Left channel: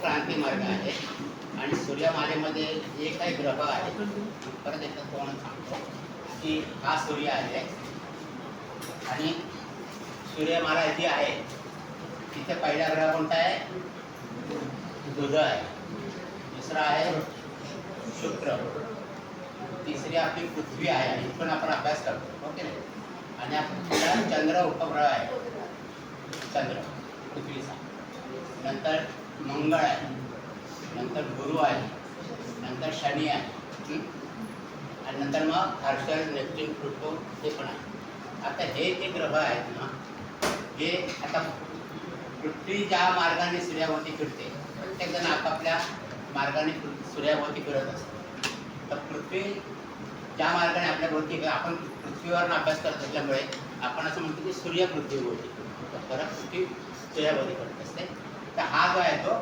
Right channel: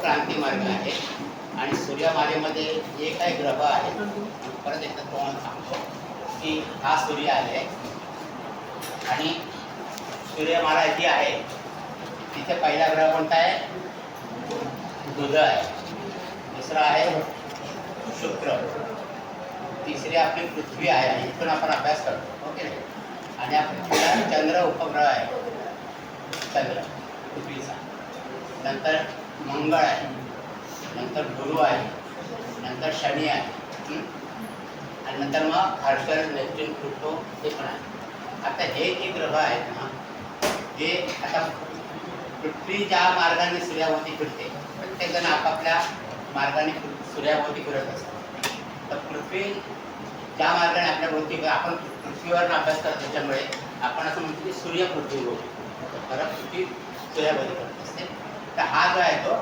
क्रांती मार्ग आहे आणि सूर्यमालेमध्ये जे काही ग्रह आहेत, परत एकदा तुम्हाला सांगतो की हा सूर्य आहे आणि सूर्यमाला जी आहे तिथे पहिला ग्रह कोणता आहे? बुध आहे, दुसरा आहे शुक्र, तिसरी आपली पृथ्वी आहे आणि इथून आपण अभ्यास करतो, ओके नाही? आणि आपला चंद्र उपग्रह आहे, चंद्र पृथ्वीचा, नंतर मंगळ आहे, नंतर गुरु आहे, नंतर शनी आहे, आणि नंतर मग हर्षल, नेपच्यून, प्लुटो हे पण आहे. आता हे जे ग्रह आहेत ना, हे आता पृथ्वी ज्या मार्गाने सूर्याभोवती फिरते, प्रत्येकजण आपापल्या मार्गाने सूर्याभोवती फिरत असतात. तर पृथ्वी ज्या मार्गाने आपल्या भोवती, आपण पृथ्वीवर अभ्यास करतो त्याच्यामुळे आपण असं म्हणतो की सूर्य पृथ्वीवर, खरं पृथ्वी सूर्याभोवती फिरत असते. तर हा जो आहे तो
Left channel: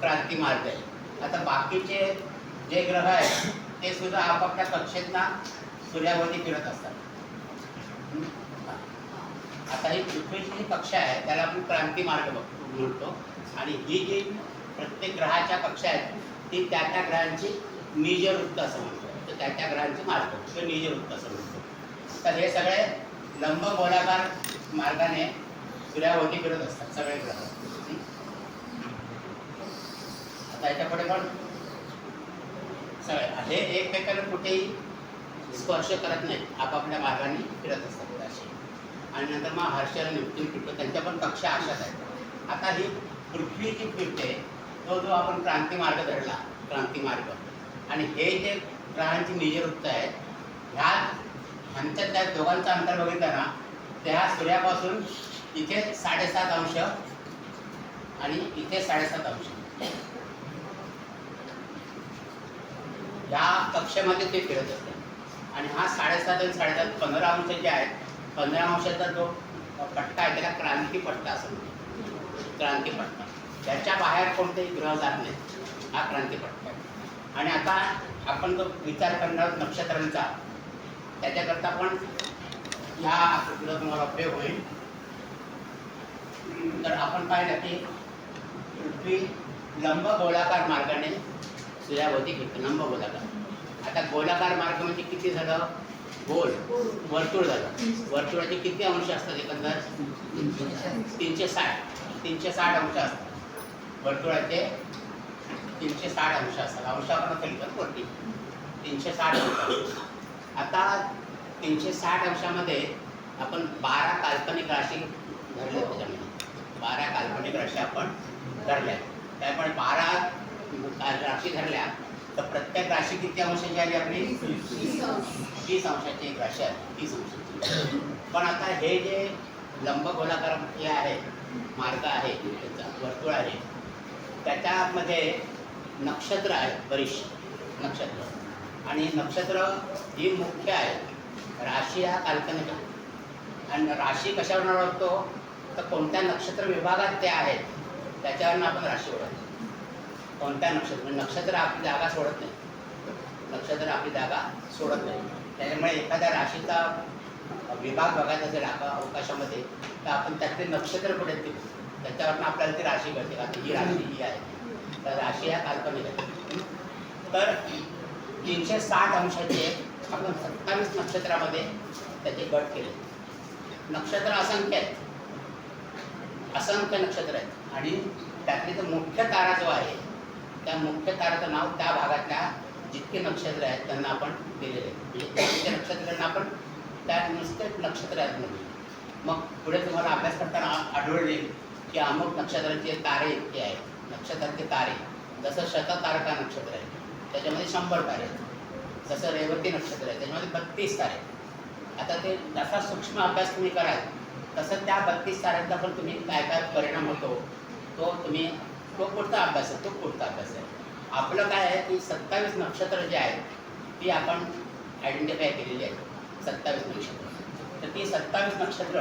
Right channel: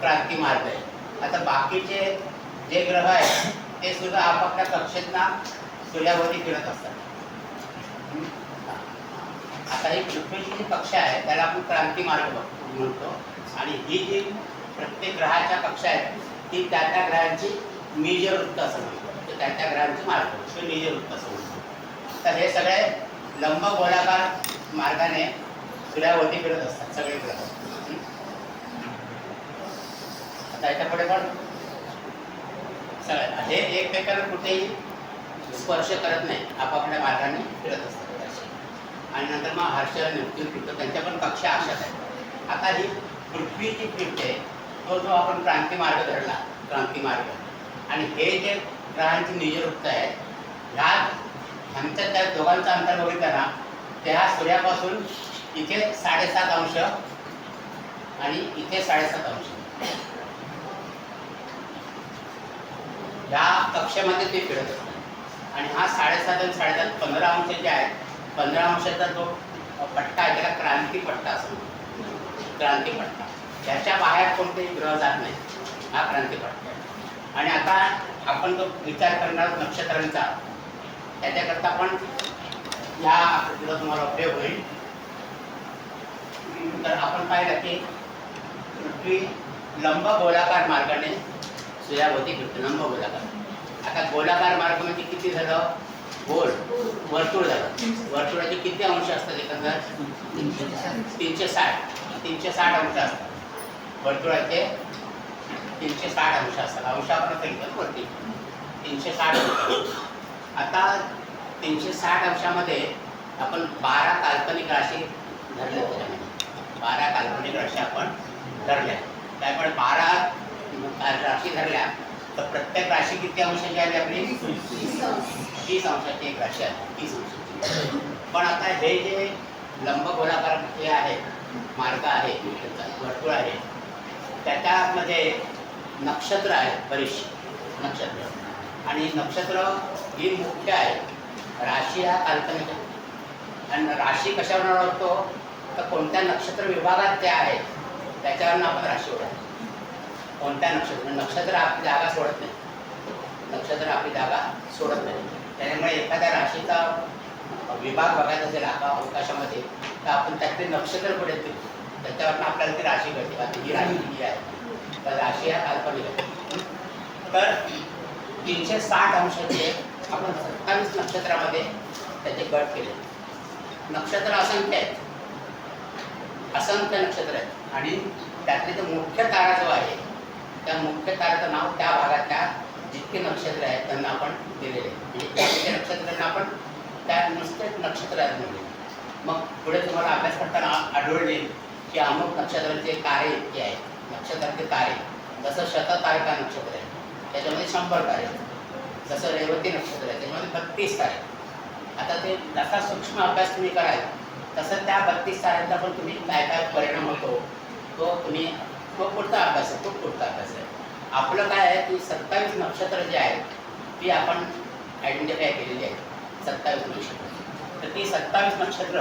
क्रांती मार्ग आहे. आता बाकीचे जे ग्रह आहेत ते सुद्धा आपापल्या कक्षेतना सूर्याभोवती फिरत असतात. आता ही पृथ्वीची जी कक्षा आहे त्याला आपण क्रांती मार्ग म्हणतो आणि ही जी प्रत्येक ग्रहाच्या कक्षा आहेत ती त्या त्या ग्रहांची निजवृत्त असं म्हणतो. तर त्या त्या ग्रहांचे मार्ग ते निजवृत्त असं म्हणतो. तर हे सगळे लंब गोलाकार मार्गाने सूर्याभोवती फिरत असतात सगळे ग्रह. आता याच्यापुढे पण सगळे हे एकमेकांना कुठेही स्पर्श करत नाही, आपापल्या मार्गाने फिरत असतात. आणि नंतर मग हर्षल, नेपच्यून, प्लुटो त्यांच्या पण कक्षा अशाच आहेत. आता ही पृथ्वी जी फिरते तो जो आपण क्रांती मार्ग धरला, क्रांती मार्ग, आणि हे जे ग्रहांची निजवृत्त आहेत ह्यांच्या त्या दोघांचं अंतर बघितलं ना, त्या सूर्यापासून इथे 7.5 अंश आणि इथे 7.5 अंश या कक्षेमध्ये ते फिरत असतात. आणि हा 7.5 आणि 7.5 15 अंश जे आहेत, 15 अंशाचा जो पट्टा आहे त्याला क्रांती पट्टा असं म्हणतो. क्रांती पट्टा, त्याच्या बाहेर कोणतेही ग्रह जात नाही, हा क्रांती पट्टा आहे. आणि आता आपण जो विचार करणार नक्षत्रांचा, त्याच्याकरता पण ह्या आकृतीचा तुम्हाला उपयोग होईल. तर आपण पाहिलं की पृथ्वी लंब गोलाकार मार्गाने सूर्याभोवती फिरते, लंब गोलाकार. आता गोलाकार मार्ग म्हणजे किती झालं? गोल वर्तुळ झालं. वर्तुळाचे किती अंश असतात एकंदर? 360 अंश असतात. वर्तुळाचे 360 अंश असतात. अंश आपण सांगितलं वरती 360 अंश. आता 360 अंशामध्ये आपण 12 काल्पनिक राशी धरल्या. त्याच्यामध्ये 12 काल्पनिक राशी आपण धरल्या. त्यामुळे 12 राशी धरल्या तर प्रत्येक राशी किती अंशाची आली आपली? 30 अंशाची एक राशी आहे, 30 अंशाची. पण आता हे जे लंब गोलाकार हे आहे मार्ग आहे, वर्तुळ आहे, त्याच्यामध्ये नक्षत्र आहेत, बरीचशी नक्षत्र. आणि नक्षत्र ही मुख्य आहे, राशी हा काल्पनिक आहे. आणि राशी कशावर ओळखतो? तर कोणत्या नक्षत्र विभागात ते आहेत त्याच्यावरून आपण राशी ओळखतो. कोणत्या नक्षत्र आपली जागा सोडत नाही, नक्षत्र आपली जागा सोडत नाही. त्याच्यामुळे एखाद्या राशीचा विभाग बघायचा असेल अवकाशामध्ये तर आपण त्यातले नक्षत्र कुठे येतील त्याच्यावरून आपल्याला ती राशी कळते का ही राशी जी आहे. तर राशी हा काल्पनिक आहे. तर 360 अंशाचे आपण 27 नक्षत्रामध्ये त्याचे गट केले. नक्षत्र असंख्य आहेत, असंख्य नक्षत्र आहेत. आणि त्यातले जो मुख्य तारा जो आहे त्या मुख्य ताराचं नाव त्या भागातल्या जितके नक्षत्र आहेत त्यांना आपण दिलेले. म्हणजे नक्षत्रांना आपण त्या नुसतेच नक्षत्र आहेत म्हणजे. मग पुढे तुम्हाला अभ्यास करताना आढळून येईल की अमुक नक्षत्रांचे तारे इतके आहेत. नक्षत्रांचे तारे जसं शततारका नक्षत्र आहे त्याच्यामध्ये 100 तारे, जसं रेवती नक्षत्र आहे त्याच्यामध्ये 32 तारे. आता ते जसा सूक्ष्म अभ्यास तुम्ही कराल तसं त्या 32 ताऱ्यांचा पण तुम्ही काय काय परिणाम होतो तो पुढचा अभ्यास आहे, तो पुढचा अभ्यास आहे. आपलं काय आहे की 27 नक्षत्र जे आहेत ती आपण आयडेंटिफाय केलेली आहेत, 27 नक्षत्र. तर ती 27 नक्षत्र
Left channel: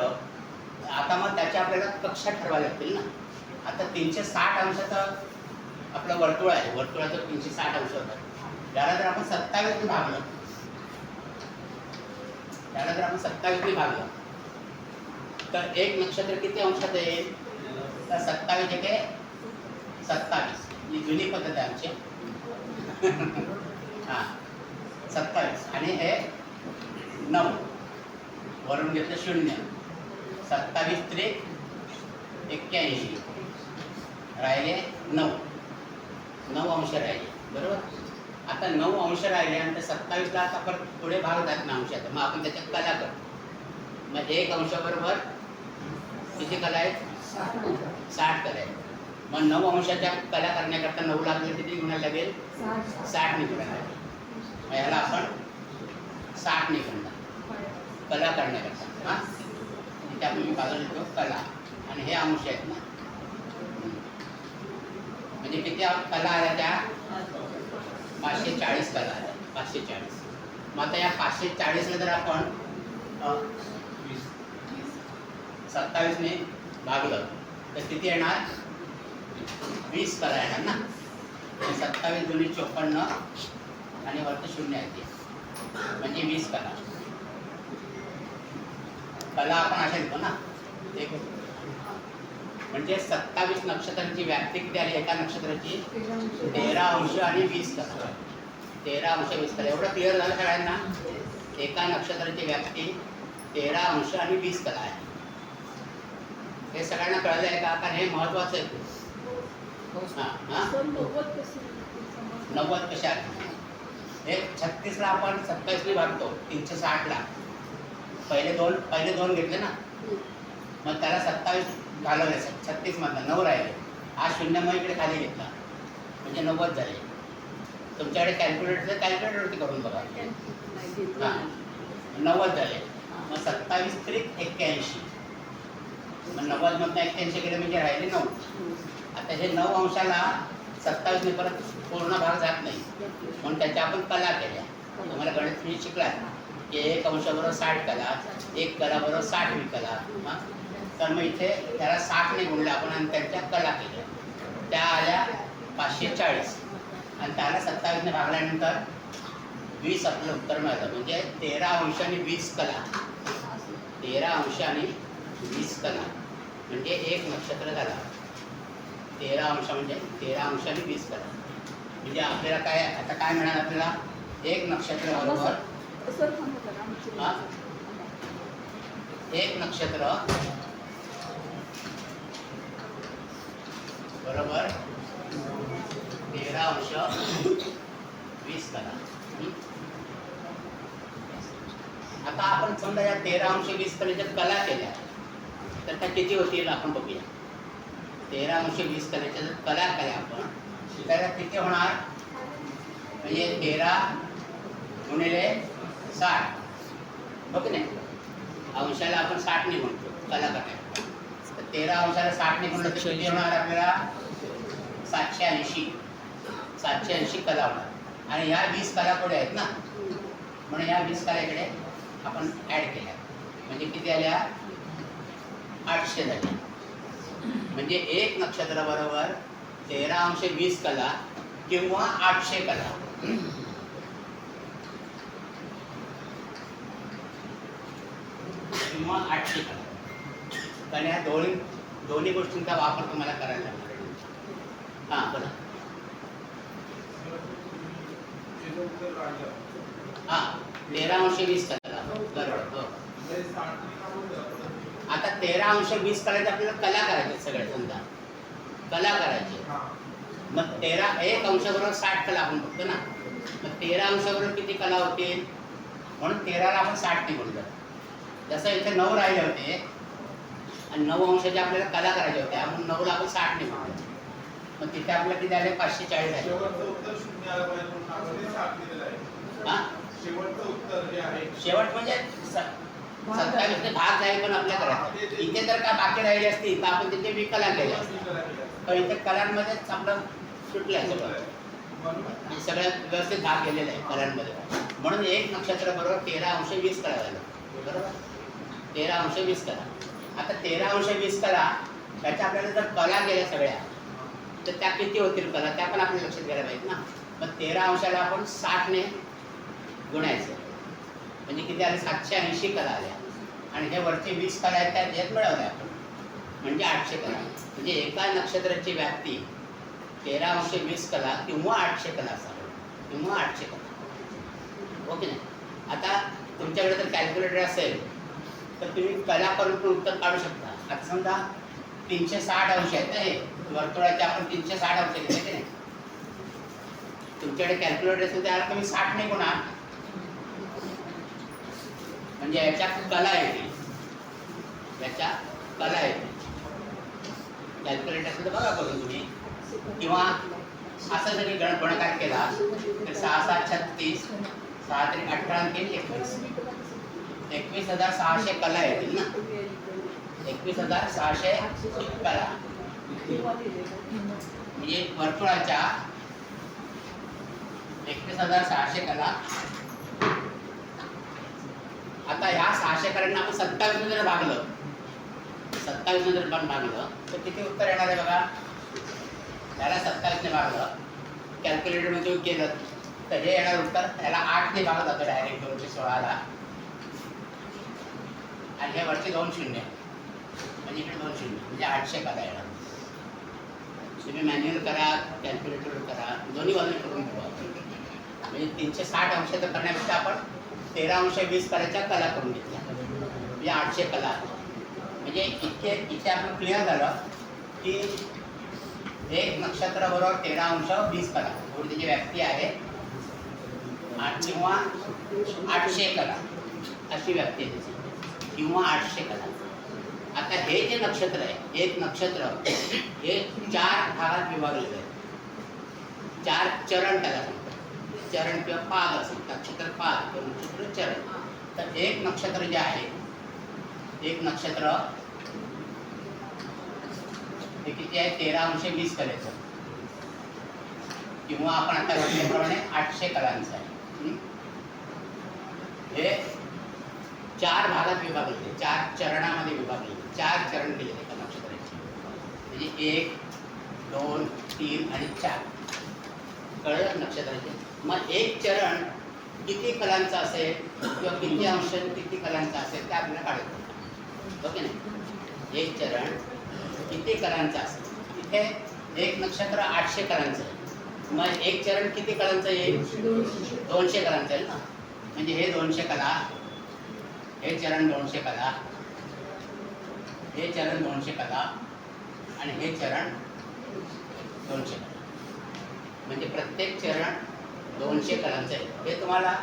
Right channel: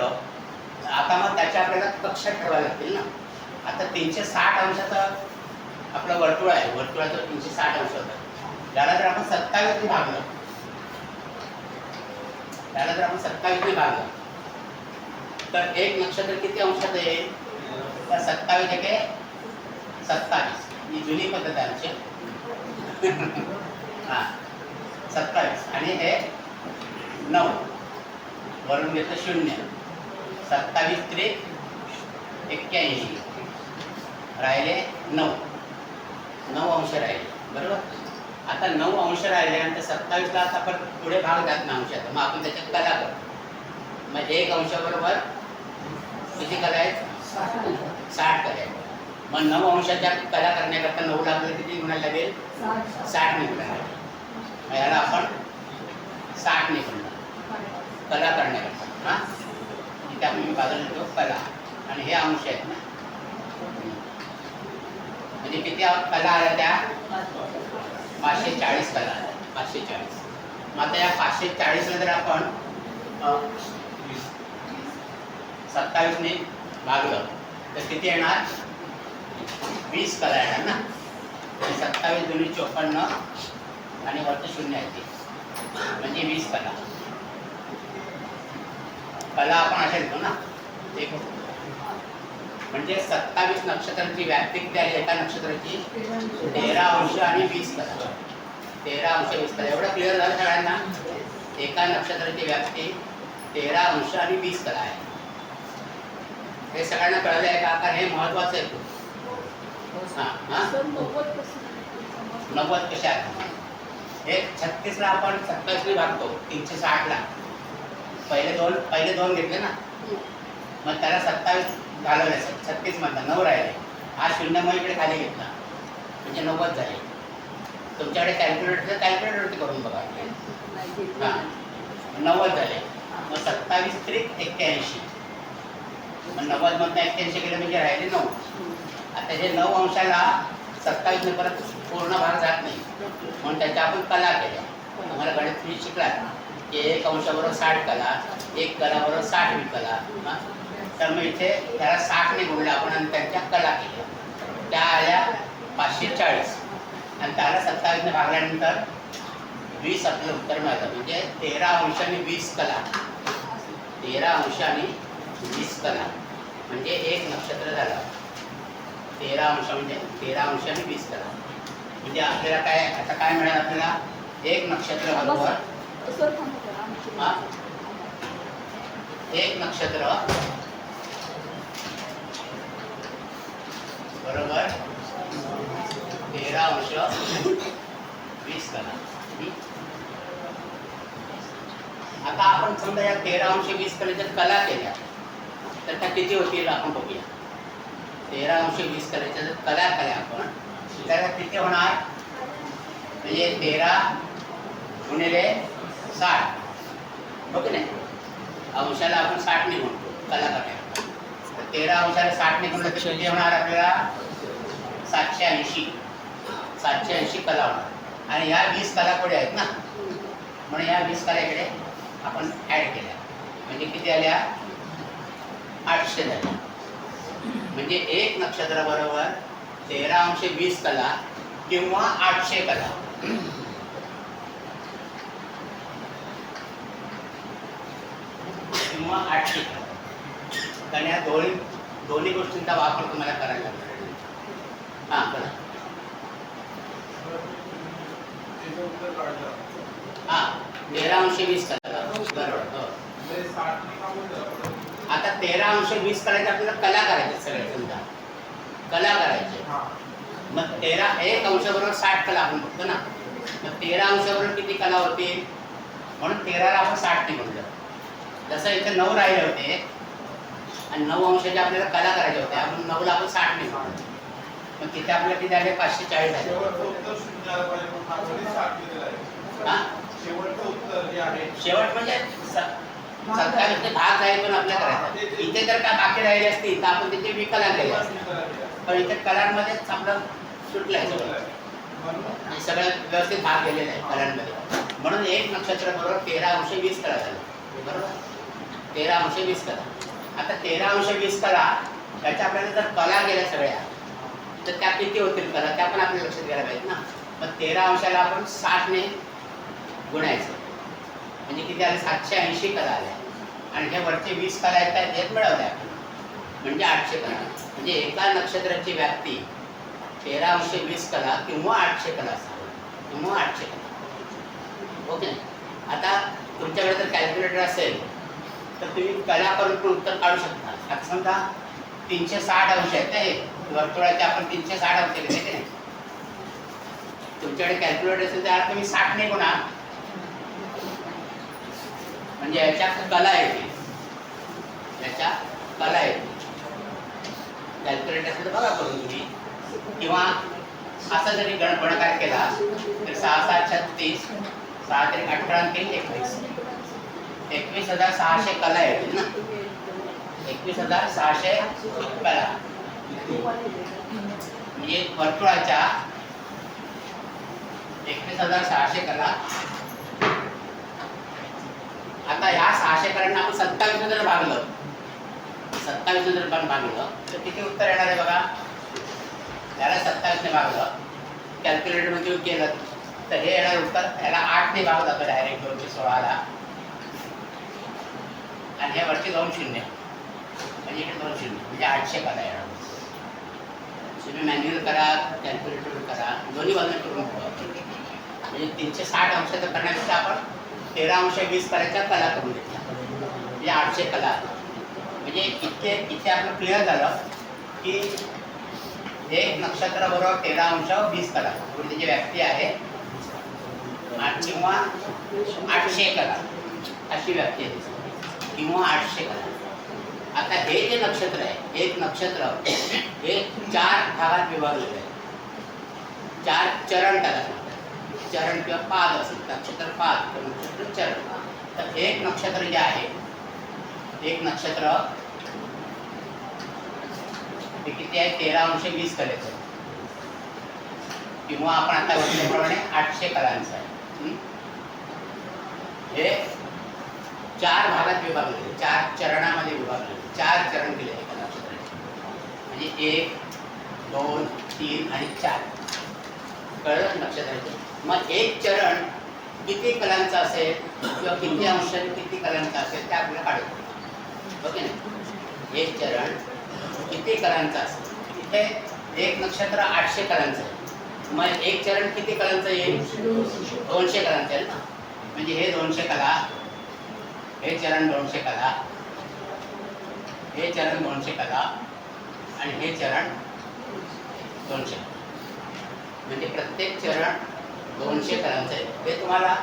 आता मग त्याच्या आपल्याला कक्षा ठरवायला लागतील ना. आता 360 अंशाचं आपलं वर्तुळ आहे, वर्तुळाचं 360 अंश होतं. त्याला जर आपण 27 भागलं, तर एक नक्षत्र किती अंशात आहे? तर 27 एके 27. ही जुनी पद्धत आहे आमची. हां 27 आणि हे 9 वरून घेतलं 0. 27 त्रिक 81 राहिले 9 अंश राहिले बरोबर. आता 9 अंश राहिल्यानंतर 27ला आता परत पुढे भाग जात ना अंशाचा, मग आपण त्याच्यात कला करतो. मग 1 अंशाबरोबर किती कला आहेत? 60 कला आहेत. मग 9 अंशाच्या कला करण्याकरता 9ला आपल्याला किती गुणायला लागेल? 60 ने गुणायला लागेल. मग याला आपण 60 ने गुणणार कला करण्याकरता. हां इथे आपण मी बाजूला लिहितो कला आणि हे अंश आहेत ना. म्हणजे किती कला आल्या त्या? 540 कला आल्या. 540. मग आता या 540ला जर आपण 27 ने भागलं तर किती येणार? 20 कला येणार ना. 27 दुनी 54 आणि वरती 0 आहे म्हणजे 20 कला. कला आपण अशा लिहितो ना. एक म्हणजे 27 नक्षत्रांची व्याप्ती किती आली एका नक्षत्राची? 13 अंश आणि 20 कला. 13 अंश 20 कला. एवढं क्लिअर झालं सगळ्यांना? एका नक्षत्राची व्याप्ती 13 अंश आणि 20 कला आहे. हे सगळ्यांना कळलं आहे का? कारण हे महत्वाचं आहे खूप. हां हां 90 कशात? हे 36ला आपण 27 ने भागतो 360ला. पहिले दोन घेतले ना, मग त्याला 27 घालवले. 36 मधला 9 राहिले. हा 0 मग इकडे खाली घेतला म्हणजे 90 झाले. तुमच्याकडे कॅल्क्युलेटर कॅल्क्युलेटरवरती करून बघा. हां 90 झाले. मग 27 त्रिक 81. मग 90 मधनं 81 केलं म्हणजे राहिले 9. आता हे 9 अंशाला 27 ने परत पूर्ण भाग जात नाही म्हणून त्याच्या आपण कला केल्या. तुम्हाला गणित तुम्ही शिकलात की 1 अंशाबरोबर 60 कला, 1 कलाबरोबर 60 कला. तर मग इथे त्याला 60 ने गुणलं आपण आणि त्यांच्या कला केल्या. त्या आल्या 540 आणि त्याला 27 ने भागल्यानंतर 20 आपलं उत्तर मिळालं. म्हणजे 13 अंश आणि 20 कला. 13 अंश आणि 20 कला म्हणजे एक नक्षत्र झालं. 13 अंश म्हणजे 13 अंश आणि 20 कला म्हणजे आपल्याला काय आता काय मिळालं आपल्याला? एक नक्षत्र बरोबर हां एक नक्षत्र बरोबर 13 अंश 20 कला. आता आपण समजा या 13 अंश 20 कलेच्या कला केल्या तर त्या किती होतील आपण बघूया. 13 अंश 20 कलेच्या जर कला केल्या आपण त्याला किती होणार? म्हणजे 13 गुणिले 60 हो की नाही. अंशाला आपण 60 ने म्हणतो कला करण्याला. तर 13 अंशाला 60 ने गुणलं तर किती होणार आपल्याला? 780 कला होणार. आणि ह्या 20 कला पुढे आहेत ना म्हणून ह्या 20 कला इकडे आपण ॲड केल्या म्हणजे किती आल्या? 800 झाल्या. म्हणजे एक नक्षत्र बरोबर 13 अंश 20 कला किंवा 800 कला. किंवा 800 कला. कारण या दोन्ही गोष्टींचा वापर तुम्हाला करायला लागणार. हां बरं. हां 13 अंश 20 कला बरोबर. हो आता 13 अंश 20 करायचे आपल्याला कला करायचे सगळे समजा कला करायचे. मग 1 अंशाबरोबर 60 कला आपण बघतो ना. मग 13 अंशाबरोबर किती कला होतील? म्हणून 13ला आपण 60 ने गुणलं. जसं इथे 9 राहिले होते आणि 9 अंशाच्या आपल्याला कला करायच्या होत्या म्हणून 9ला आपण 60 ने गुणलं. मग तिथे आपल्याला किती आले? 540 झाले. हां शेवट म्हणजे 27 ने भाग जाईल पण आपल्या करायचा. इथे जर का बाकी राहिले असतील तर आपण तिथे विकला केले असते. पण इथे कलांमध्येच आपलं सुटलं आहे सगळं. सगळं व्यवस्थित भाग गेलेला आहे कलांमध्ये. म्हणून एक नक्षत्र बरोबर 13 अंश 20 कला झालं बरोबर. 13 अंश 20 कला. आता 13 अंश 20 कला त्याच्या आपल्याला जर कला गेल्या सगळ्या तर त्या किती होतील कला त्या पण आपल्याला लक्षात घ्यायला पाहिजे ना. मग 13 अंशाला आपण 60 ने गुणायचं म्हणजे किती आले? 780 कला आल्या. आणि हे वरचे 20 कला आहेत मिळवल्या आपण म्हणजे 800 कला. म्हणजे एका नक्षत्राची व्याप्ती 13/20 कला किंवा 800 कला असावे, किंवा 800 कला. ओके. आता तुमच्याकडे जर कॅल्क्युलेटर असेल तर तुम्ही कला करून पण उत्तर काढू शकता. आता समजा 360 अंश आहेत ना, हे वर्तुळाचे आपण 360 अंश घेतले की नाही. तुमच्याकडे कॅल्क्युलेटर असेल तर तुम्ही 60 ने गुणा, म्हणजे याच्या कला येते, याच्या कला येते. कॅल्क्युलेटर असेल तर बघा करून तुम्ही, किंवा असं जरी गुणाकार केला तर 6 6 36, 6 3 18 3 21, 21,600 कला येतील ना. 21,600 कला म्हणजे वर्तुळाच्या 21,600 कला. आता ह्या 600 कलांना आपण 27 जर भागलं, 27 जर पण भागलं तर किती उत्तर येणार आहे बघा. याला 27 ने भागलं, कॅल्क्युलेटरमध्ये केलं तर हे येणार उत्तर. याला 8 ने भाग जातो डायरेक्ट 216ला, आणि हे वरती 2 शून्य, म्हणजे इकडे 2 शून्य, म्हणजे 800 कला येणार. तुम्ही मॅन्युअल करा, कॅल्क्युलेटर करा, दोन्ही बाजूने करून बघा. म्हणजे 360 अंशाचं करण्यापेक्षा आपण 13/20 कलाच्या कला करून घेतल्या, म्हणजे 800 कला. म्हणजे इथे आपलं क्लिअर झालं की एक नक्षत्र बरोबर 13/20 कला, त्याची व्याप्ती आहे किंवा 800 कला, अशी व्याप्ती आहे, किंवा 800 कला. आता हे जे नक्षत्र आहे, एक नक्षत्र हे 4 भागात विभागलेलं आहे. 4 चरण त्याला म्हणतात, चरण किंवा पाद असेल, नक्षत्र पाद किंवा नक्षत्र चरण. तर एक नक्षत्र जे आहे, एक नक्षत्र हे किती आहे, 13/20 कलेचं, किंवा आपण आता म्हटल्याप्रमाणे 800 कलांचं आहे. हे 4 भागात विभागलेले, 4 चरणामध्ये विभागलेले, 4 चरण केलेले त्या नक्षत्राचे. म्हणजे 1 2 3 आणि 4 कळलं नक्षत्राचे. मग एक चरण किती कलांचं असेल किंवा किती अंश किती कलांचं असेल ते आपल्याला काढायचं. ओके ना. एक चरण किती कलांचं असेल, तिथे एक नक्षत्र 800 कलांचं आहे. मग एक चरण किती कलांचं येईल, 200 कलांचं आहे ना. म्हणजे हे 200 कला, हे चरण 200 कला, हे चरण 200 कला, आणि हे चरण 200 कला. म्हणजे प्रत्येक चरण 200 कलांचं आहे. हे तुम्हाला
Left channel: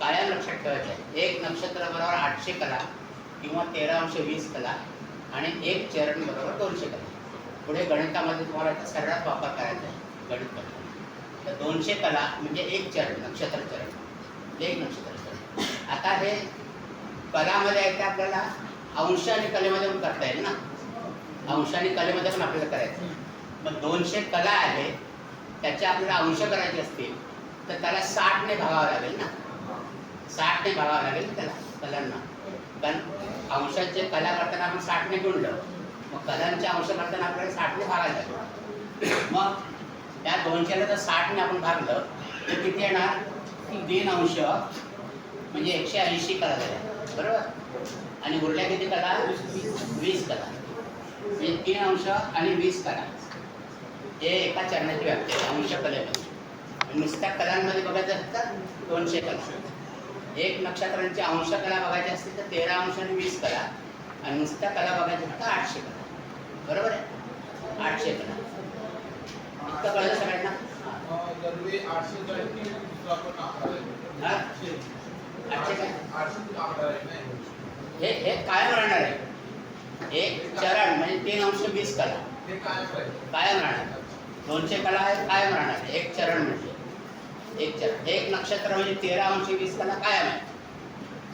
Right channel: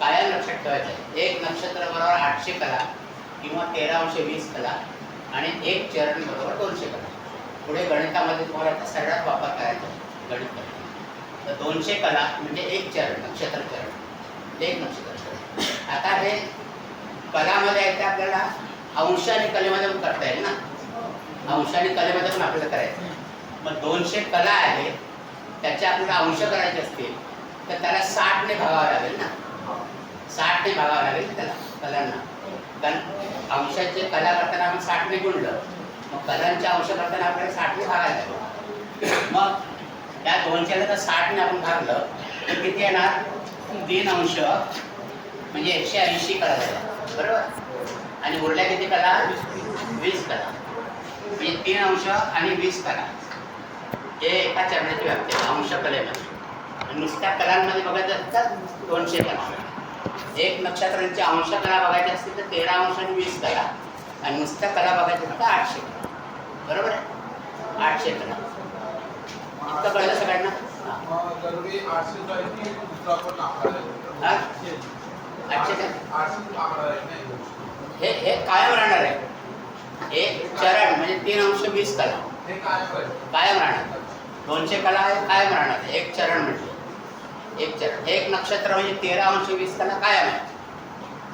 कायम लक्षात ठेवायचं आहे. एक नक्षत्र बरोबर 800 कला किंवा 13/20 कला, आणि एक चरण बरोबर 200 कला. पुढे गणितामध्ये तुम्हाला सरळाच वापर करायचा आहे गणित करायचं. तर 200 कला म्हणजे एक चरण, नक्षत्र चरण, एक नक्षत्र चरण. आता हे कलामध्ये आहे ते आपल्याला अंश आणि कलेमध्ये पण करता येईल ना. अंश आणि कलेमध्ये पण आपल्याला करायचं आहे. मग 200 कला आहे, त्याच्या आपल्याला अंश करायचे असतील तर त्याला 60 ने भागावं लागेल ना. 60 ने भागावं लागेल त्याला कलांना. कारण अंशाचे कला करताना आपण 60 ने गुणलं, मग कलांच्या अंश करताना आपल्याला 60 ने भागायला लागेल. मग त्या 200ला जर 60 ने आपण भागलं तर किती येणार, 3 अंश म्हणजे 180 कला झाल्या, बरोबर. आणि उरल्या किती कला, 20 कला. म्हणजे 3 अंश आणि 20 कला हे एका चरणाची व्याप्ती आहे अंश कलेमध्ये. नुसत्या कलांमध्ये बघायचं तर 200 कला. एक नक्षत्रांची अंश कला बघायची असतील तर 13 आणि 20 कला, आणि नुसत्या कला बघायच्या तर 800 कला, बरोबर आहे. 800 कला इतकं कळलं सगळ्यांना. जरुरी 800 जो आहे की दुसरा पण आकडा आहे. 800 काय, 800 आकडा आहे नाही, हे कायम राहणार आहे. एक चरण म्हणजे 3/20 कला हे काय आहे, कायम राहणार. 200 कला आहे कायम राहणार. एक चरण म्हणजे एक चरण, एक नक्षत्र म्हणजे 13/20 कला कायम आहे,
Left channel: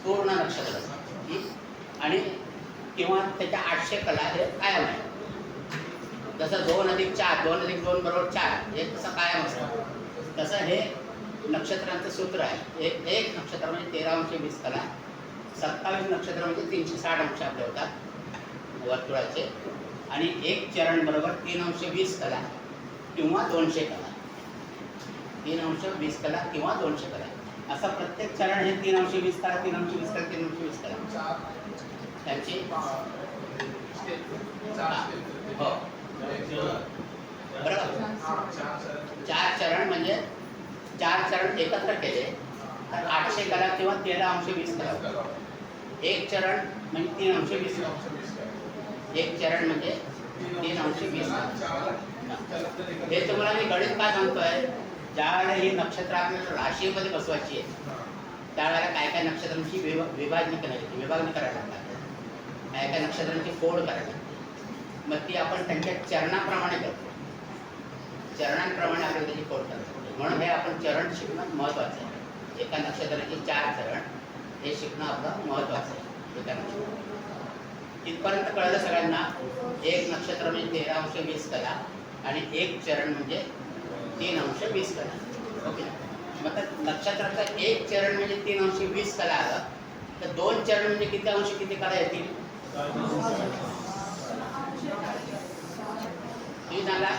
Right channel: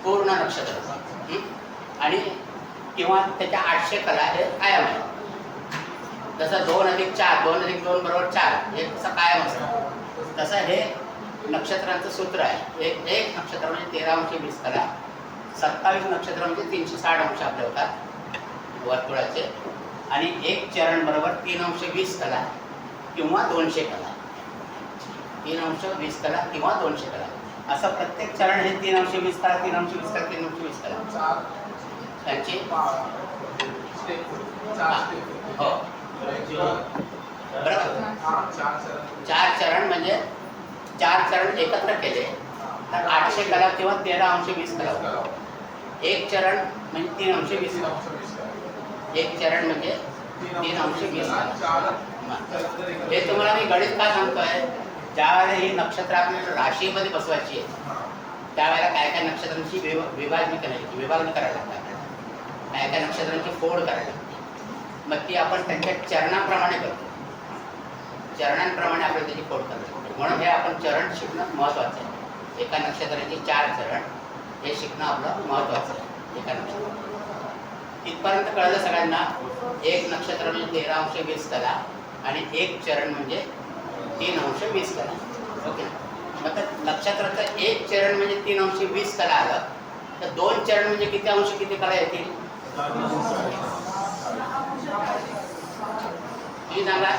पूर्ण नक्षत्र. आणि किंवा त्याच्या 800 कला हे कायम आहे. जसं 2 अधिक 4, 2 अधिक 2 बरोबर 4, हे कसं कायम असतं, तसं हे नक्षत्रांचं सूत्र आहे. एक नक्षत्र म्हणजे 13/20 कला, 27 नक्षत्र म्हणजे 360 अंश आपले होतात वर्तुळाचे, आणि एक चरण बरोबर 3/20 कला किंवा 200 कला. 3/20 कला किंवा 200 कला, असं प्रत्येक चरण हे 3/20 कला, 3/20 कला, 3/20 कला त्यांची. हो बरोबर. हा, 4 चरण. 4 चरण म्हणजे 4 चरण एकत्र केले तर 800 कला किंवा 13 अंश 20 कला होतात. एक चरण म्हणजे 3 अंश 20 कला. एक चरण म्हणजे 3 अंश 20 कला. हे तुम्हाला मी गणित का सांगतोय, ज्यावेळेला ही नक्षत्र आपल्याला राशीमध्ये बसवायची आहे त्यावेळेला काय काय नक्षत्रांची विभागणी करायला लागतात, काय काय नक्षत्रांची फोड करायला लागते. मग ती आपण त्यांच्या चरणाप्रमाणे करतो, चरणांप्रमाणे आपल्याला त्याची फोड करायला लागते. म्हणून हे आपण चरण शिकणं महत्त्वाचं आहे. एका नक्षत्राचे 4 चरण हे शिकणं आपलं महत्त्वाचं आहे. एका नक्षत्रात इथपर्यंत कळलं सगळ्यांना. एक नक्षत्र म्हणजे 13 अंश 20 कला आणि एक चरण म्हणजे 3 अंश 20 कला. ओके. मग तर नक्षत्राचं एक चरण म्हणजे 3 अंश 20 कला आलं तर 2 चरण म्हणजे किती अंश किती कला येतील? तुम्ही सांगा.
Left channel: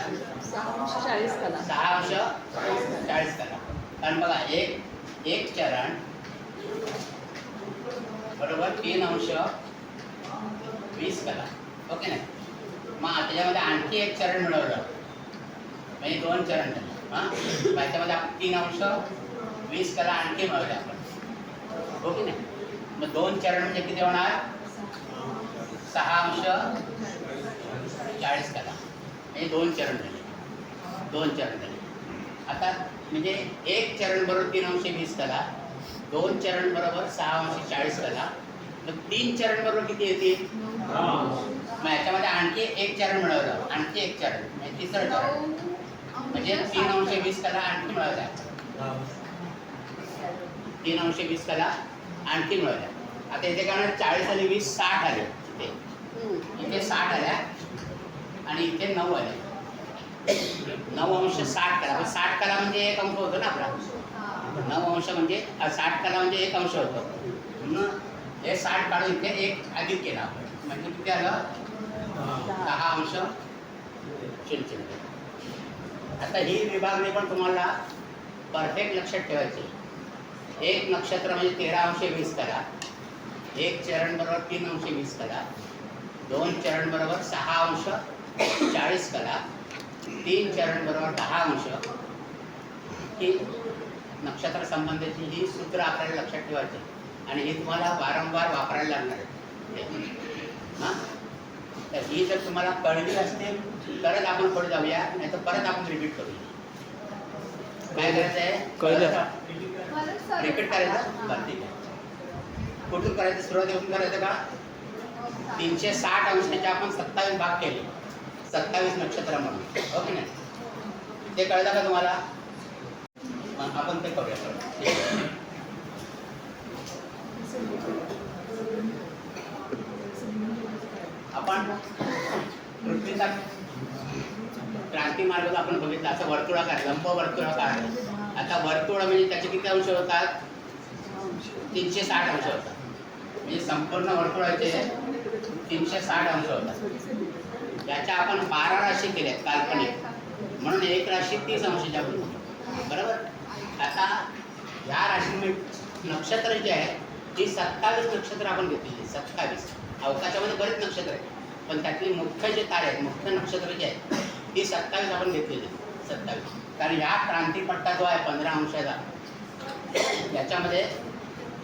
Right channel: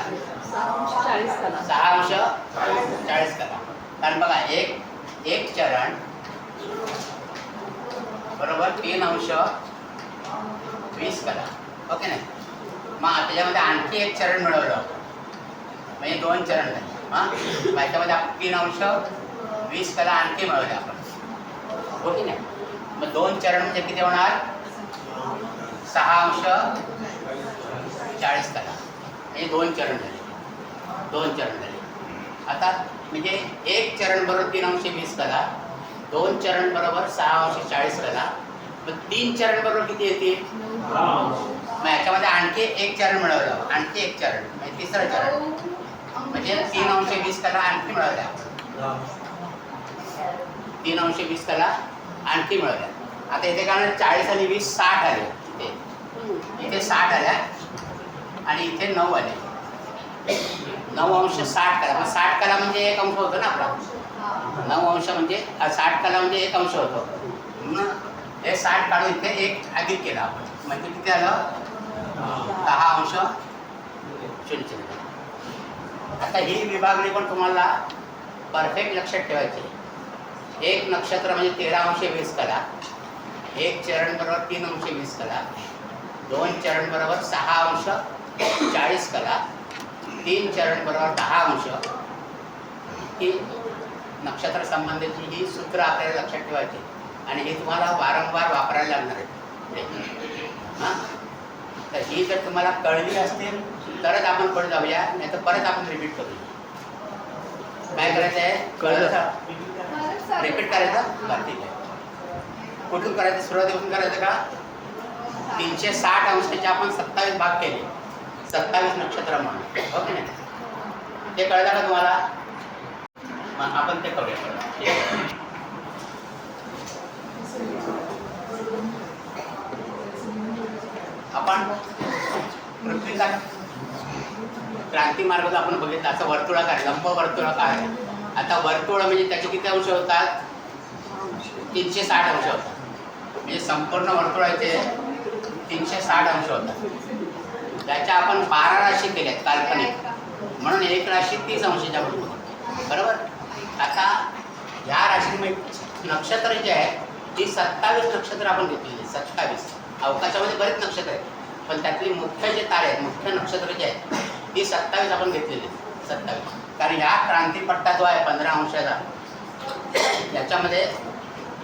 40 कला. 6 अंश 40 कला. कारण बघा एक चरण बरोबर 3 अंश 20 कला. ओके नाही. मग त्याच्यामध्ये आणखी एक चरण मिळवलं म्हणजे 2 चरण झाले. हां, त्याच्यामध्ये आपण 3 अंश 20 कला आणखी मिळवले आपण. हो की नाही. मग 2 चरण म्हणजे किती होणार? 6 अंश 40 कला म्हणजे 2 चरण झाले. 2 चरण झाले. आता म्हणजे एक चरण बरोबर 3 अंश 20 कला, 2 चरण बरोबर 6 अंश 40 कला, मग 3 चरण बरोबर किती येतील? मग याच्यामध्ये आणखी एक चरण मिळवलं, आणखी एक चरण म्हणजे तिसरं चरण म्हणजे 3 अंश 20 कला आणखी मिळवल्या आपण. 3 अंश 20 कला आणखी मिळवल्या. आता इथे काय 40 आणि 20 60 आले. इथे 60 आल्या आणि इथे 9 आले. 9 अंश 60 कला. मग 60 कला म्हणजे एक अंश होतो ना आपला. 9 अंश म्हणजे 60 कला म्हणजे एक अंश होतो. म्हणून हे 60 काढून इथे एक अधिक केला आपण म्हणजे किती आलं? 10 अंश 00. आता ही विभागणी पण तुम्हाला परफेक्ट लक्षात ठेवायची. एक नक्षत्र म्हणजे 13 अंश 20 कला, एक चरण बरोबर 3 अंश 20 कला, 2 चरण बरोबर 6 अंश 40 कला, 3 चरण बरोबर 10 अंश. ही नक्षत्र संबंधीची ही सूत्र आपल्याला लक्षात ठेवायची आणि हे तुम्हाला वारंवार वापरायला लागणार आहे. हां, तर ही जर तुम्हाला कळली असतील तरच आपण पुढे जाऊया, नाही तर परत आपण रिपीट करूया. काय करायचं आहे? कळलं का? रिपीट करायचं. बरं ठीक आहे. कुठून करायचं? सुरुवातीपासून करायचं का? 360 अंशाचे आपण 27 भाग केले, 27 नक्षत्र म्हणून. हो की नाही? ते कळलं का तुम्हाला? मग आपण ते करूया परत. आपण पृथ्वीचा क्रांती मार्ग जो आपण बघितला असं वर्तुळाकार, लंब वर्तुळाकार आहे. आता वर्तुळ म्हणजे त्याचे किती अंश होतात? 360 अंश होतात. म्हणजे संपूर्ण वर्तुळाचे 360 अंश होतात. त्याच्या आपण 12 राशी केल्यात काल्पनिक, म्हणून एक राशी 30 अंशाच्या बरोबर. आता ह्या राशीमध्ये नक्षत्र जे आहे ती 27 नक्षत्र आपण घेतलेली. 27 अवकाशामध्ये बरेच नक्षत्र आहेत पण त्यातली मुख्य जे तारे आहेत, मुख्य नक्षत्र जे आहेत ती 27 आपण घेतलेली. 27 कारण ह्या क्रांतीपट्टा जो आहे 15 अंशाचा याच्यामध्ये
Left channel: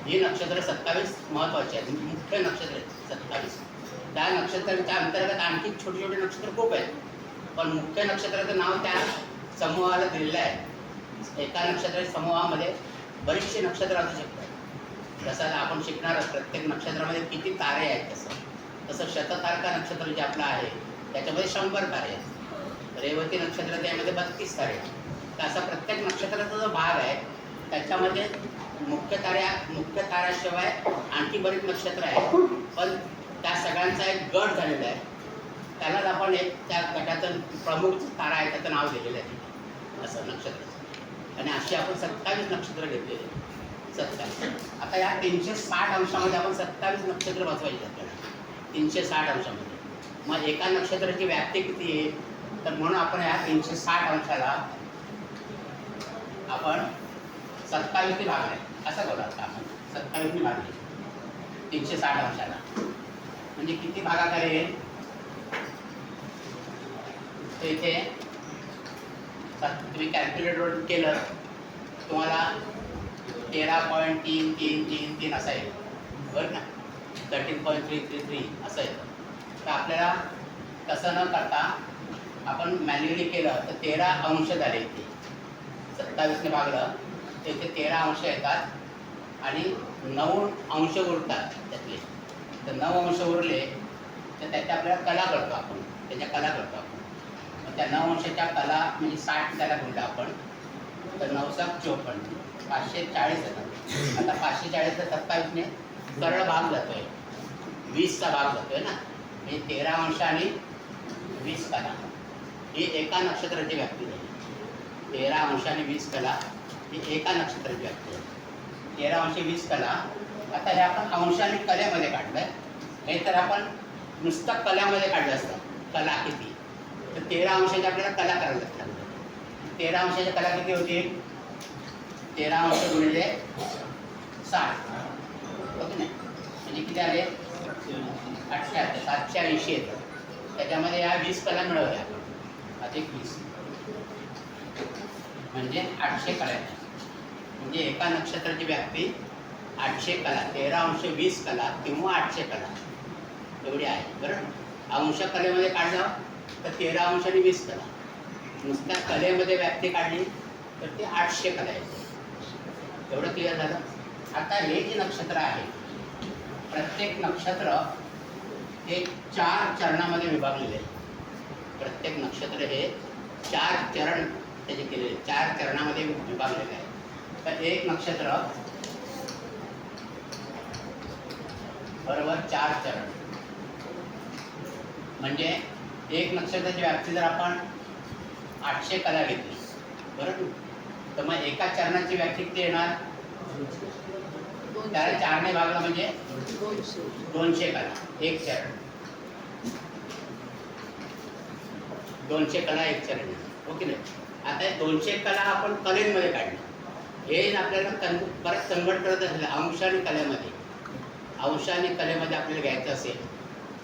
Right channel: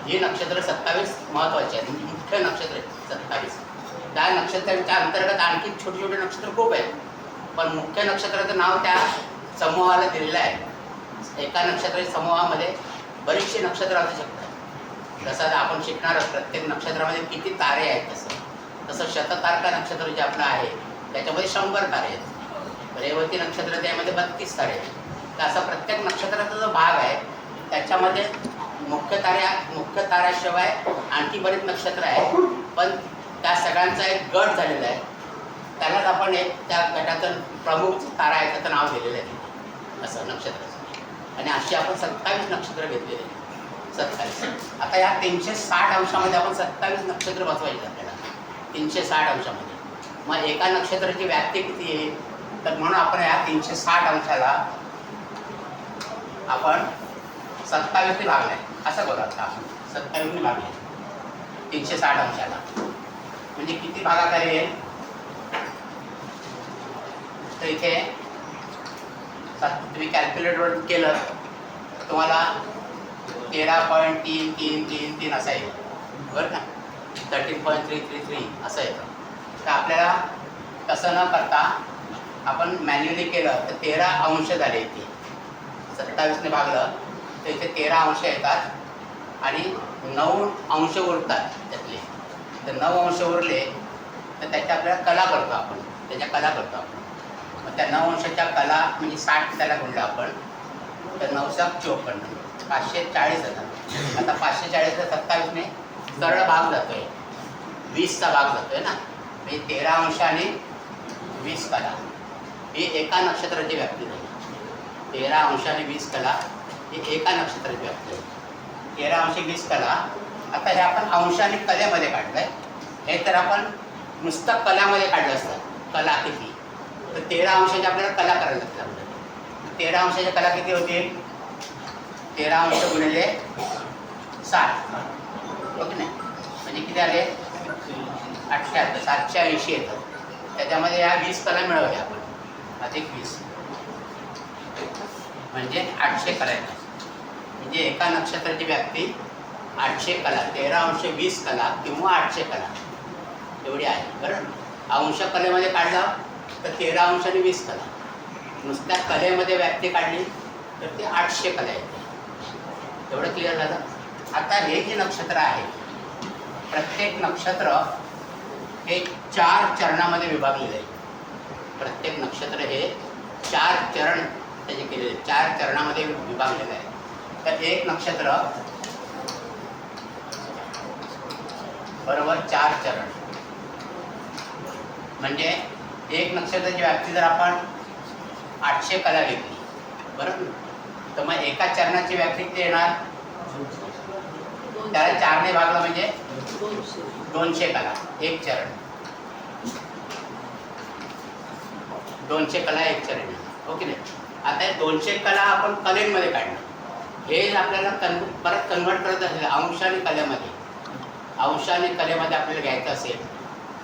ही नक्षत्र 27 महत्त्वाची आहेत, मुख्य नक्षत्र आहेत 27. त्या नक्षत्राच्या अंतर्गत आणखी छोटे छोटे नक्षत्र खूप आहेत पण मुख्य नक्षत्राचं नाव त्या समूहाला दिलेलं आहे. एका नक्षत्राच्या समूहामध्ये बरीचशी नक्षत्र असू शकतात. जसं आपण शिकणार प्रत्येक नक्षत्रामध्ये किती तारे आहेत तसं शततारका नक्षत्र जे आपलं आहे त्याच्यामध्ये 100 तारे आहेत. रेवती नक्षत्र त्यामध्ये 32 तारे आहेत. तर असा प्रत्येक नक्षत्राचा जो भाग आहे त्याच्यामध्ये मुख्य ताऱ्याशिवाय आणखी बरीच नक्षत्र आहेत पण त्या सगळ्यांचा एक गट झालेला आहे. त्यालाच आपण एक त्या गटाचं प्रमुख तारा आहे त्याचं नाव दिलेलं आहे असं नक्षत्राचं. आणि अशी आपण 27 नक्षत्र घेतलेले. 27. आता या 360 अंशामध्ये आपण 27 नक्षत्र बसवायचे आपल्याला. 360 अंशामध्ये मग एका नक्षत्राची व्याप्ती किती आहे तर म्हणून आपण या 360 अंशाला आपण 27 भागले असं करू. आता आपण 27 भागले 360 अंशाला म्हणजे किती भागाकार येईल तर इथे तुम्ही कॅल्क्युलेटरवर केलं तुम्हाला 13.3333 असा येईल बरं ना, 13.333 असं येतं. तर आपल्याला तसं न करता आपण मॅन्युअली केलं तर 13 अंश झाले इथे, 27ने भागलं तर इथे 13 अंश येतात आणि 9 अंश उरतात त्यातले. तर 9 अंश उरले तर त्याच्या आपल्याला कला करतो आपण, त्याच्या कला करतो आपण. मग त्या 9 अंशाच्या कला म्हणजे 60 त्याला गुणलं आपण तर 9×54 540 येतात. आता 540ला 27ने सरळ भाग जातोय, 20चा भाग जातोय ना, म्हणजे 13 अंश आणि 20 कला ही एका नक्षत्राची व्याप्ती झाली. 13 अंश आणि 20 कला ही एका नक्षत्राची व्याप्ती झाली. 13 अंश 20 कला. आता हे आपण अंश आणि कलेमध्ये काढलं आहे. हे तर आपण नुसतं कलामध्ये काढलं असतं, कला किती, तर 13 अंशाच्या आपल्याला कला करायला लागतात. 13 अंशाच्या कला किती होतील? 13 अंश गुणिले 60 ओके नाही, म्हणजे किती आले? 78, 780 येतं. त्याच्यामध्ये या 20 कला मिळवल्या आपण, अधिक 20 म्हणजे 800 कला येतात. म्हणजे एका नक्षत्राची व्याप्ती 800 कला, 13 अंश 20 कला किंवा 800 कला एवढी आहे. बरं, अंश कलेमध्ये काढलं तर 13 अंश आणि 20 कला, नुसत्या कलेमध्ये व्याप्ती काढली तर ते 800 कला येते. एवढं क्लिअर झालं. आता हे जे नक्षत्र आहे, प्रत्येक नक्षत्र हे 4 चरणामध्ये विभागलेले आहे. प्रत्येक नक्षत्र हे 4 चरण त्याचे केलेले, 4 चरणामध्ये विभागलेले आहे. तर एक नक्षत्र बरोबर 4 चरण, म्हणजे एक नक्षत्राची व्याप्ती जर आपण 800 कला घेतली बरोबर, तर मग एका चरणाची व्याप्ती किती येणार? त्याला 4ने भागलं म्हणजे 200 कला एक चरण, 200 कला एक चरण. ओके नाही. आता हे 200 कला आपण कलेमध्ये काढणं, हे आपल्याला परत कन्वर्ट करत असेल अंश आणि कलेमध्ये, अंश आणि कलेमध्ये आपल्याला घ्यायचं असेल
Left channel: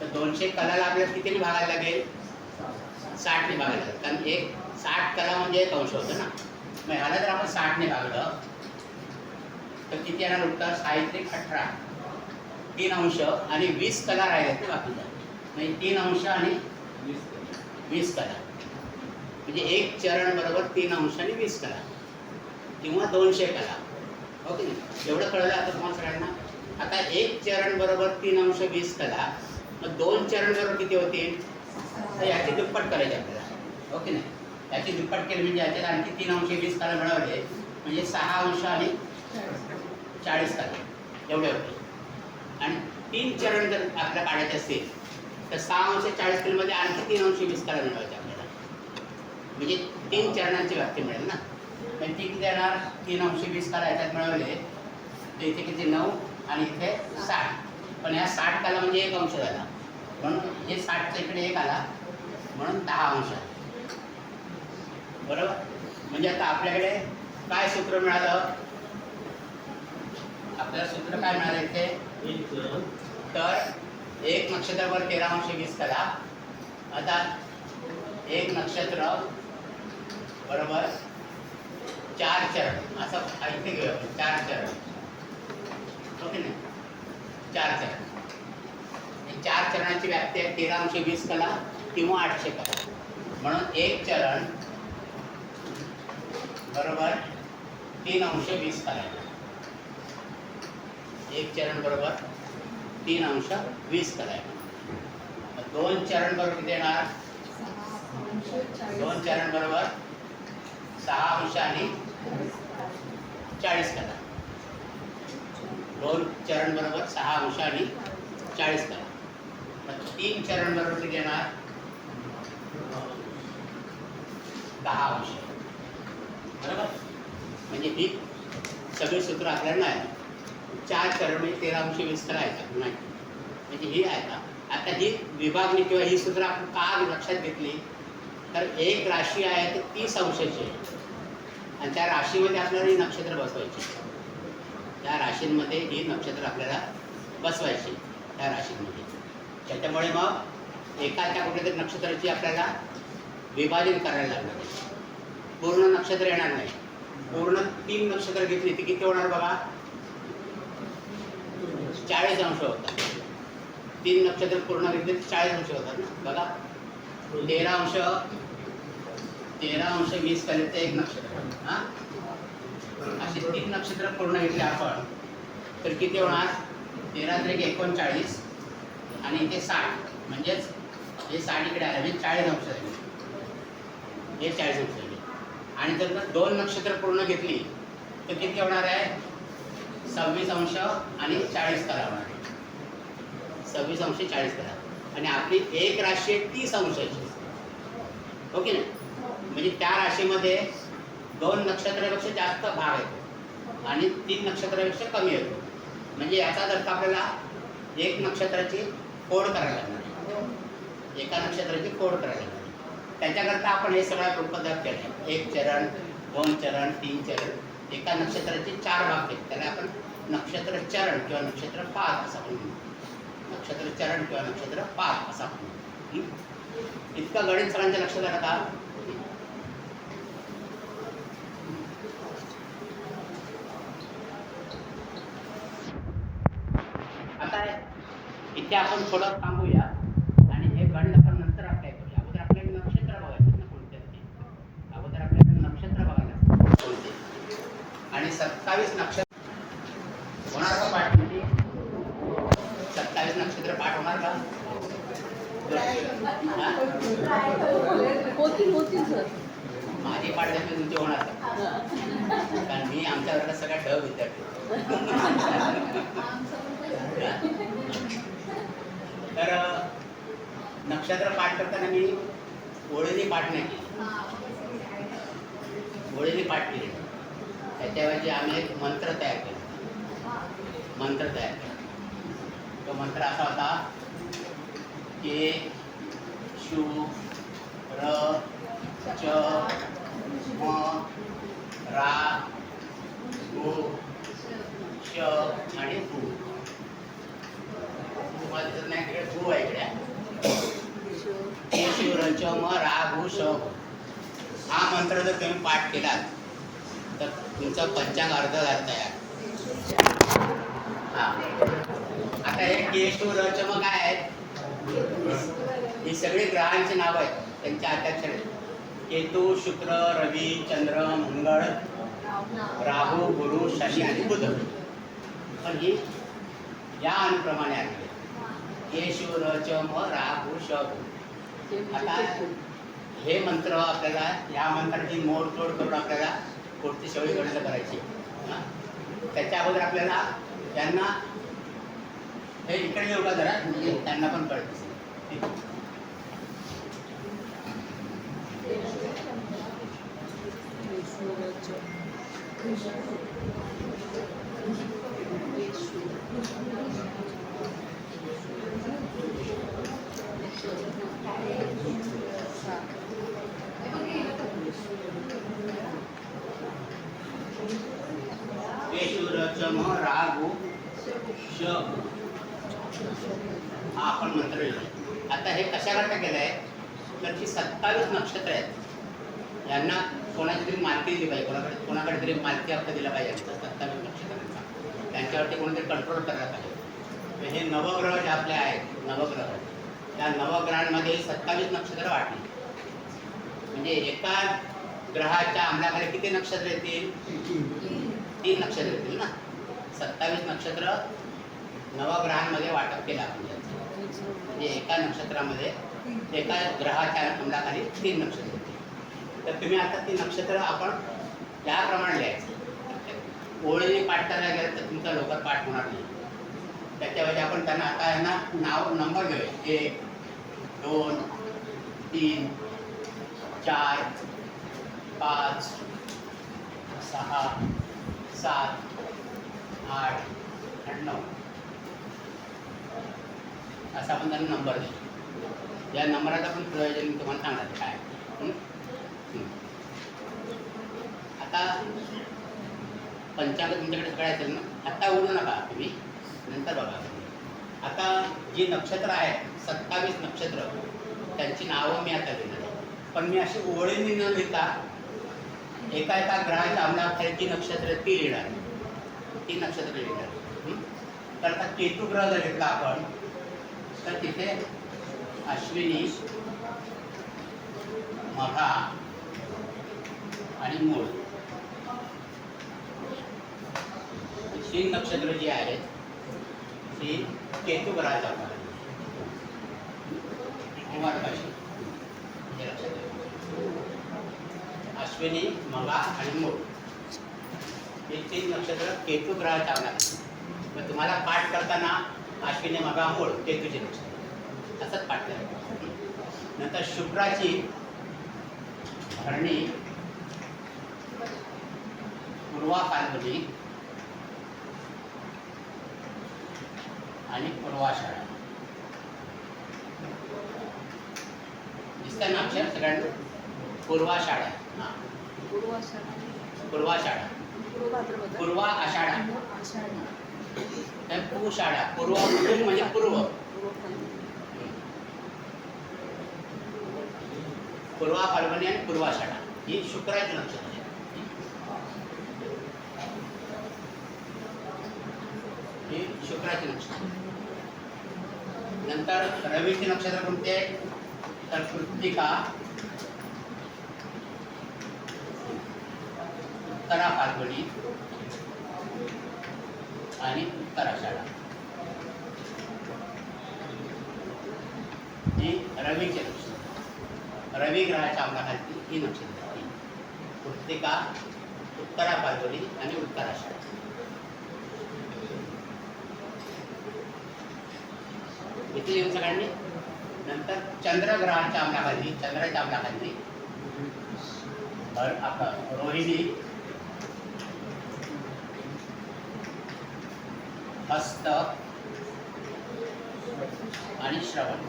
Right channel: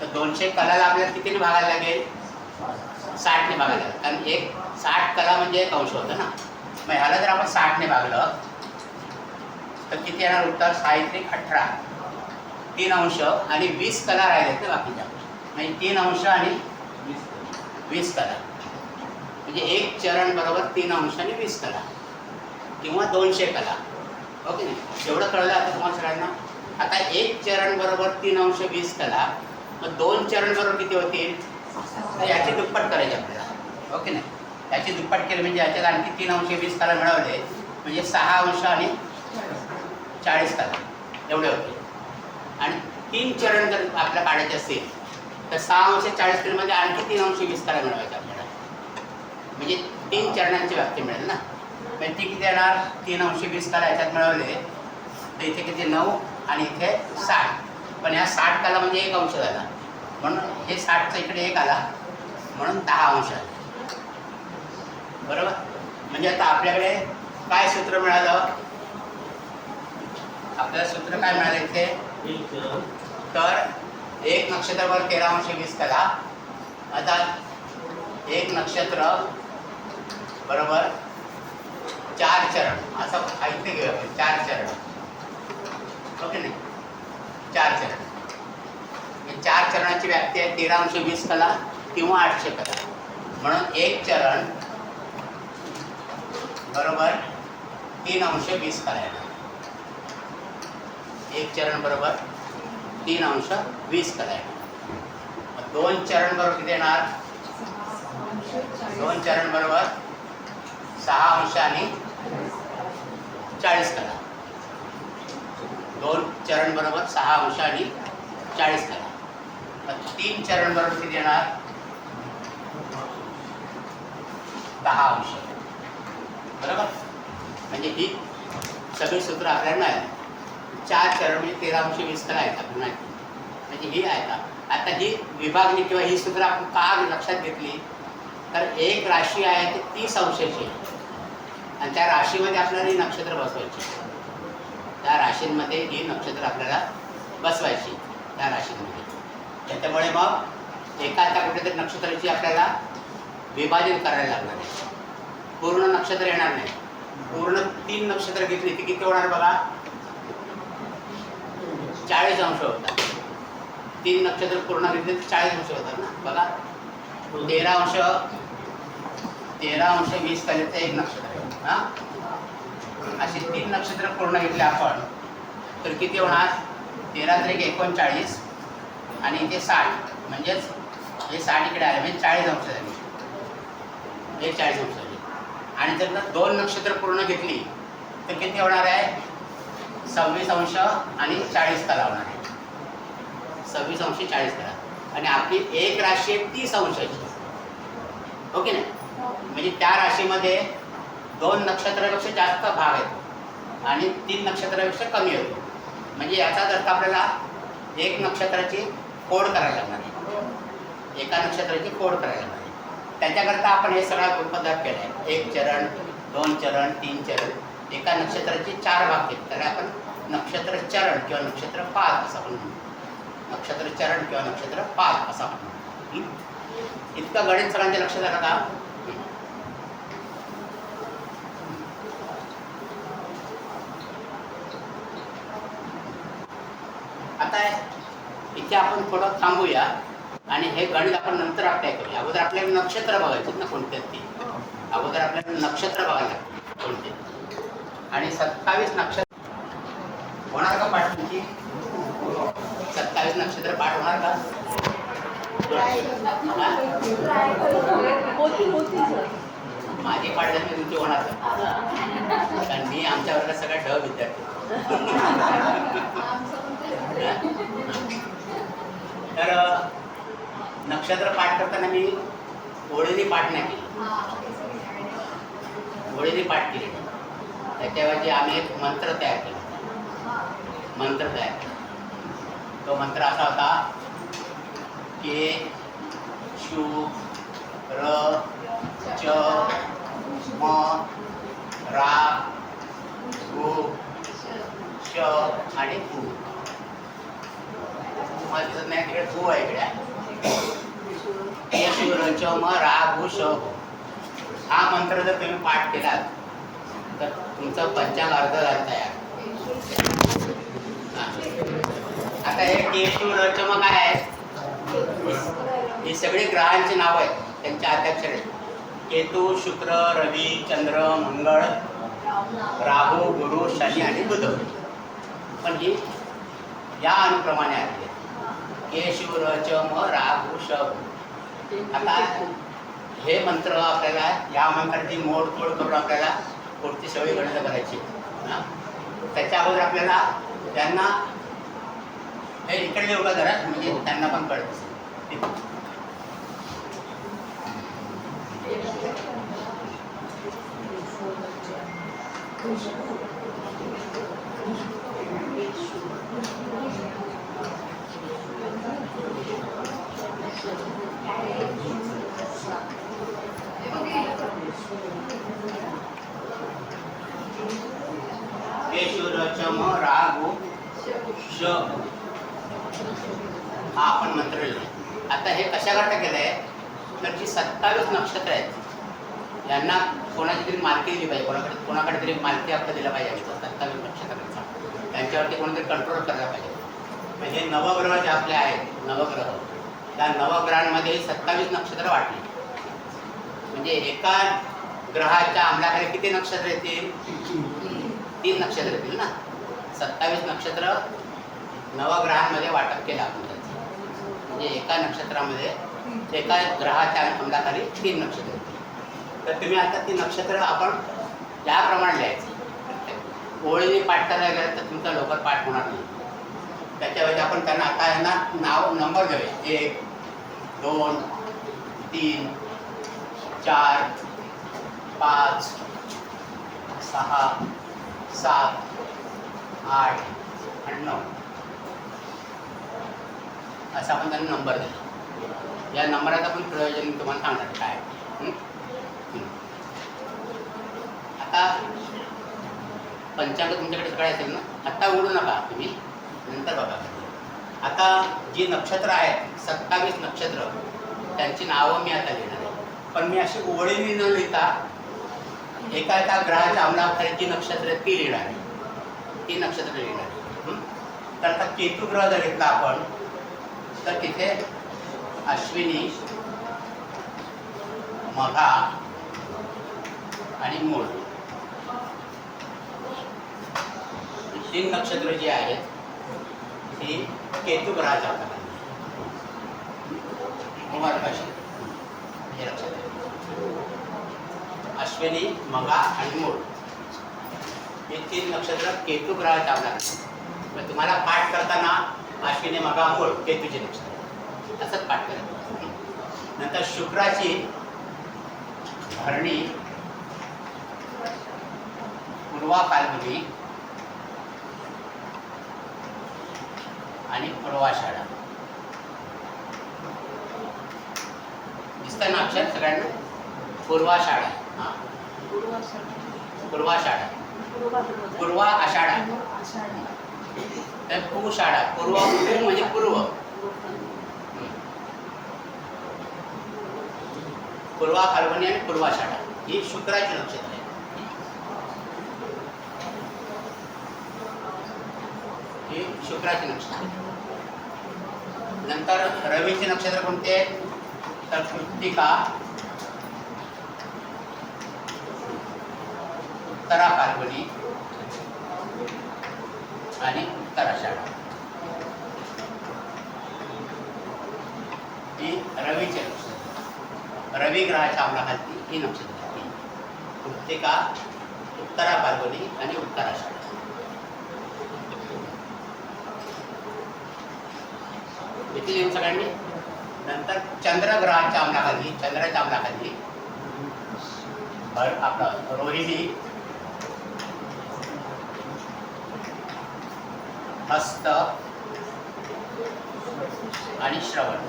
तर 200 कलाला आपल्याला कितीने भागायला लागेल? 60ने भागायला लागेल. कारण एक 60 कला म्हणजे एक अंश होतं ना. मग ह्याला जर आपण 60ने भागलं तर किती येणार उत्तर? 6×18 3 अंश आणि 20 कला राहिलेत ना बाकीच्या, म्हणजे 3 अंश आणि 20 कला, म्हणजे एक चरण बरोबर 3 अंश आणि 20 कला किंवा 200 कला. ओके नाही, एवढं कळलं आता तुम्हाला सगळ्यांना. आता एक चरण बरोबर 3 अंश 20 कला, मग 2 चरण बरोबर किती होतील? तर याची दुप्पट करायची आपल्याला. ओके नाही, याची दुप्पट केली म्हणजे याच्यात आणखी 3 अंश 20 कला मिळवले म्हणजे 6 अंश आणि 40 कला एवढे होते. आणि 3 चरण जर आपल्याला काढायचे असतील तर 6 अंश 40 कलेमध्ये आणखी 3 अंश 20 कला मिळवायचे आपल्याला, म्हणजे 3 चरणांची व्याप्ती मिळेल ना. म्हणजे ती किती येणार? 3 अंश 20 कला याच्यात मिळवले तर इथे किती? 9 आणि इथे 60. पण ह्या 60 कला म्हणजे एक अंश झाला, म्हणून हे 60चा इकडे एक आला म्हणून 10 अंश आले. बरोबर. म्हणजे आता आपल्याकडे काय सूत्र मिळालं? आपल्याला सूत्र काय मिळालं इथे? तर एक नक्षत्रावर 13 अंश 20 कला. आता एक नक्षत्र बरोबर 4 चरण असं इथे घेऊया आपण, 4 चरण. ओके नाही, 4 चरण. हे 4 चरणाची व्याप्ती आहे 13 अंश 20 कला किंवा 800 कला. म्हणून एक चरण बरोबर 3 अंश 20 कला येणार. एक चरण बरोबर 3 अंश 20 कला येणार. 2 चरण बरोबर किती येणार? 2 चरण बरोबर 6 अंश आणि 40 कला. 2 चरण बरोबर 6 अंश आणि 40 कला. 3 चरण बरोबर किती येणार? 10 अंश. बरोबर. म्हणजे ही सगळी सूत्र आपल्याला मिळाली. 4 चरण म्हणजे 13 अंश 20 कला आहेत आपल्याला माहिती. म्हणजे ही आहे का आता ही विभागणी किंवा ही सूत्र आपण का लक्षात घेतली? तर एक राशी आहे ती 30 अंशाची आहे आणि त्या राशीमध्ये आपल्याला ही नक्षत्र बसवायची. त्या राशींमध्ये ही नक्षत्र आपल्याला बसवायची त्या राशींमध्ये. त्याच्यामुळे मग एखाद्या कुठेतरी नक्षत्राची आपल्याला विभाजन करायला लागणार आहे. पूर्ण नक्षत्र येणार नाही. पूर्ण 3 नक्षत्र घेतली ती किती होणार बघा, 40 अंश होतात. 3 नक्षत्र पूर्ण घेतले तर 40 अंश होतात ना बघा. 13 अंश 20 कलेचं 1 नक्षत्र. हां, अशी 3 नक्षत्र पूर्ण घेतले आपण तर किती होणार, 13 × 1 = 39 आणि इथे 60, म्हणजेच हे 60 इकडे आले म्हणजे 40 अंश झाले. हे 40 अंश झाले. आणि जर 2 नक्षत्र पूर्ण घेतली तर किती होणार आहे, 26 अंश आणि 40 कला होणार आहे. 26 अंश 40 कला. आणि आपली एक राशी आहे 30 अंशाची, हो की नाही. म्हणजे त्या राशीमध्ये 2 नक्षत्रापेक्षा जास्त भाग आहेत आणि 3 नक्षत्रापेक्षा कमी होतो. म्हणजे याचाच अर्थ आपल्याला 1 नक्षत्राची फोड करायला लागणार आहे. एका नक्षत्राची फोड करायला लागणार आहे. त्याच्याकरता आपण हे सगळा पदार्थ केला आहे. 1 चरण, 2 चरण, 3 चरण. एका नक्षत्राचे 4 भाग घेतले त्याला आपण नक्षत्र चरण किंवा नक्षत्र पाद असं आपण म्हणू. नक्षत्र चरण किंवा नक्षत्र पाद असं आपण म्हणू. इतकं गणित सगळ्यांच्या लक्षात आलं का? आता इथे आपण थोडं थांबूया आणि हे गणित आपण नंतर अप्लाय करूया. अगोदर आपल्याला नक्षत्र बघायचे ना कोणते ती. अगोदर आपल्याला नक्षत्र बघायला लागतात कोणते. आणि 27 नक्षत्र होणार का पाठ तुमची? 27 नक्षत्र पाठ होणार का? होती सर. माझी पाठ झाली तुमची होणार का? कारण मी आमच्या वर्गात सगळ्या विद्यार्थी. तर नक्षत्र पाठ करताना मी ओळीने पाठ नाही केली. ओळीने पाठ केली. त्याच्याऐवजी आम्ही एक मंत्र तयार केला. तो मंत्र असा होता के शू र च म रा गु श आणि गु. तुम्हाला दिसत नाही तिकडे गु आहे इकडे. के शू र च म रा गु श. हा मंत्र जर तुम्ही पाठ केलात तर तुमचं पंचांग अर्ध झालं तयार. हां, आता हे केशू रचम काय आहे, ही सगळी ग्रहांची नाव आहेत, त्यांच्या अध्यक्षर आहेत. केतू, शुक्र, रवी, चंद्र, मंगळ, राहू, गुरु, शनी आणि बुध. पण ही या अनुक्रमाने आली आहे. केशू रचम राहू श. आता हे मंत्र आपल्याला, या मंत्राची मोडतोड करून आपल्याला पुढची सगळी गणितं करायची. त्याच्या अगोदर आपल्याला त्यांना हे इकडे येऊ का जरा, म्हणजे त्यांना पण कळत असेल. केशुरचम रागु श. हा आपण मंत्र लिहिला. आता हे कशाकरता केलं आहे तर जी 27 नक्षत्र आहेत यांना कोणाची तरी मालकी दिली पाहिजे. कोणाकडे तरी मालकी हक्क दिला पाहिजे. 27 नक्षत्रांचा त्यांच्यावरती कोणीतरी कंट्रोल करायला पाहिजे. हे नवग्रह जे आपले आहेत, नवग्रह, त्या नवग्रहांमध्ये 27 नक्षत्र वाटली. म्हणजे एका ग्रहाच्या अंमलाखाली किती नक्षत्र येतील? 3 नक्षत्र येतील ना. 27 नक्षत्र नवग्रहांमध्ये वाटप केलं आपण त्यांचं. म्हणजे एका नक्षत्रामध्ये, एका ग्रहाच्या अंमलाखाली 3 नक्षत्र येतील. तर तुम्ही आता ती नक्षत्र आपण याप्रमाणे लिहायचं. ओळीने पाठ करायला गेलं तर तुमचा लवकर पाठ होणार नाही. त्याच्याऐवजी आपण त्यांना आता यांना नाव, नंबर देऊया. 1, 2, 3, 4, 5, 6, 7, 8 आणि 9 असं आपण त्यांना नंबर दिला. या नंबराचं पण प्रयोजन तुम्हाला सांगणार काय. आता पंचांग तुमच्याकडे सगळे असेल ना. आता उडू नका तुम्ही, नंतर बघा. आता जी नक्षत्र आहेत 27 नक्षत्र त्यांची नावं मी आता लिहिणार आहे. पण मी अशी ओळीने न लिहिता एका एका ग्रहाच्या अंमलाखाली जी नक्षत्र ती लिहिणार आहे, ती नक्षत्र लिहिणार आहे. तर आता केतू ग्रह जर घेतला आपण तर तिथे अश्विनी, मघा आणि मूळ ही 3 नक्षत्र जी आहेत ही केतू ग्रहाच्या अंमलाखाली कुमारकाशी हे लक्षात आहे. अश्विनी, मघा आणि मूळ हे 3 नक्षत्र केतू ग्रहाच्या अंमलाखाली. मग तुम्हाला पाठ करताना अश्विनी, मघा, मूळ केतूचे नक्षत्र असंच पाठ करायचं. नंतर शुक्राची भरणी, पूर्वा फाल्गुनी आणि पूर्वाषाढा. दिसतंय ना अक्षर सगळ्यांना? पूर्वाषाढा. हां, पूर्वाषाढा, पूर्वा आषाढा, पूषाढा. पूर्व म्हणजे पूर्व, पूर्वा फाल्गुनी आणि पूर्वाषाढा ही शुक्राची नक्षत्र आहे. ही शुक्राची नक्षत्र. नंतर रवीचे नक्षत्र कोणते? तर कृत्तिका, उत्तरा फाल्गुनी आणि उत्तराषाढा ही रवीचे नक्षत्र. रवी ग्रहाच्या अंमलाखाली ही नक्षत्र आहेत. कृत्तिका, उत्तरा फाल्गुनी आणि उत्तराषाढा. इथे येऊन सगळ्यांनी. नंतर चंद्रग्रहाच्या अंमलाखाली, चंद्राच्या अंमलाखाली आपलं रोहिणी, हस्त आणि श्रवण.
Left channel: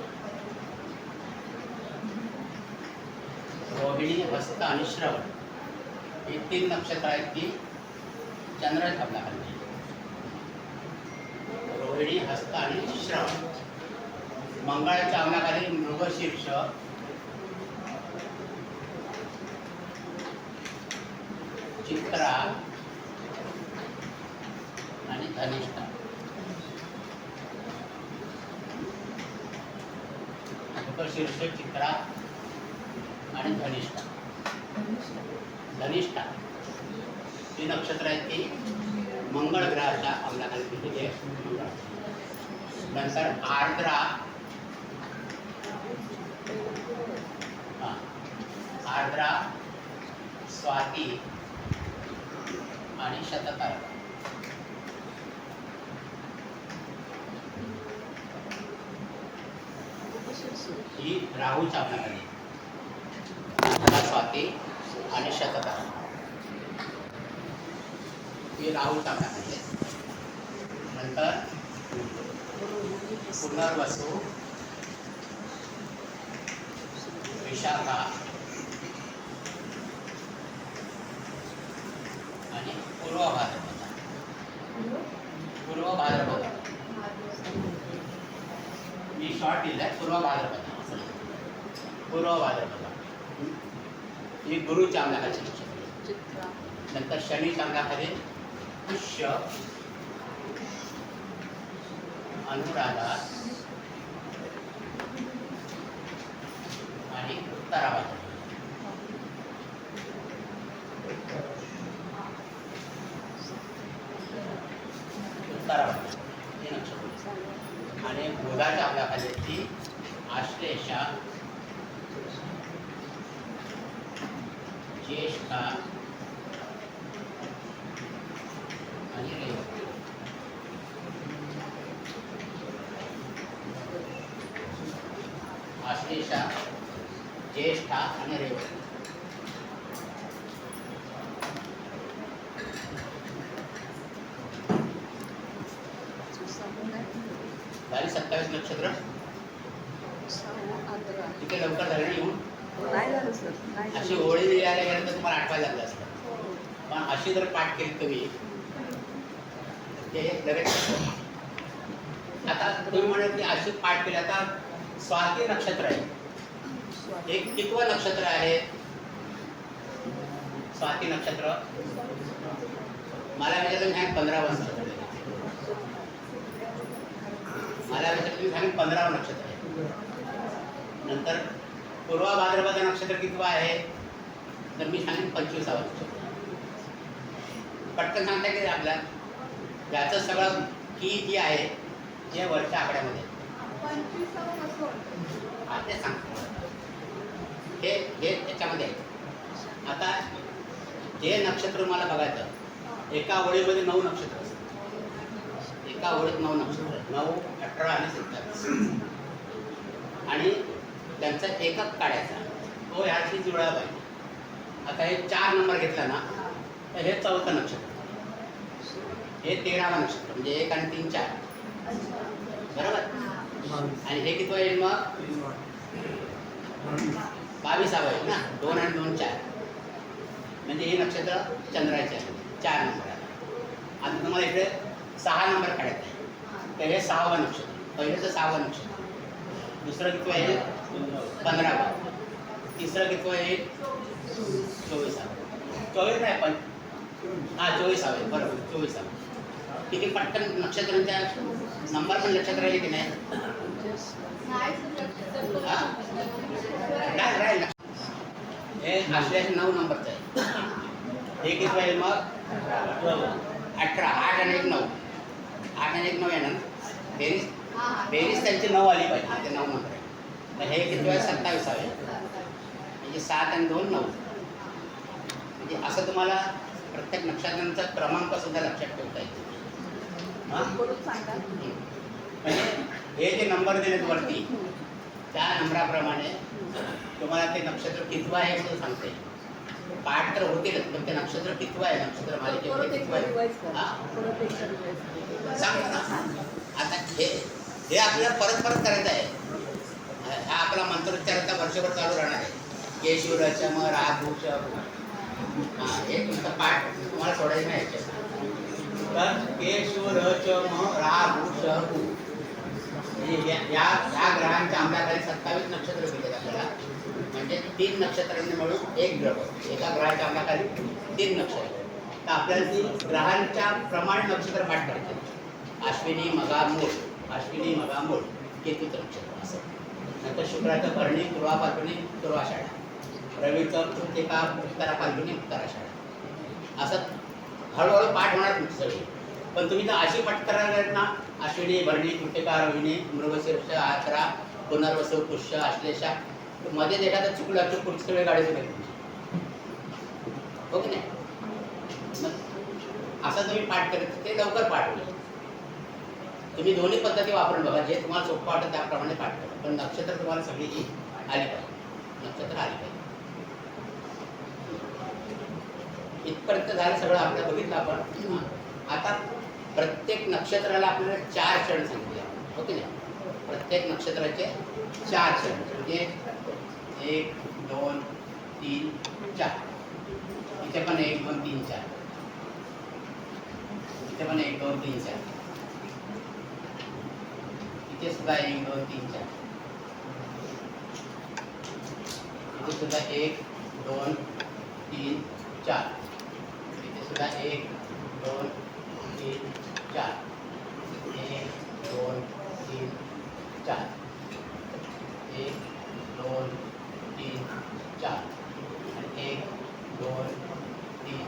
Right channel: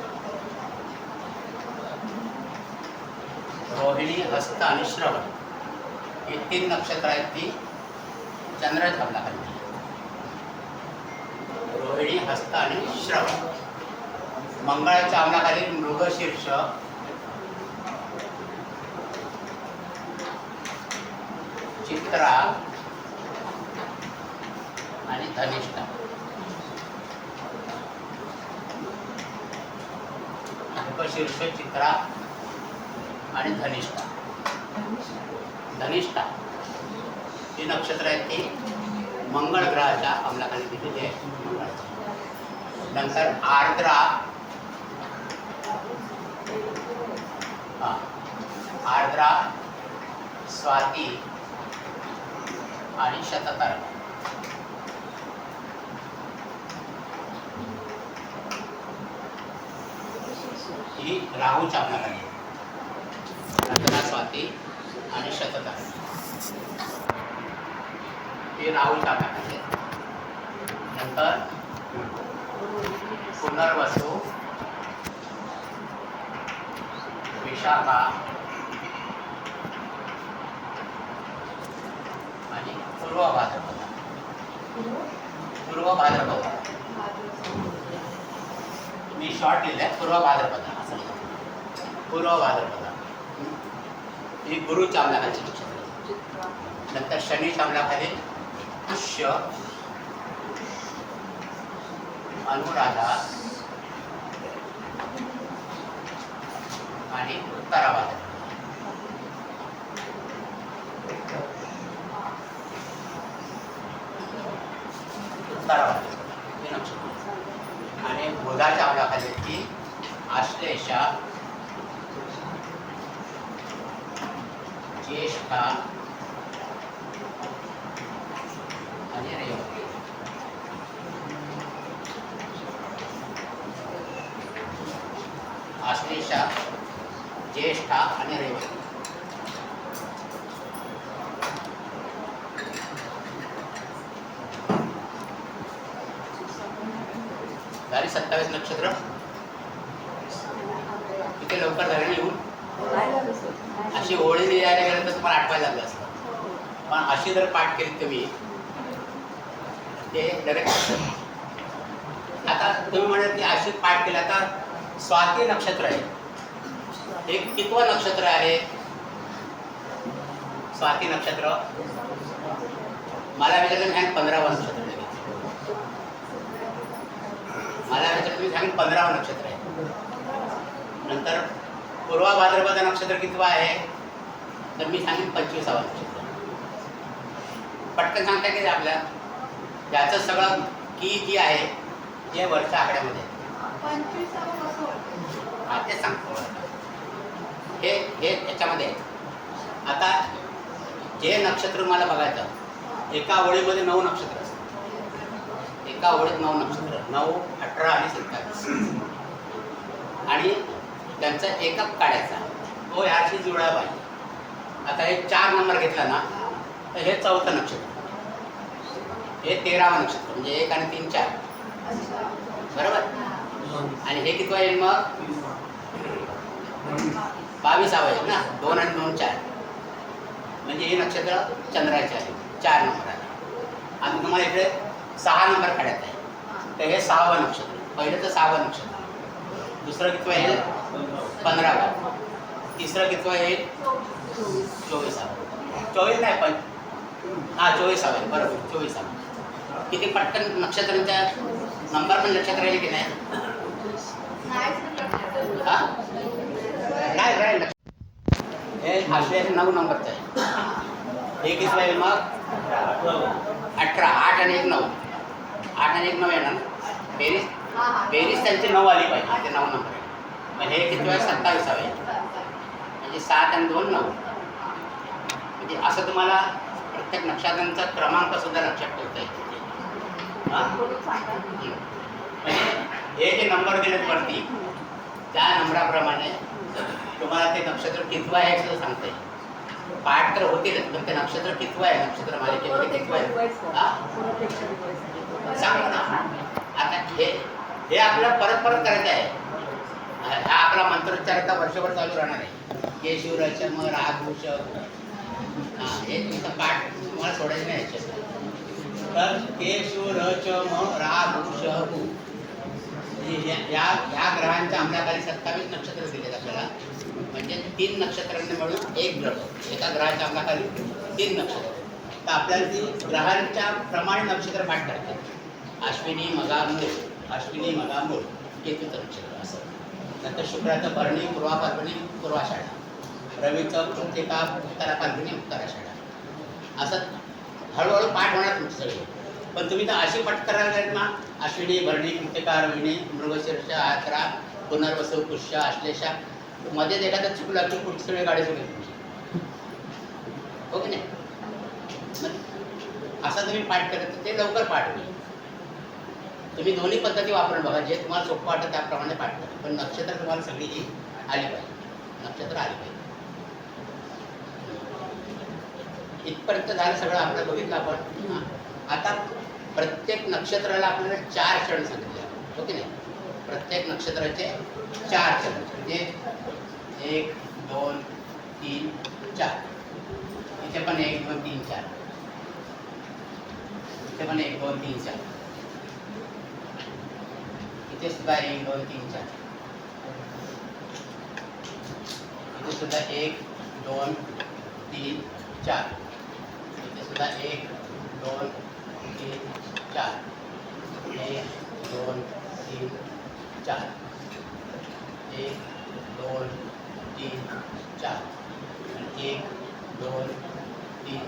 रोहिणी, हस्त आणि श्रवण ही 3 नक्षत्र आहेत ती चंद्राच्या अंमलाखाली. रोहिणी, हस्त आणि श्रवण. मंगळाच्या अंमलाखाली मृगशीर्ष, चित्रा आणि धनिष्ठा. मृगशीर्ष, चित्रा आणि धनिष्ठा. धनिष्ठा ही नक्षत्र आहेत ती मंगळ ग्रहाच्या अंमलाखाली दिलेली आहे. नंतर आर्द्रा, आर्द्रा, स्वाती आणि शततारका. ही राहूच्या अंमलाखाली. आर्द्रा, स्वाती आणि शततारका ही राहूच्या अंमलाखाली. नंतर पुनर्वसू, विशाखा आणि पूर्व भाद्रपद. पूर्व भाद्रपद मी शॉर्ट लिहिलंय. पूर्व भाद्रपद असं लिहिलं. पूर्व भाद्रपद ही गुरुच्या अंमलाखाली नक्षत्र. नंतर शनीच्या अंमलाखाली पुष्य, अनुराधा आणि उत्तरा भाद्रपद. उत्तरा भाद्रपद हे नक्षत्र. आणि बुधाच्या अंमलाखाली ती आश्लेषा, ज्येष्ठा आणि रेवती. आश्लेषा, ज्येष्ठा आणि रेवती. झाली 27 नक्षत्र. इथे लवकर झाले येऊन. नाही झालं सर, नाही अशी झालं. होळी लिहायला गेलं तर तुम्हाला आठवायला लागलं असतं. पण अशी जर पाठ केली तुम्ही ते डायरेक्ट. आता तुम्ही म्हणत की अशी पाठ केली. आता स्वाती नक्षत्र आहे. एक कितवं नक्षत्र आहे? स्वाती नक्षत्र. मला विचारलं मी सांगेन 15वा नक्षत्र आहे. मला विचारलं मी सांगेन 15वा नक्षत्र आहे. नंतर पूर्वा भाद्रपद नक्षत्र कितवा आहे तर मी सांगेन 25वा नक्षत्र. पटकन सांगता की आपल्या याचं सगळं की जी आहे जे वरच्या आकड्यामध्ये हा ते सांगतो. हे याच्यामध्ये आहे. आता जे नक्षत्र मला बघायचं एका ओळीमध्ये 9 नक्षत्र असतात. एका ओळीत 9 नक्षत्र 9, 18 आणि 27 आणि त्यांचा एकक काढायचा तो ह्याशी जुळला पाहिजे. आता हे 4 नंबर घेतला ना तर हे 4थं नक्षत्र, हे 13वं नक्षत्र म्हणजे 1 आणि 3 4 बरोबर. आणि हे किती येईल मग 22वा येईल ना. 2 आणि 2 4 म्हणजे हे नक्षत्र चंद्राचे आहे 4 नंबराला. आता तुम्हाला इकडे 6 नंबर काढायचा आहे तर हे 6वं नक्षत्र. पहिलं तर 6वं नक्षत्र, दुसरं कितवं येईल 15वं, तिसरं कितवं येईल 24वा. 24 नाही पण हां 24वा आहे बरोबर 24वा. किती पटकन नक्षत्रांच्या नंबर पण लक्षात राहिले की नाही. हां नाही राहील. हे आश्लेष 9 नंबरचं आहे. हे किती येईल मग 18. 8 आणि 1 9. 8 आणि 1 9 येणार. बेरीज त्यांची 9 आली पाहिजे. ते 9 नंबर आहे. मग हे किती आहे 27वा आहे. म्हणजे 7 आणि 2 9. म्हणजे असं तुम्हाला प्रत्येक नक्षत्रांचा क्रमांक सुद्धा लक्षात ठेवता येते. हां म्हणजे हे जे नंबर दिलेत वरती त्या नंबराप्रमाणे तुम्हाला ते नक्षत्र कितवं आहे असं सांगता येईल. पाठ तर होतीलच पण ते नक्षत्र कितवं आहे नक्षत्र मालिकेमध्ये कितवं आहे सांगा ना. आता हे आपल्याला परत करायचं आहे. हा आपला मंत्रोच्चाराचा वर्षभर चालू राहणार आहे. ये शिवराज मग राग भूष. हां हे तुमचं पाठ तुम्हाला सोडायचं नाही याच्यात. तर के शिवरच म रा भूष हू या ग्रहांच्या अंमलाखाली 27 नक्षत्र दिलेत आपल्याला. म्हणजे 3 नक्षत्रांनी मिळून एक ग्रह. एका ग्रहाच्या अंमलाखाली 3 नक्षत्र. तर आपल्याला ती ग्रहांच्या प्रमाणे नक्षत्र पाठ करतात. अश्विनी मघा मूळ, अश्विनी मघा मूळ केतूचं नक्षत्र असं. नंतर शुक्राचं भरणी पूर्वा फाल्गुनी पूर्वाषाढा, रवीचं कृतिका उत्तरा फाल्गुनी उत्तराषाढा. असं हळूहळू पाठ होणार तुमची सगळी. पण तुम्ही तर अशी पाठ करायला लागेल ना अश्विनी भरणी कृतिका रोहिणी मृगशीर्ष आचरा पुनर्वसू पुष्य आश्लेषा. मध्येच एखादा चुकला की पुढची सगळी गाडी चुकेल तुमची. हो की नाही. असं तुम्ही पाठ करत ते लवकर पाठ होईल. तुम्ही दोन्ही पद्धती वापरून बघा. जे तुम्हाला सोपं वाटतं त्याप्रमाणे पाठ करा. पण नक्षत्र तुम्हाला सगळी आली पाहिजे. नक्षत्र आली पाहिजे. इथपर्यंत झालं सगळं आपलं बघितलं आपण. आता प्रत्येक नक्षत्राला आपल्याला 4 क्षण सांगितले. हो की नाही. प्रत्येक नक्षत्राचे 4 क्षण म्हणजे 1 2 3 4. इथे पण 1 2 3 4. इथे पण 1 2 3 4. इथे सुद्धा 1 2 3 4. इथे सुद्धा 1 2 3 4. इथे सुद्धा 1 2 3 4. 1 2 3 4. 1 2 3 4. आणि 1 2 3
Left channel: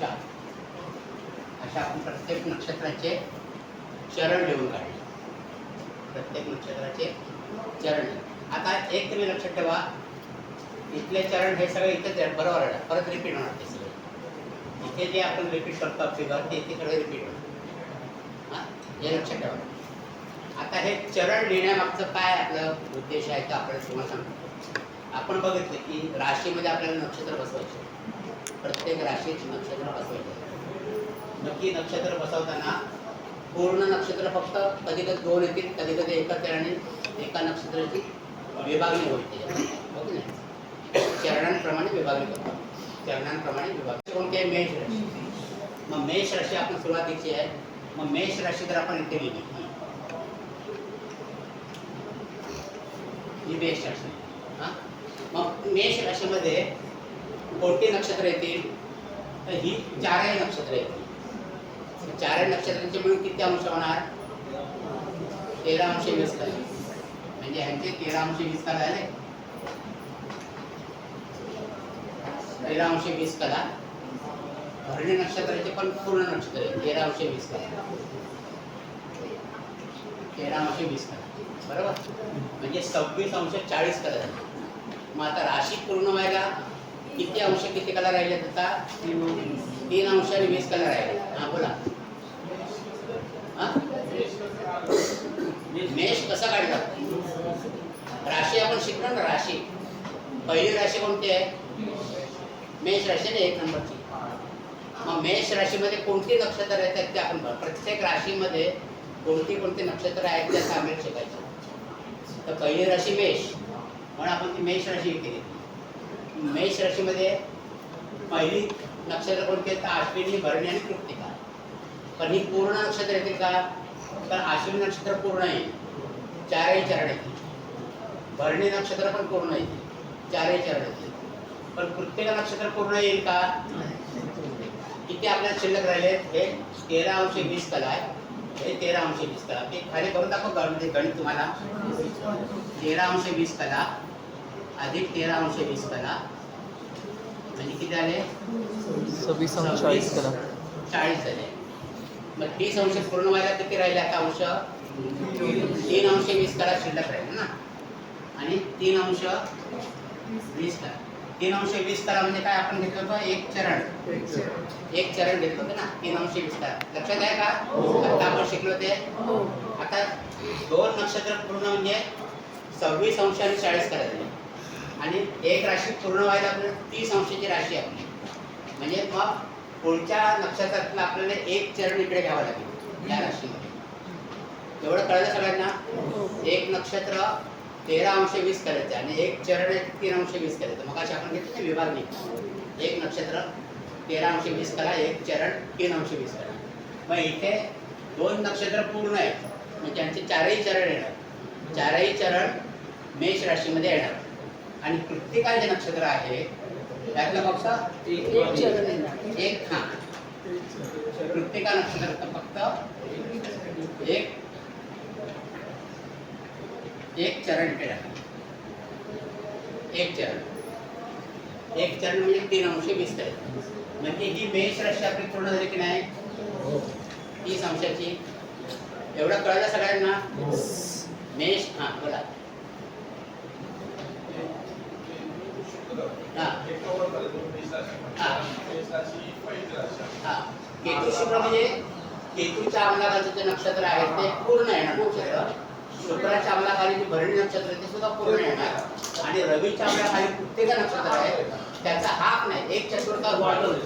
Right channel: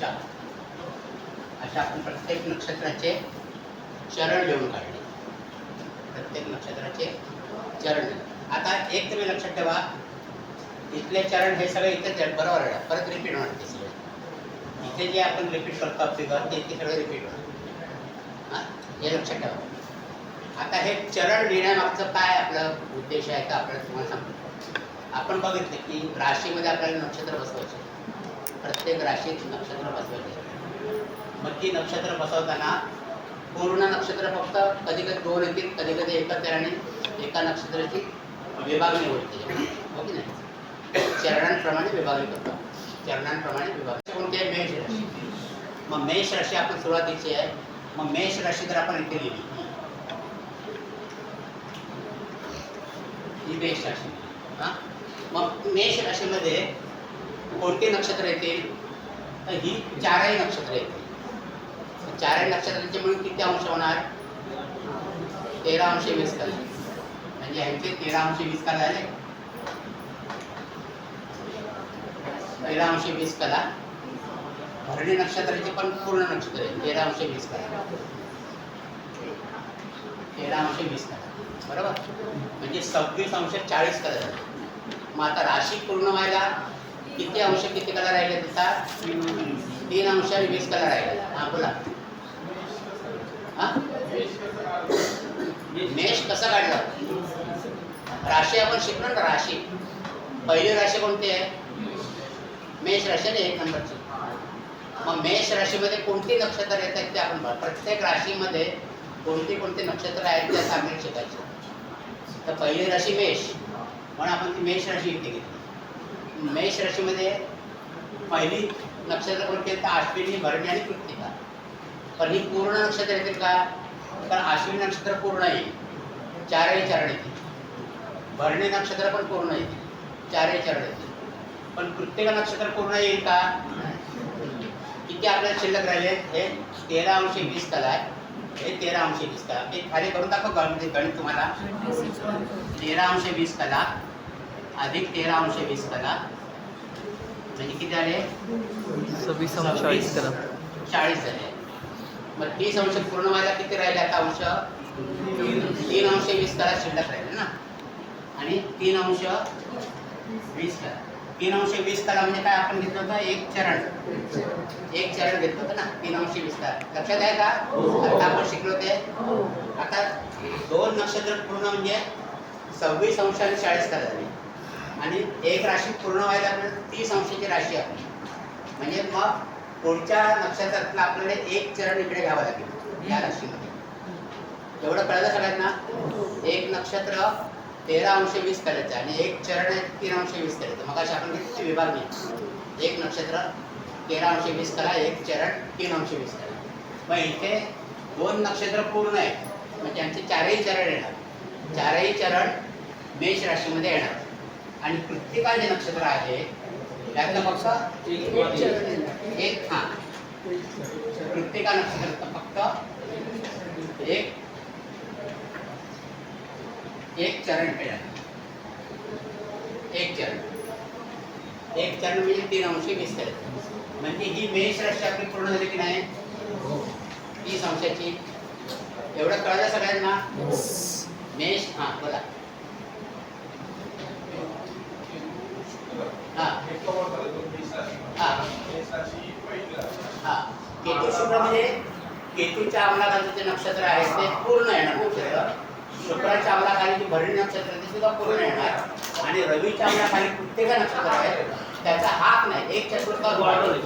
4. अशा आपण प्रत्येक नक्षत्राचे चरण लिहून काढले. प्रत्येक नक्षत्राचे चरण. आता एक तुम्ही लक्षात ठेवा इथले चरण हे सगळे इथेच आहे बरोबर आहे. परत रिपीट होणार ते सगळे. इथे जे आपण रिपीट करतो फिगर ते इथे सगळे रिपीट होणार. हां हे लक्षात ठेवा. आता हे चरण लिहिण्यामागचं काय आपलं उद्देश आहे का आपल्याला तुम्हाला सांगतो. आपण बघितले की राशीमध्ये आपल्याला नक्षत्र बसवायचे. प्रत्येक राशीत नक्षत्र बसवायचे. मग ती नक्षत्र बसवताना पूर्ण नक्षत्र फक्त कधी कधी 2 येतील कधी कधी एकच येईल आणि एका नक्षत्राची विभागणी होते. हो की नाही. चरणांप्रमाणे विभागणी करतो. चरणांप्रमाणे विभागणी कोणती आहे मेष राशी. मग मेष राशी आपण सुरुवातीची आहे. मग मेष राशी जर आपण इथे लिहिली ही मेष राशी. हां मग मेष राशीमध्ये कोणती नक्षत्र येतील? तर ही चारही नक्षत्र येतील. चारही नक्षत्रांचे मिळून किती अंश होणार? 13 अंश 20 कला. म्हणजे ह्यांचे 13 अंश 20 कला झाले. 13 अंश 20 कला. भरणी नक्षत्राचे पण पूर्ण नक्षत्र आहे 13 अंश 20 कला. 13 अंश 20 कला बरोबर. म्हणजे 26 अंश 40 कला झाले. मग आता राशी पूर्ण व्हायला किती अंश किती कला राहिले? आता 3 अंश 20 कला राहिले. हा बोला. हा मेष कसा काढला? राशी आपण शिकलो ना. राशी पहिली राशी कोणती आहे? मेष राशी आहे 1 नंबरची. मग मेष राशीमध्ये कोणती नक्षत्र येतात ते आपण प्रत्येक राशीमध्ये कोणती कोणती नक्षत्र आहेत त्याचा अभ्यास शिकायचं. तर पहिली राशी मेष म्हणून आपण ती मेष राशी इथे घेतली. मेष राशीमध्ये पहिली नक्षत्र कोणती आहेत? अश्विनी, भरणी आणि कृत्तिका. पण ही पूर्ण नक्षत्र येतील का? तर अश्विनी नक्षत्र पूर्ण येईल, चारही चरण येतील. भरणी नक्षत्र पण पूर्ण येतील, चारही चरण येतील. पण कृत्तिका नक्षत्र पूर्ण येईल का? किती आपल्याला शिल्लक राहिले? हे 13 अंश 20 कला आहे. हे 13 अंश 20 कला. ते खाली करून दाखव गणित तुम्हाला. 13 अंश 20 कला अधिक 13 अंश 20 कला म्हणजे किती आले? 26 अंश 40 कला. 40 झाले. मग 30 अंश पूर्ण व्हायला किती राहिले आता अंश? 3 अंश 20 कला शिल्लक राहिले ना. आणि 3 अंश 20 कला. 3 अंश 20 कला म्हणजे काय? आपण घेतलं होतं एक चरण घेतलं होतं ना. 3 अंश 20 कला लक्षात आहे का? आता आपण शिकलो ते. आता 2 नक्षत्र पूर्ण म्हणजे 26 अंश आणि 40 कला झाली. आणि एक राशी पूर्ण व्हायला आपल्याला 30 अंशाची राशी आपली. म्हणजे मग पुढच्या नक्षत्रातलं आपल्याला एक चरण इकडे घ्यावं लागेल या राशीमध्ये. एवढं कळलं सगळ्यांना? एक नक्षत्र 13 अंश 20 करायचं आणि एक चरण 3 अंश 20 करायचं. मग अशी आपण घेतली विभागणी. एक नक्षत्र 13 अंश 20 करा, एक चरण 3 अंश 20 करा. मग इथे 2 नक्षत्र पूर्ण आहेत, मग त्यांचे चारही चरण येणार. चारही चरण मेष राशीमध्ये येणार. आणि कृत्तिका जे नक्षत्र आहे त्यातलं फक्त एक कृत्तिका नक्षत्र फक्त एक चरण केलं. एक चरण म्हणजे 3 अंश 20 करायचं. म्हणजे ही मेष राशी आपली पूर्ण झाली की नाही? 30 अंशाची. एवढं कळलं सगळ्यांना? मेष बोला. केतू शुक्र म्हणजे केतूच्या अंमलाखाली जे नक्षत्र आहे ते पूर्ण येणार नक्षत्र. शुक्राच्या अंमलाखाली जे भरणी नक्षत्र ते सुद्धा पूर्ण येणार. आणि रवीच्या अंमलाखाली कृत्तिका नक्षत्र आहे त्याचा हाक नाही, 1/4 वाढवलं.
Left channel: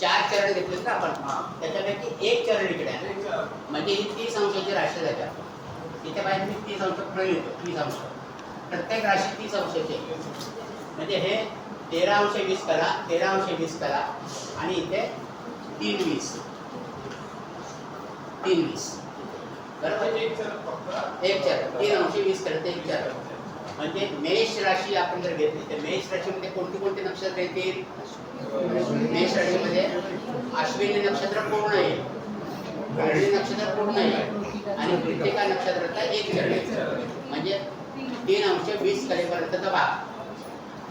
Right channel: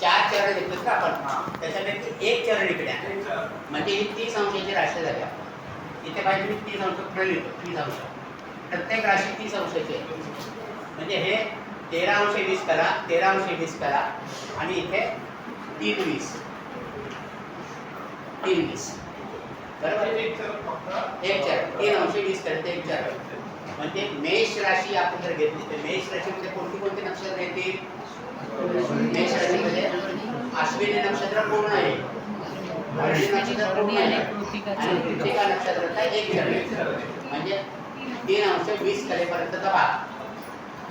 4 चरण घेतले तर आपण त्याच्यापैकी एक चरण इकडे आहे. म्हणजे ही 30 अंशाची राशी झाली. इथे पाहिजे मी 30 अंश पुढे लिहितो. 30 अंश प्रत्येक राशी 30 अंशाची आहे. म्हणजे हे 13 अंश 20 करा, 13 अंश 20 करा आणि इथे 3 20 बरोबर. एक चरण 3 अंश 20 करते एक चरण. म्हणजे मेष राशी आपण जर घेतली तर मेष राशीमध्ये कोणती कोणती नक्षत्र येतील? मेष राशीमध्ये अश्विनी नक्षत्र पूर्ण आहे, भरणी नक्षत्र पूर्ण आहे आणि कृत्तिका नक्षत्राचा एक चरण. म्हणजे 3 अंश 20 कलेपर्यंतचा भाग.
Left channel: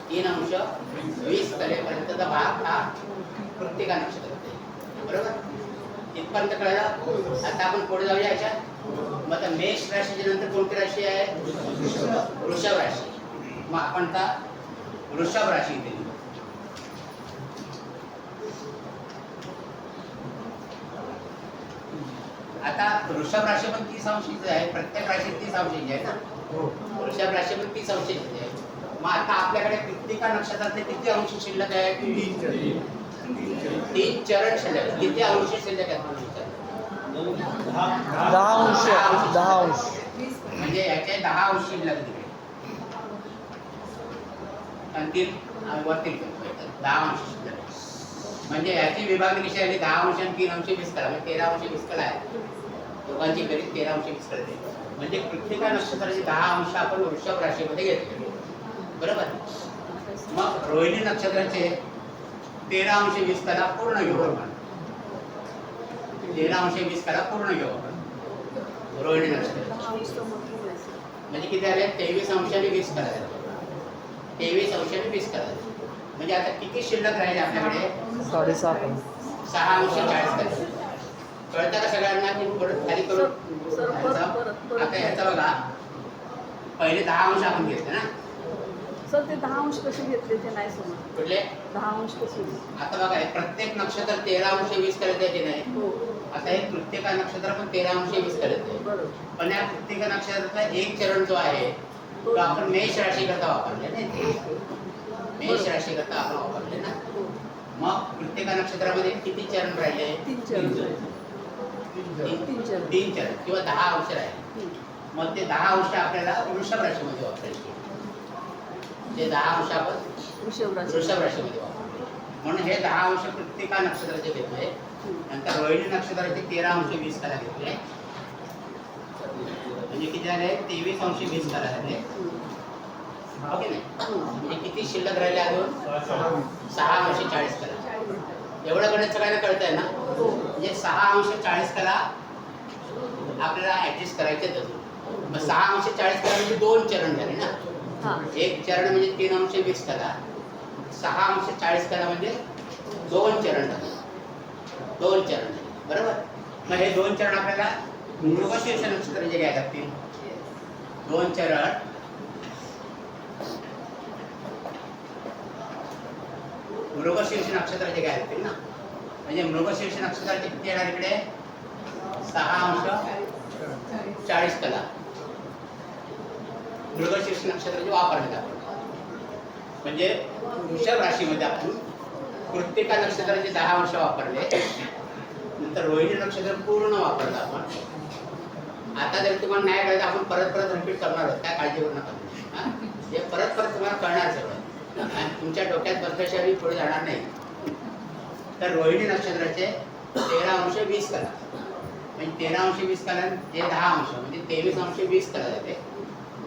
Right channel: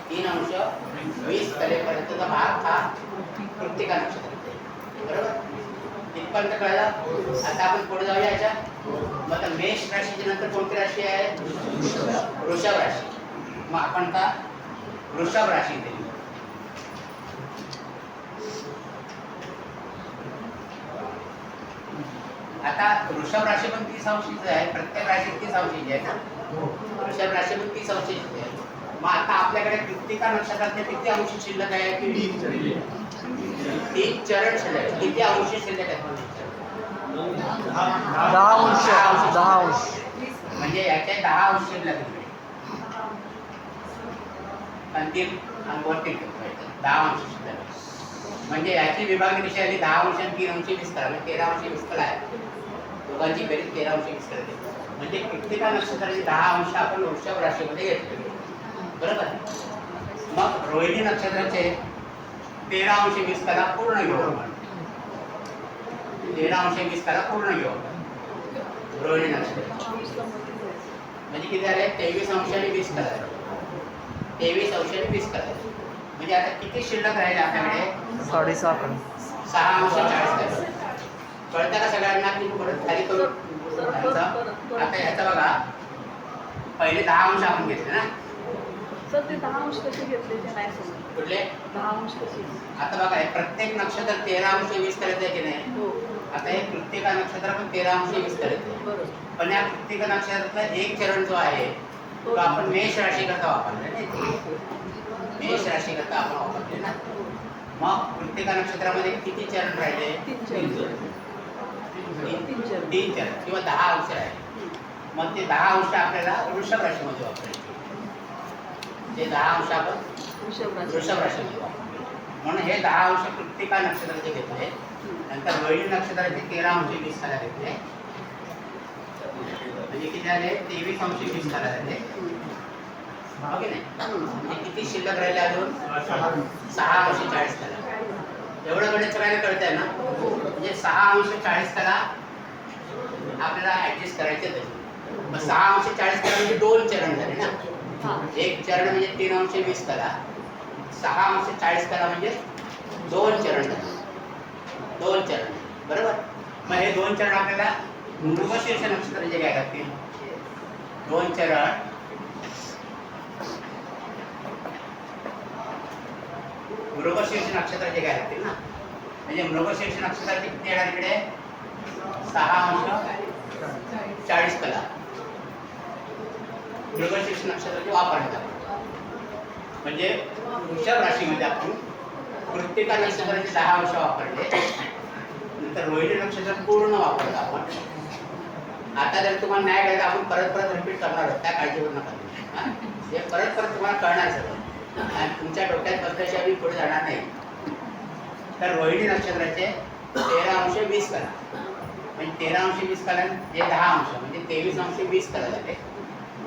3 अंश 20 कलेपर्यंतचा भाग हा कृत्तिका नक्षत्र बरोबर. इथपर्यंत कळलं? आता आपण पुढे जाऊया याच्यात. मग आता मेष राशीच्या नंतर कोणती राशी आहे? वृषभ राशी. मग आपण आता वृषभ राशी केली. आता वृषभ राशी पण 30 अंशाची आहे. प्रत्येक राशी 30 अंशाची आहे ना. वृषभ राशी पण 30 अंशाची आहे. मग आता आपल्याकडे कृत्तिका नक्षत्रातले किती अंश शिल्लक आहे? 3 चरण शिल्लक. किती अंश शिल्लक आहेत? 10 अंश. म्हणजे याचे 10 अंश शिल्लक आहेत. अंतिम वरती 10 अंश शिल्लक. म्हणजे याची विभागणी कशी आहे? 10 अंश आणि 3 अंश 20 करा. म्हणजे 13 अंश 20 कला आहे. दोघांची बेरीज 13 अंश 20 करते. म्हणजे कृत्तिका नक्षत्राचे 10 अंश आपण वृषभ राशीमध्ये घेतले बरोबर. मग रोहिणी नक्षत्राचे 13 अंश 20 कला पूर्ण घेऊ आपण. 13 अंश 20 कला पूर्ण घेऊ आपण रोहिणी नक्षत्र. म्हणजे किती आले 23 अंशाने 20 कला झाले. 23 अंशाने 20 कला झाले. म्हणजे आता किती शिल्लक राहील आपल्याकडे 6.5 कला. 6 अंश 40 कला. कळतं का सगळ्यांना की परत खाली करू ह्याचं? आता ह्याचा बघा पहिले 10 अंश आपण घेतले ना. सर ते 10 अंश कसे घेतले ते नाही समजलं. कुठले 10 अंश कसे? आता बघा हे प्रत्येक नक्षत्र 13 अंश 20 करायचं की नाही. हो आता हे प्रत्येक नक्षत्र पण 13 अंश 20 करायचं. बरोबर. पण या प्रत्येक नक्षत्रातला एक चरण जो आहे तो आपण मेष राशी करता वापरले नाही. मेष राशी करता आपण वापरले ना. मग प्रत्येक नक्षत्रामध्ये किती चरण राहिले? 3 चरण. तीन चरण किंवा 10 अंश राहिले. मग ते 10 अंश आपल्याला वृषभ राशीमध्ये वापरायचे. ते 10 अंश आपण वृषभ राशी. वृषभ राशीमध्ये वापरले. म्हणून हे 10 अंश प्रत्येक नक्षत्राचे घेतले. नंतर रोहिणी नक्षत्राचे 13 अंश 20 कला घेतले. म्हणजे किती झाले 23 अंश 20 कला झाले. हो की नाही? म्हणजे किती शिल्लक राहिले अजून 6 अंश 40 कला. एवढं गणित सगळ्यांना कळत आहे ना. म्हणजे 6 अंश 40 कला आपल्याला ऍडजस्ट करायचे तरी. मग 6 अंश 40 कला म्हणजे 2 चरण झाले ना. एक चरण म्हणजे 3 अंश 20 कला. 6 अंश 40 कला म्हणजे 2 चरण झाले. 2 चरण बरोबर. मग हे 2 चरण आपल्याला मृगशीर्ष नक्षत्राचे घ्यायला लागतील. 2 चरण मृगशीर्ष नक्षत्राचे घ्यायला लागतील ना. म्हणजे मृगशीर्ष नक्षत्राचे किती येणार इकडे 6 अंश 40 कला मृगशीर्ष नक्षत्राचे वापरण्यात आपण. म्हणजे वृषभ राशीमध्ये आपण प्रत्येक नक्षत्राचे 10 अंश वापरले. नंतर रोहिणी नक्षत्र पूर्ण वापरलं आपण. आता जर तुम्हाला नाही कळलं आपण परत परत रिपीट करणार आहोत. काय काळजी करू नका तुम्ही. हे परत परत तुम्हाला कळणार सगळं आणि तुमच्या डोक्यात बसल्याशिवाय मी पुढे जाणार नाही. तर रोहिणी नक्षत्राचे 13 अंश 20 कला म्हणजे 13 अंश 20 कला जे 10 अंश म्हणजे 23 अंश 20 कला झाले.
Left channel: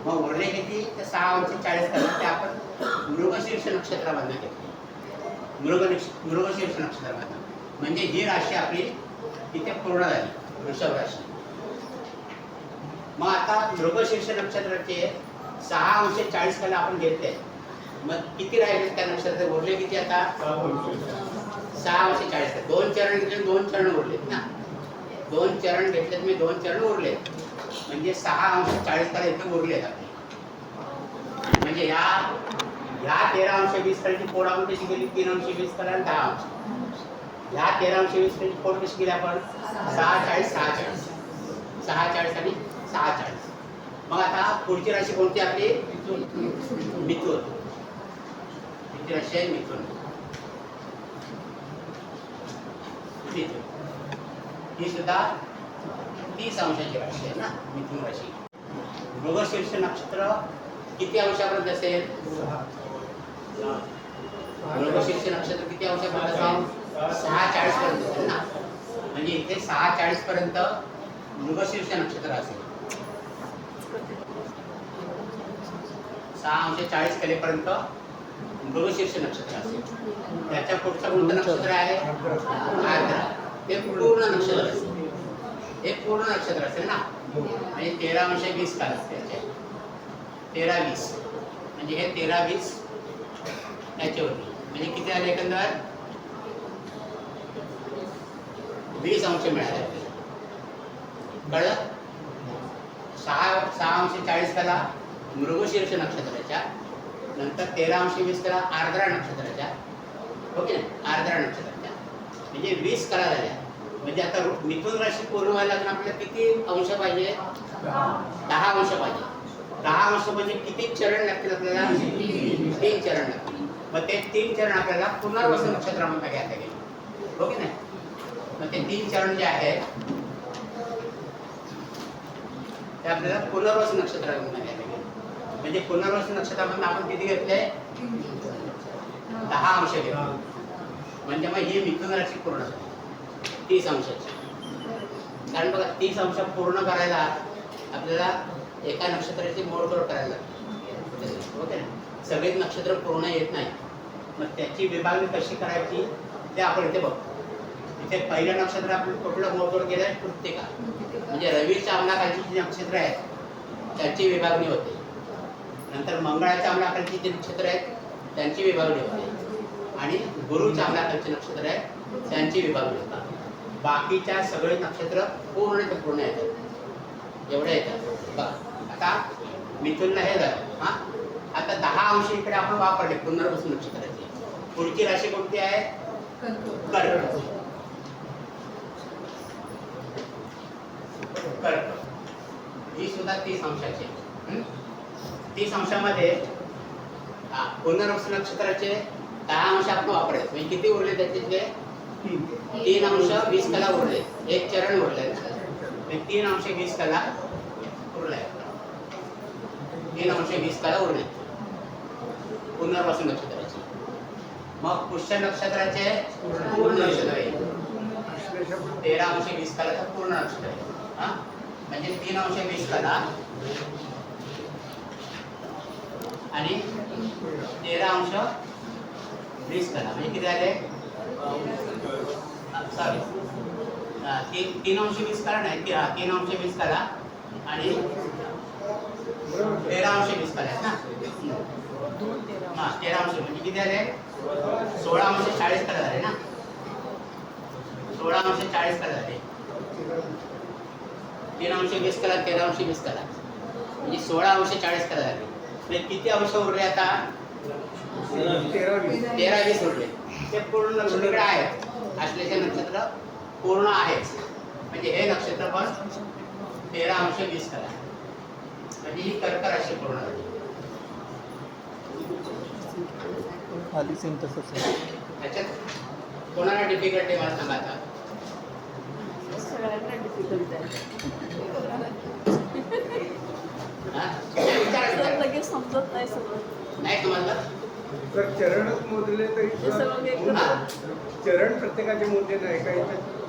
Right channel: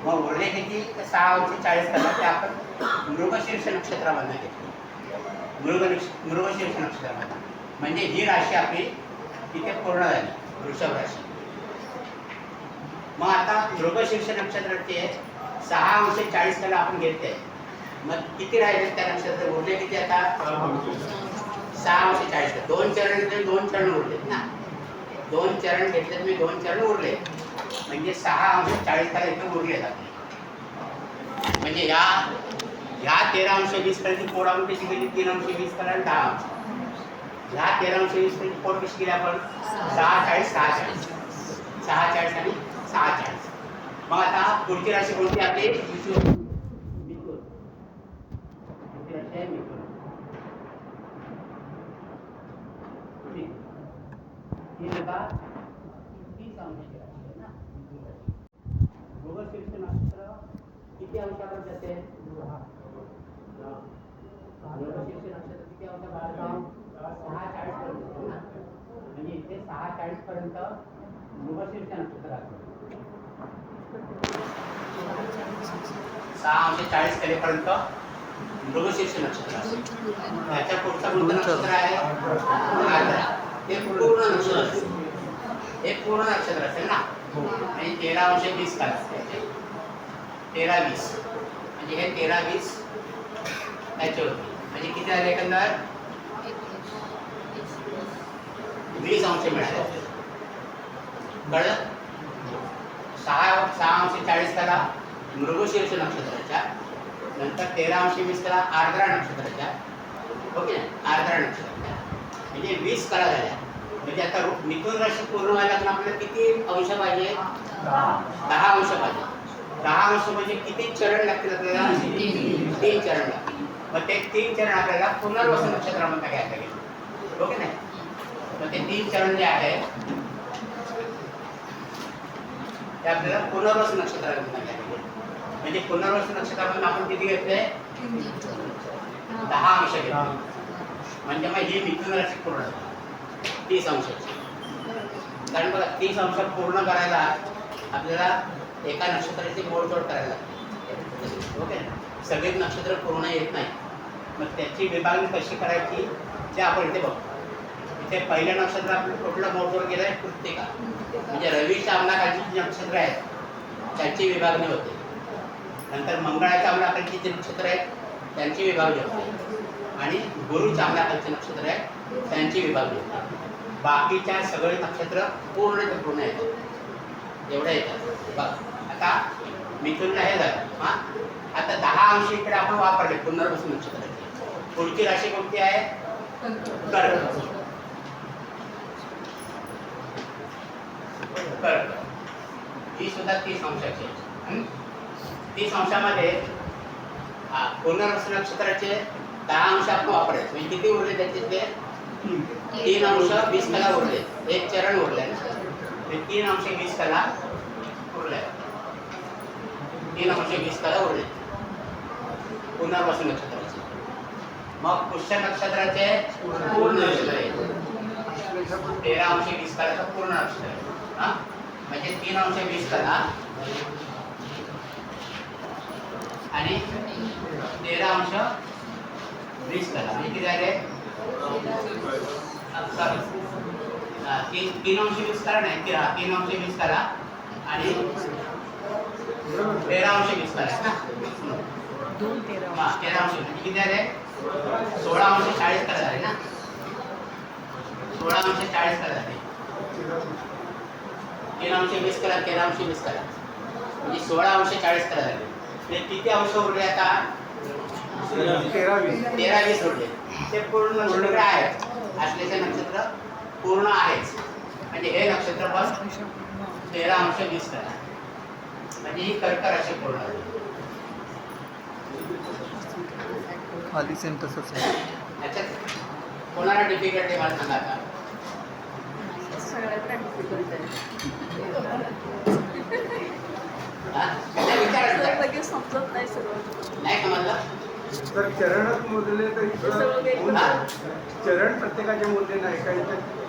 मग उरले किती 6 अंश 40 कला ते आपण मृगशीर्ष नक्षत्रामधनं घेतले. मृगशीर्ष नक्षत्रामधनं म्हणजे ही राशी आपली तिथे पूर्ण झाली वृषभ राशी. मग आता मृगशीर्ष नक्षत्राचे 6 अंश 40 कला आपण घेतले. मग किती राहिले त्या नक्षत्रात उरले किती आता 6 अंश 40 कला. 2 चरण घेतले 2 चरण उरलेत ना. 2 चरण घेतले तुम्ही 2 चरण उरले म्हणजे 6 अंश 40 कला इथे उरलेत आपले. म्हणजे ह्या 13 अंश 20 कलाची फोड आपण कशी केली 3 अंश 20 कला आणि 10 अंश. ह्या 13 अंश 20 कलाची फोड कशी केली आपण 6 40 6 40 6 40 आणि 6 40. मग आता पुढची राशी कोणती आपली मिथुन. पुढची राशी आहे मिथुन. ही सुद्धा 30 अंशाची राशी आहे ना मिथुन राशी. मृगशीर्ष नक्षत्र किती अंशापर्यंत असेल? मृगशीर्ष नक्षत्र किती अंशापर्यंत असेल? 6:40 पर्यंत असेल ना. म्हणजे इथे 6:40 पर्यंत मृगशीर्ष नक्षत्र असेल. 6 अंश 40 कलेपर्यंत मृगशीर्ष नक्षत्र असेल. त्याच्या पुढचा कोणतं नक्षत्र आहे आर्द्रा. ते पूर्ण नक्षत्र असेल. हे पूर्ण नक्षत्र असेल ना. आणि 13 अंश 20 कला 13-20 म्हणजे हे 13-20 त्याच्यावरती म्हणजे किती आले एकंदर 20 अंश मिळाले. कळलं. 6 अंश 40 कला मृगशीर्ष नक्षत्राच्या नंतर 13 अंश 20 कला आर्द्रा नक्षत्राच्या. हो की नाही आर्द्रा नक्षत्राच्या म्हणजे 20 कला झाल्या. म्हणजे आता मिथुन राशी पूर्ण व्हायला आपल्याला किती अंश पाहिजे 10 अंश पाहिजे. 10 अंश म्हणजे किती चरण लागतील आपल्याला 3 चरण लागतील. मग ते 3 चरण आपल्याला पुनर्वसु नक्षत्रामध्ये घ्यायला लागेल. हो की नाही. मग ते 3 चरण जे आहे ते आपल्याला पुनर्वसु नक्षत्रामध्ये घ्यायला लागेल. म्हणजे पुनर्वसु नक्षत्रामध्ये आपण किती घेतले 10 अंश घेतले. म्हणजे मग ही मिथुन राशी पूर्ण झाली 30 अंशाची. कारण बघा 30 अंश पूर्ण करायला आपल्याला एका नक्षत्राची मोडतोड करायला लागते. ओके. सगळेच नक्षत्र पूर्ण येत नाही. मग त्याची विभागणी कशी करायची ते आपण इथे बघतो. इथे पहिल्या नक्षत्र आपण कुठलं मोजवर गेलं आहे? कृत्तिका. म्हणजे रवीच्या अंमलाखालची जी नक्षत्र आहेत त्यांची विभागणी होते. नंतर मंगळाच्या अंमलाखालची जी नक्षत्र आहेत त्यांची विभागणी होते आणि गुरुच्या अंमलाखालची नक्षत्र आहेत त्यांची विभागणी होते. बाकीच्या सगळे नक्षत्र पूर्ण येतात, एवढ्या येतात. बघा आता मिथुनला हे झालं. हां, आता 10 अंश इकडे आपण वापरले पुनर्वसू नक्षत्राची. पुढची राशी कोणती आहे? कर्क. कर्क ही सुद्धा 30 अंशाची आहे. 30 अंशामध्ये पुनर्वसू नक्षत्राचे 10 अंश आपण वापरायचे. म्हणजे किती उरले त्याच्यातले? 3 अंश 20 कला उरले. एक चरण उरले ना, 3 अंश 20 कला उरले. 3 अंश 20 कला उरले पुनर्वसू नक्षत्राचे. मग पुष्य नक्षत्राचे पूर्ण नक्षत्र आहे. 13 अंश 20 कलाचा पूर्ण नक्षत्र आहे. हां, म्हणजे 3 अंश 20 कला आणि 13 अंश 20 कला म्हणजे किती झाले? सॉरी, 3 अंश 20 कला नाही, 3 अंश 20 कला आणि 13 अंश 20 कला आहे ना. हां, 13 अंश म्हणजे किती झाले? 16 अंश 40 कला झाले ना. 16 अंश 40 कला झाले. 3 अंश 20 कला, 13 अंश 20 कला म्हणजे 16 अंश 40 कला झाले. म्हणजे किती अंश उरले आता? 13-20 उरले. ते पूर्ण नक्षत्र आहेत. असलेले नक्षत्र पूर्ण आहेच. म्हणजे हे नक्षत्र पण 13 अंश 20 कला म्हणजे ही कर्क राशी पूर्ण झाली. खाली सेम तसंच आहे. याच्यात कोणाला डिफिकल्ट आहे मला सांगा आता. सगळ्यांना difficult आहे. हां, विचारा. लगेच समजत नाही सगळं. नाही समजलं? तर चरणच मोजले तर हे सगळं एकदम हां, चरण प्रत्येकाचे मोजले नाही काही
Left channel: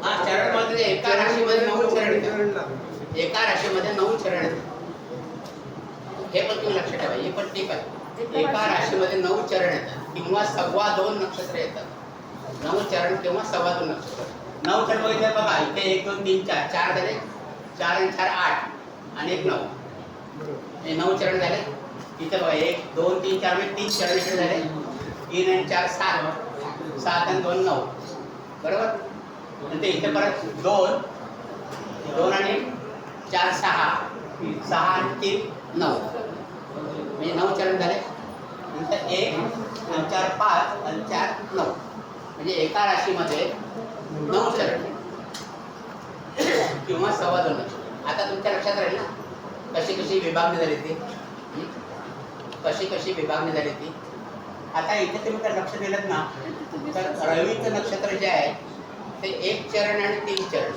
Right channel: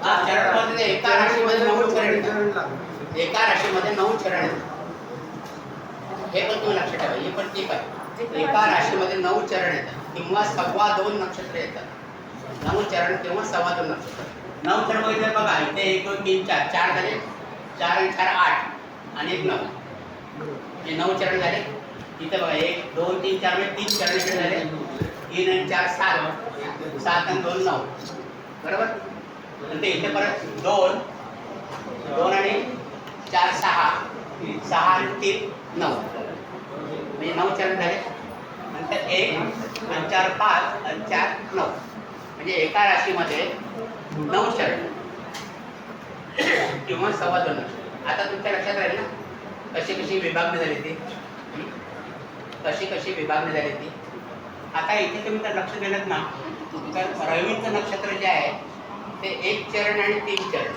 हां, चरणमध्ये एका राशीमध्ये 9 चरण येतात. चरण लागतात. एका राशीमध्ये 9 चरण येतात. हे पण तुम्ही लक्षात ठेवा. हे पण ठीक आहे. एका राशीमध्ये 9 चरण येतात किंवा 2.25 नक्षत्र येतात. 9 चरण किंवा 2.25 नक्षत्र. 9 चरण बघितलं बघा. इथे 1 2 3 4 4 झाले. 4 आणि 4 8 आणि 1 9 हे 9 चरण झाले. इथे बघा 1 2 3 4 म्हणजे 3 चरण इकडे झाले. 3 आणि 4 7 7 आणि 2 9 बरोबर. नंतर इथे परत 2 2 आणि 4 6 6 आणि 3 9 म्हणजे 9 चरण झाले. नंतर 1 आणि 4 5 आणि 4 9 म्हणजे एका राशीमध्ये 9 चरण किंवा 2.25 नक्षत्र. आता तुमच्या लक्षात राहील ना कशी कशी विभागणी झाली ती. कशी कशी विभागणी झाली ती. आता इथे तुम्ही तर लक्ष दिलं ना तर रवीचं नक्षत्र जे आहे ते 1 चरण आणि 3 चरण,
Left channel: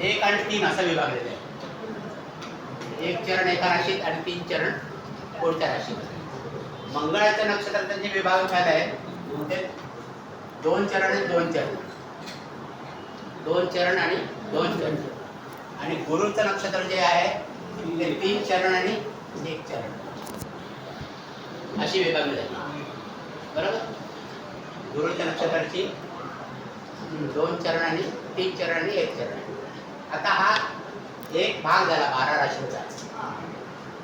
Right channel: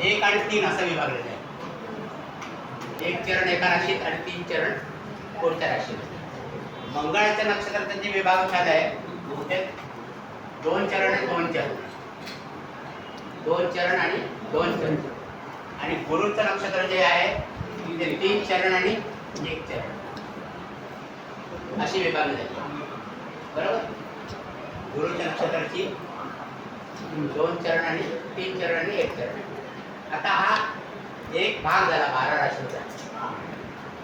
1 आणि 3 असं विभागलेलं आहे. 1 चरण एका राशीत आणि 3 चरण पुढच्या राशीमध्ये. मंगळाच्या नक्षत्राचा जे विभाग झाला आहे ते 2 चरण आणि 2 चरण, 2 चरण आणि 2 चरण. आणि गुरुचं नक्षत्र जे आहे ते 3 चरण आणि 1 चरण अशी विभागणी झाली. बरोबर. गुरुच्या नक्षत्राची 2 चरण आणि 3 चरण आणि 1 चरण. आता हा एक भाग झाला 12 राशींचा.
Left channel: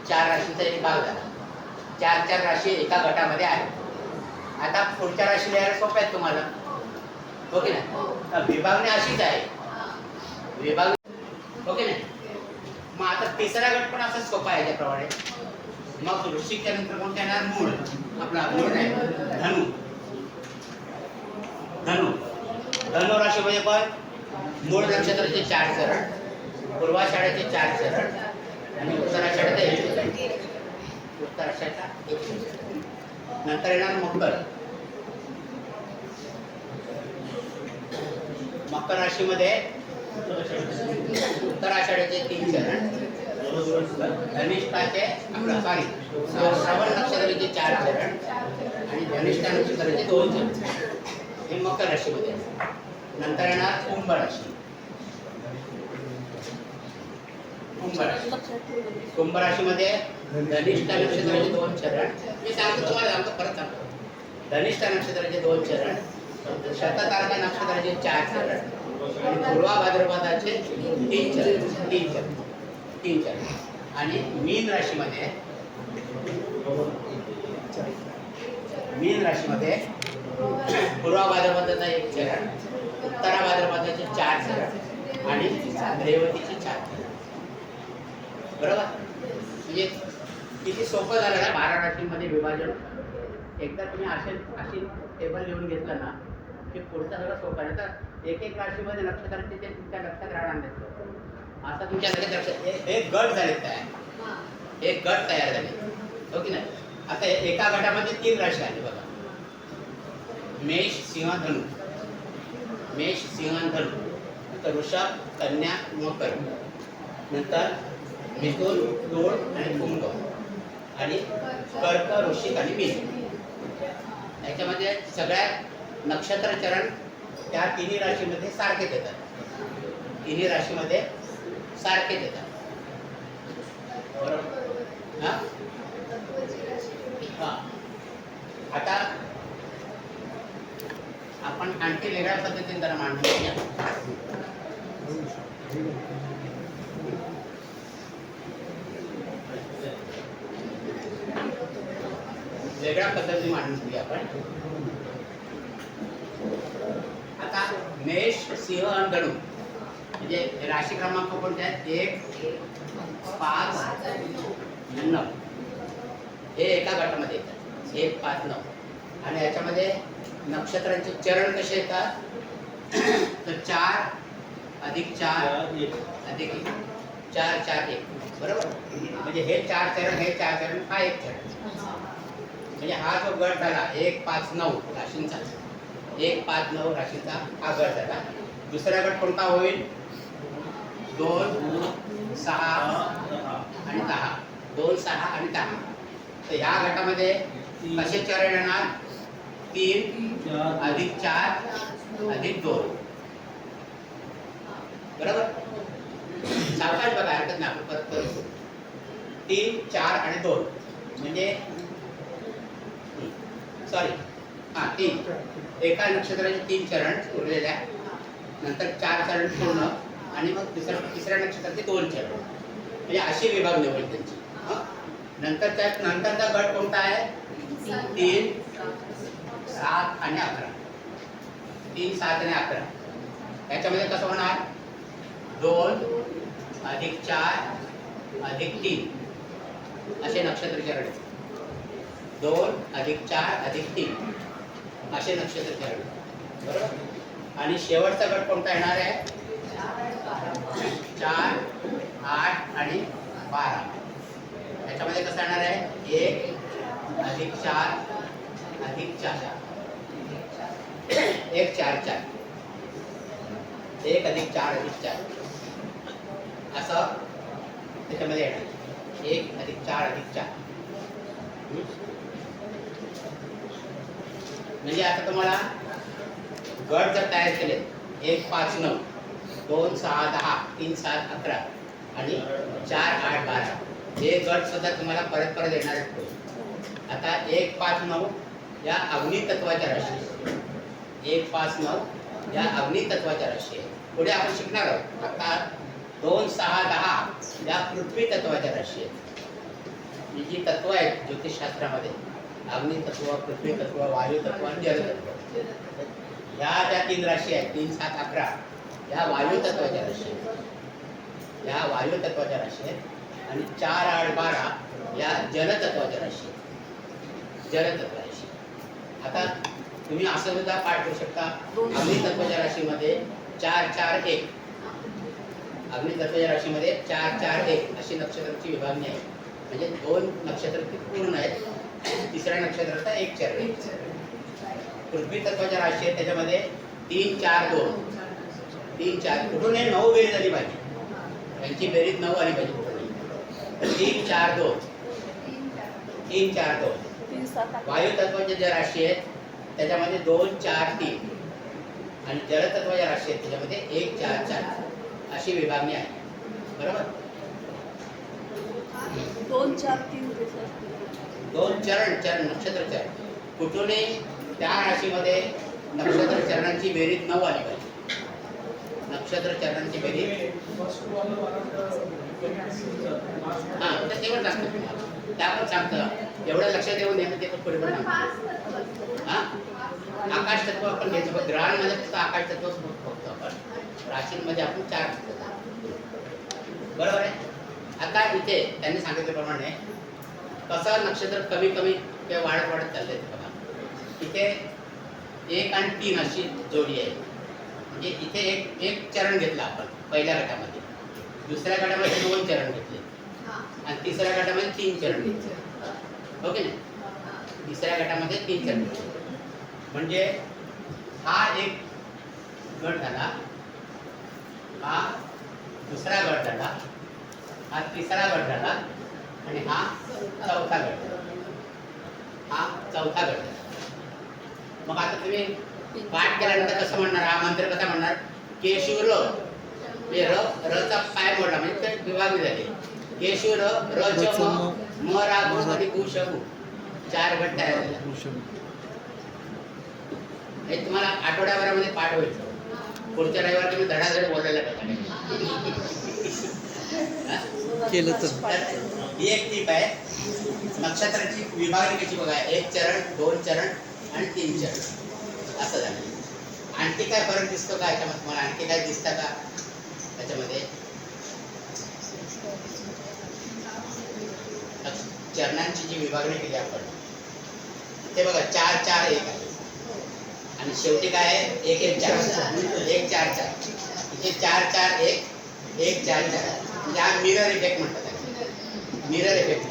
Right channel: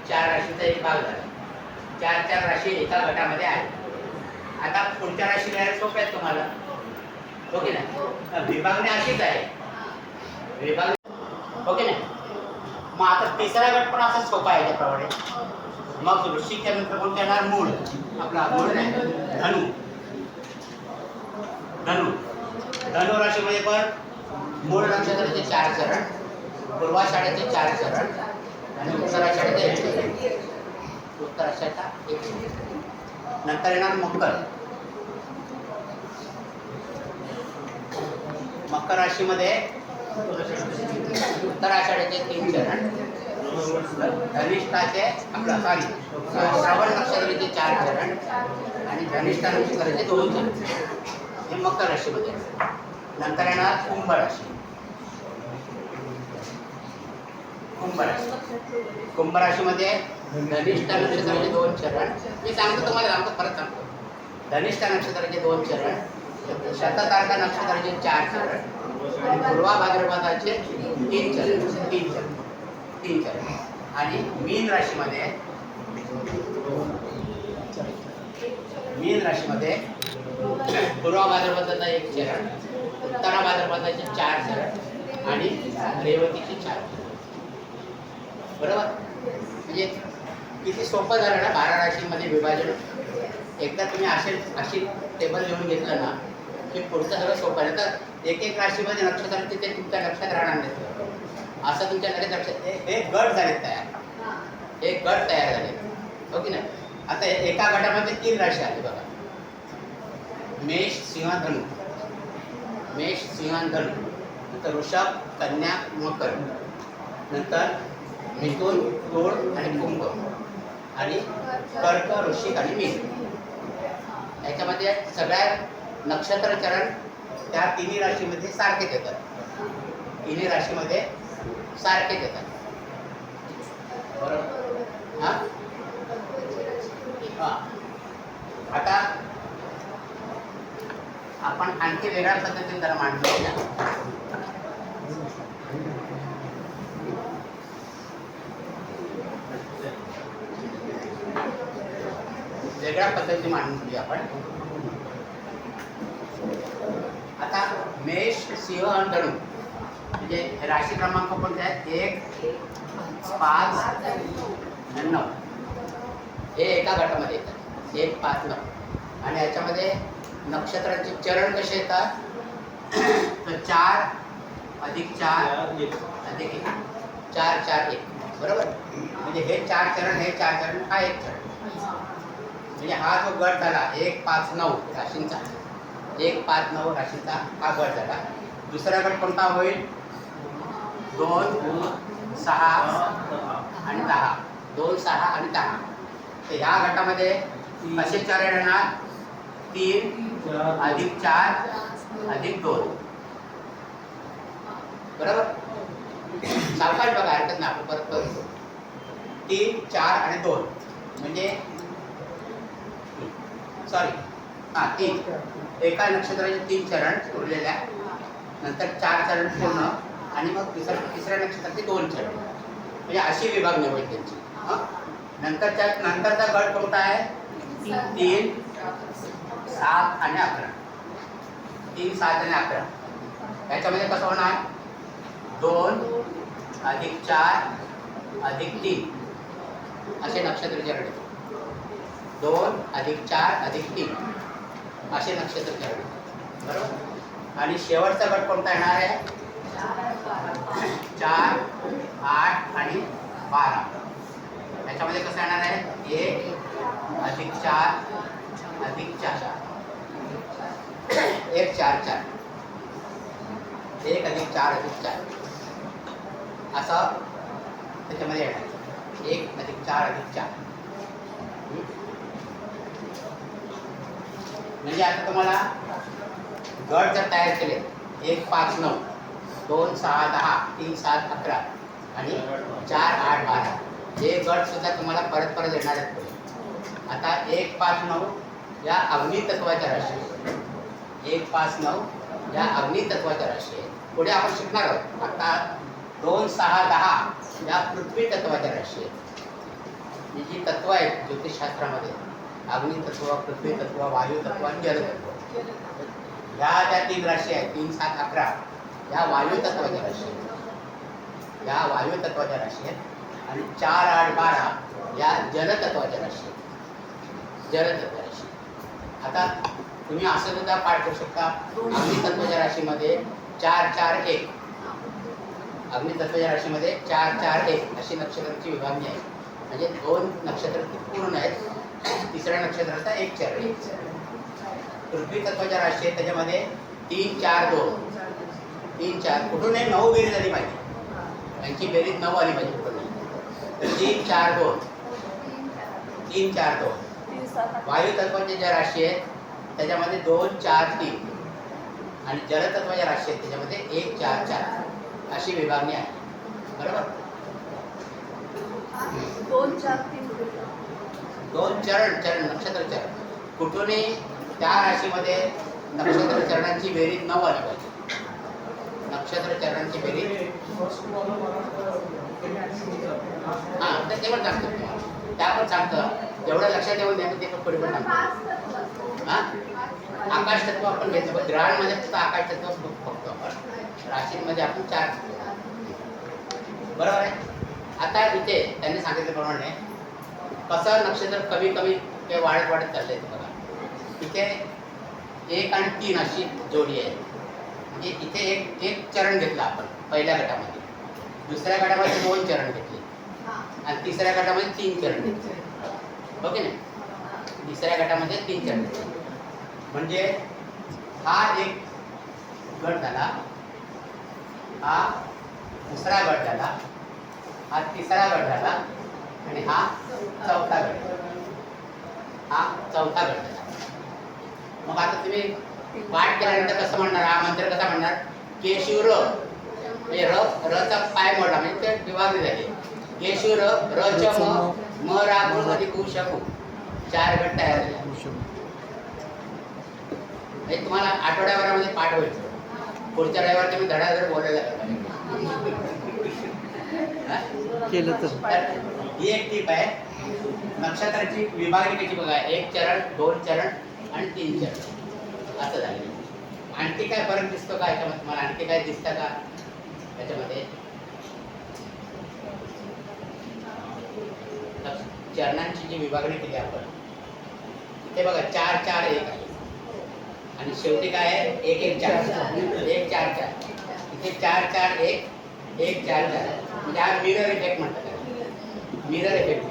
4 राशींचा एक भाग झाला. 4 राशी एका गटामध्ये आहेत. आता पुढच्या राशी लिहायला सोप्या आहेत तुम्हाला, हो की नाही. विभागणी अशीच आहे. विभागणी हो की नाही. मग आता तिसरा गट पण असाच सोपा आहे त्याप्रमाणे. मग वृश्चिकच्या नंतर कोणतं येणार? मूळ. आपला मूळ नाही, धनु. धनु धनु राशीमध्ये पण मूळ नक्षत्राचे 4 चरण, पूर्वाषाढ्याचे 4 चरण आणि उत्तराषाढ्याचे 1 चरण. उत्तराषाढ्याचा 1 चरण. नंतर येणार मकर. मकर राशीमध्ये उत्तराषाढ्याचे 3 चरण, धनिष्ठाचे आपला सॉरी श्रवण नक्षत्राचे 4 चरण आणि धनिष्ठा नक्षत्राचे 2 चरण. हे मकर राशीमध्ये. नंतर येणार कुंभ राशी. कुंभ राशी. कुंभ राशीमध्ये धनिष्ठा नक्षत्राचे 2 चरण. मी सांगतो तुम्हाला, सांगतो परत सांगतो. धनिष्ठा नक्षत्राचे 2 चरण, शततारका नक्षत्राचे 4 चरण आणि पूर्वा भाद्रपदाचे 3 चरण आणि मीन राशीमध्ये पूर्वा भाद्रपदाचा 1 चरण, उत्तरा भाद्रपदाचे 4 चरण आणि रेवतीचे 4 चरण. बरोबर? म्हणजे किती सोपं झालं ना 12 राशींमध्ये विभाजन. एकदा तुम्ही अशी टेबल लिहून घेतलं ना की पुढचं सगळं सोपं आहे. तर एक राशीमध्ये नक्षत्रांचे ते तुमच्या लक्षात राहणार नाही. असं तुमच्या लक्षात एक गट झाले तयार, एक गट तयार झाले, हो की नाही? आता एका गटामध्ये 3 राशी आली बघा. मेष सिंह धनु, मेष सिंह धनु, नंतर वृषभ कन्या मकर, नंतर मिथुन तुळ आणि कुंभ आणि कर्क वृश्चिक आणि मीन. याच्यामध्ये सगळ्या नक्षत्र चरण त्या तिन्ही राशीमध्ये सारखेच येतात. तिन्ही राशीमध्ये सारखेच येतात. बरोबर? हां हां. आता आपण आणखी वेगळ्या पद्धतीने जरा मांडून घ्या. वेगळ्या पद्धतीने मांडून घेऊया आपण. आता मेष सिंह आणि धनु म्हणजे राशी क्रमांक कोणते आहेत? 1, 5 आणि 9 हे एका गटामध्ये येतात. 1, 5, 9 आणि याच्यामध्ये नक्षत्रांचे चरण कसे येतात? तर 4 अधिक 4 अधिक 1, 4, 4, 1. बरोबर? म्हणजे हे 4 चरण, हे 4 चरण, हा 1 चरण. म्हणजे हा जो गट झाला 1, 5, 9 राशींचा, 1, 5, 9 राशींचा हा गट झाला. दुसरा गट कोणता होईल? 2, 6 आणि 10. 2, 6 आणि 10. तर ह्या गटामध्ये कसे चरण येणार? 3 अधिक 4 अधिक 2. बरोबर? सावकाश बघा, हरकत नाही, आपण परत करू. 3, 4 आणि 2 म्हणजे सॉरी 3. एका नक्षत्राचे 3 चरण उरलेल्या, नंतर 4 चरण पूर्ण आणि मग तिसऱ्या नक्षत्राचे 2 चरण. म्हणजे अशी विभागणी होईल त्यांची. नंतरचा गट कोणता आहे? 3, 7 आणि 11. 3, 7 आणि 11. याच्यामध्ये कसं होणार? 2 अधिक 4 अधिक 3 असे नक्षत्र चरण येतात. 2 अधिक 4 अधिक 3 असे नक्षत्र चरण. बरोबर? आणि शेवटचा गट कोणता येणार आहे? 4, 8 आणि 12. याच्यामध्ये कसं येणार आहे? 1 अधिक 4 अधिक 4 1, 4, 4 1 अधिक 4 अधिक 4 असं त्याच्यामध्ये येणार. 1 अधिक 4 अधिक 4. म्हणजे आता तुम्हाला गट जर तयार केले 1, 5, 9, 2, 6, 10, 3, 7, 11 आणि 4, 8, 12 हे गट सुद्धा तुम्हाला परत परत येणार आहेत. आता 1, 5, 9 या अग्नी तत्वाच्या राशी, 1, 5, 9 या अग्नी तत्वाच्या राशी आहेत. पुढे आपण शिकणार आहोत. आता 2, 6, 10 या पृथ्वी तत्वाच्या राशी आहेत. ही जी तत्व आहेत ज्योतिषशास्त्रामध्ये, अग्नी तत्व, पृथ्वी तत्व, वायू तत्व आणि जल तत्व, ह्या ज्या 3 राशी आहेत 3, 7, 11 या वायू तत्वाच्या राशी आहेत. या वायू तत्वाच्या राशी आहेत आणि 4, 8, 12 या जलतत्वाच्या राशी आहेत. जलतत्व राशी. आता तुम्ही असं सुद्धा पाठ करू शकता. अग्नी तत्वाच्या राशीमध्ये 4, 4, 1 अग्नी तत्वाच्या राशीमध्ये 4, 4, 1 अशी नक्षत्रांची विभागणी आहे. म्हणजे 2 नक्षत्र पूर्ण आहेत. तिसऱ्या नक्षत्राचा 1 चरण. पृथ्वी तत्वाच्या राशी आहे त्याच्यामध्ये 3, 4, 2 3, 4 कुठूनही 9 बेरीज झाली पाहिजे. यांची बेरीज 9 आली पाहिजे कुठूनही. 3, 4, 2 3, 4, 2. वायू तत्वाच्या ज्या राशी आहेत त्याच्यामध्ये 2, 4, 3 आणि जलतत्वाच्या राशी आहेत त्याच्यामध्ये 1, 4, 4 अशी विभागणी आहे. बरोबर? 2, 4, 3 2 चरण नक्षत्र चरण कुठूनही त्या राशीमध्ये नक्षत्र चरणांची बेरीज 9 आली पाहिजे. नक्षत्र चरणांची बेरीज हां, तर तेवढं सांगतो तुम्हाला. त्या पण सांगतं एवढं लक्षात येऊन द्या ते पण पुढे पण सांगतो. हां, आकाश तत्व आपण घेतलं पण ग्रहांमध्ये फक्त आकाश तत्वच बघतो आपण. राशींमध्ये आपण 4 बरोबर आहे. आता इथे त्यांनी सांगितल्याप्रमाणे कसं नक्षत्र कमी कमी ते वाढत वाढत चाललंय ते बघा. इथे 1 आणि 3 अशी जोडी आहे. म्हणजे इथे एक चरण घेतलं आपण पहिल्या गटामध्ये, दुसऱ्या गटामध्ये 2 चरण घेतले आणि तिसऱ्या गटामध्ये 3 चरण घेतले. हो की नाही? तिसऱ्या गटामध्ये 3 चरण घेतले. म्हणजे हा एक गट झाला, हा दुसरा गट झाला, हा तिसरा गट झाला आणि हा चौथा गट झाला. हा चौथा गट झाला. मग आता तुम्ही पाठ केल्यानंतर कसं म्हणणार? हा मंत्र कसा म्हणणार? केशू र म्हणजे रचा पाय मोडला म्हणजे ते विभागणी झाली. केशू र च म रा गु आणि गु शकू 4 गट तयार झाले. हे तुम्हाला आठवड्याभरामध्ये पाठ होईल. पुढच्या रविवार तुम्ही धडाधड बोलायला केलं तर ही एक टीप आहे. नक्षत्राची विभागणी कशी बघा, 1 चरण, 2 चरण आणि 3 चरण असं झालं. आणखी काय फरक दिसतो का याच्यामध्ये? तुम्हाला आणखी काय दिसतं का त्याच्यामध्ये? चरणांची जी विभागणी केली आपण ते बघा 4 4 1 आहे आणि शेवटी काय आहे? 1 1 4 1 4 4. इथे 4 4 1 1 4 4 म्हणजे हा मिरर इफेक्ट म्हणतात. मिरर इफेक्ट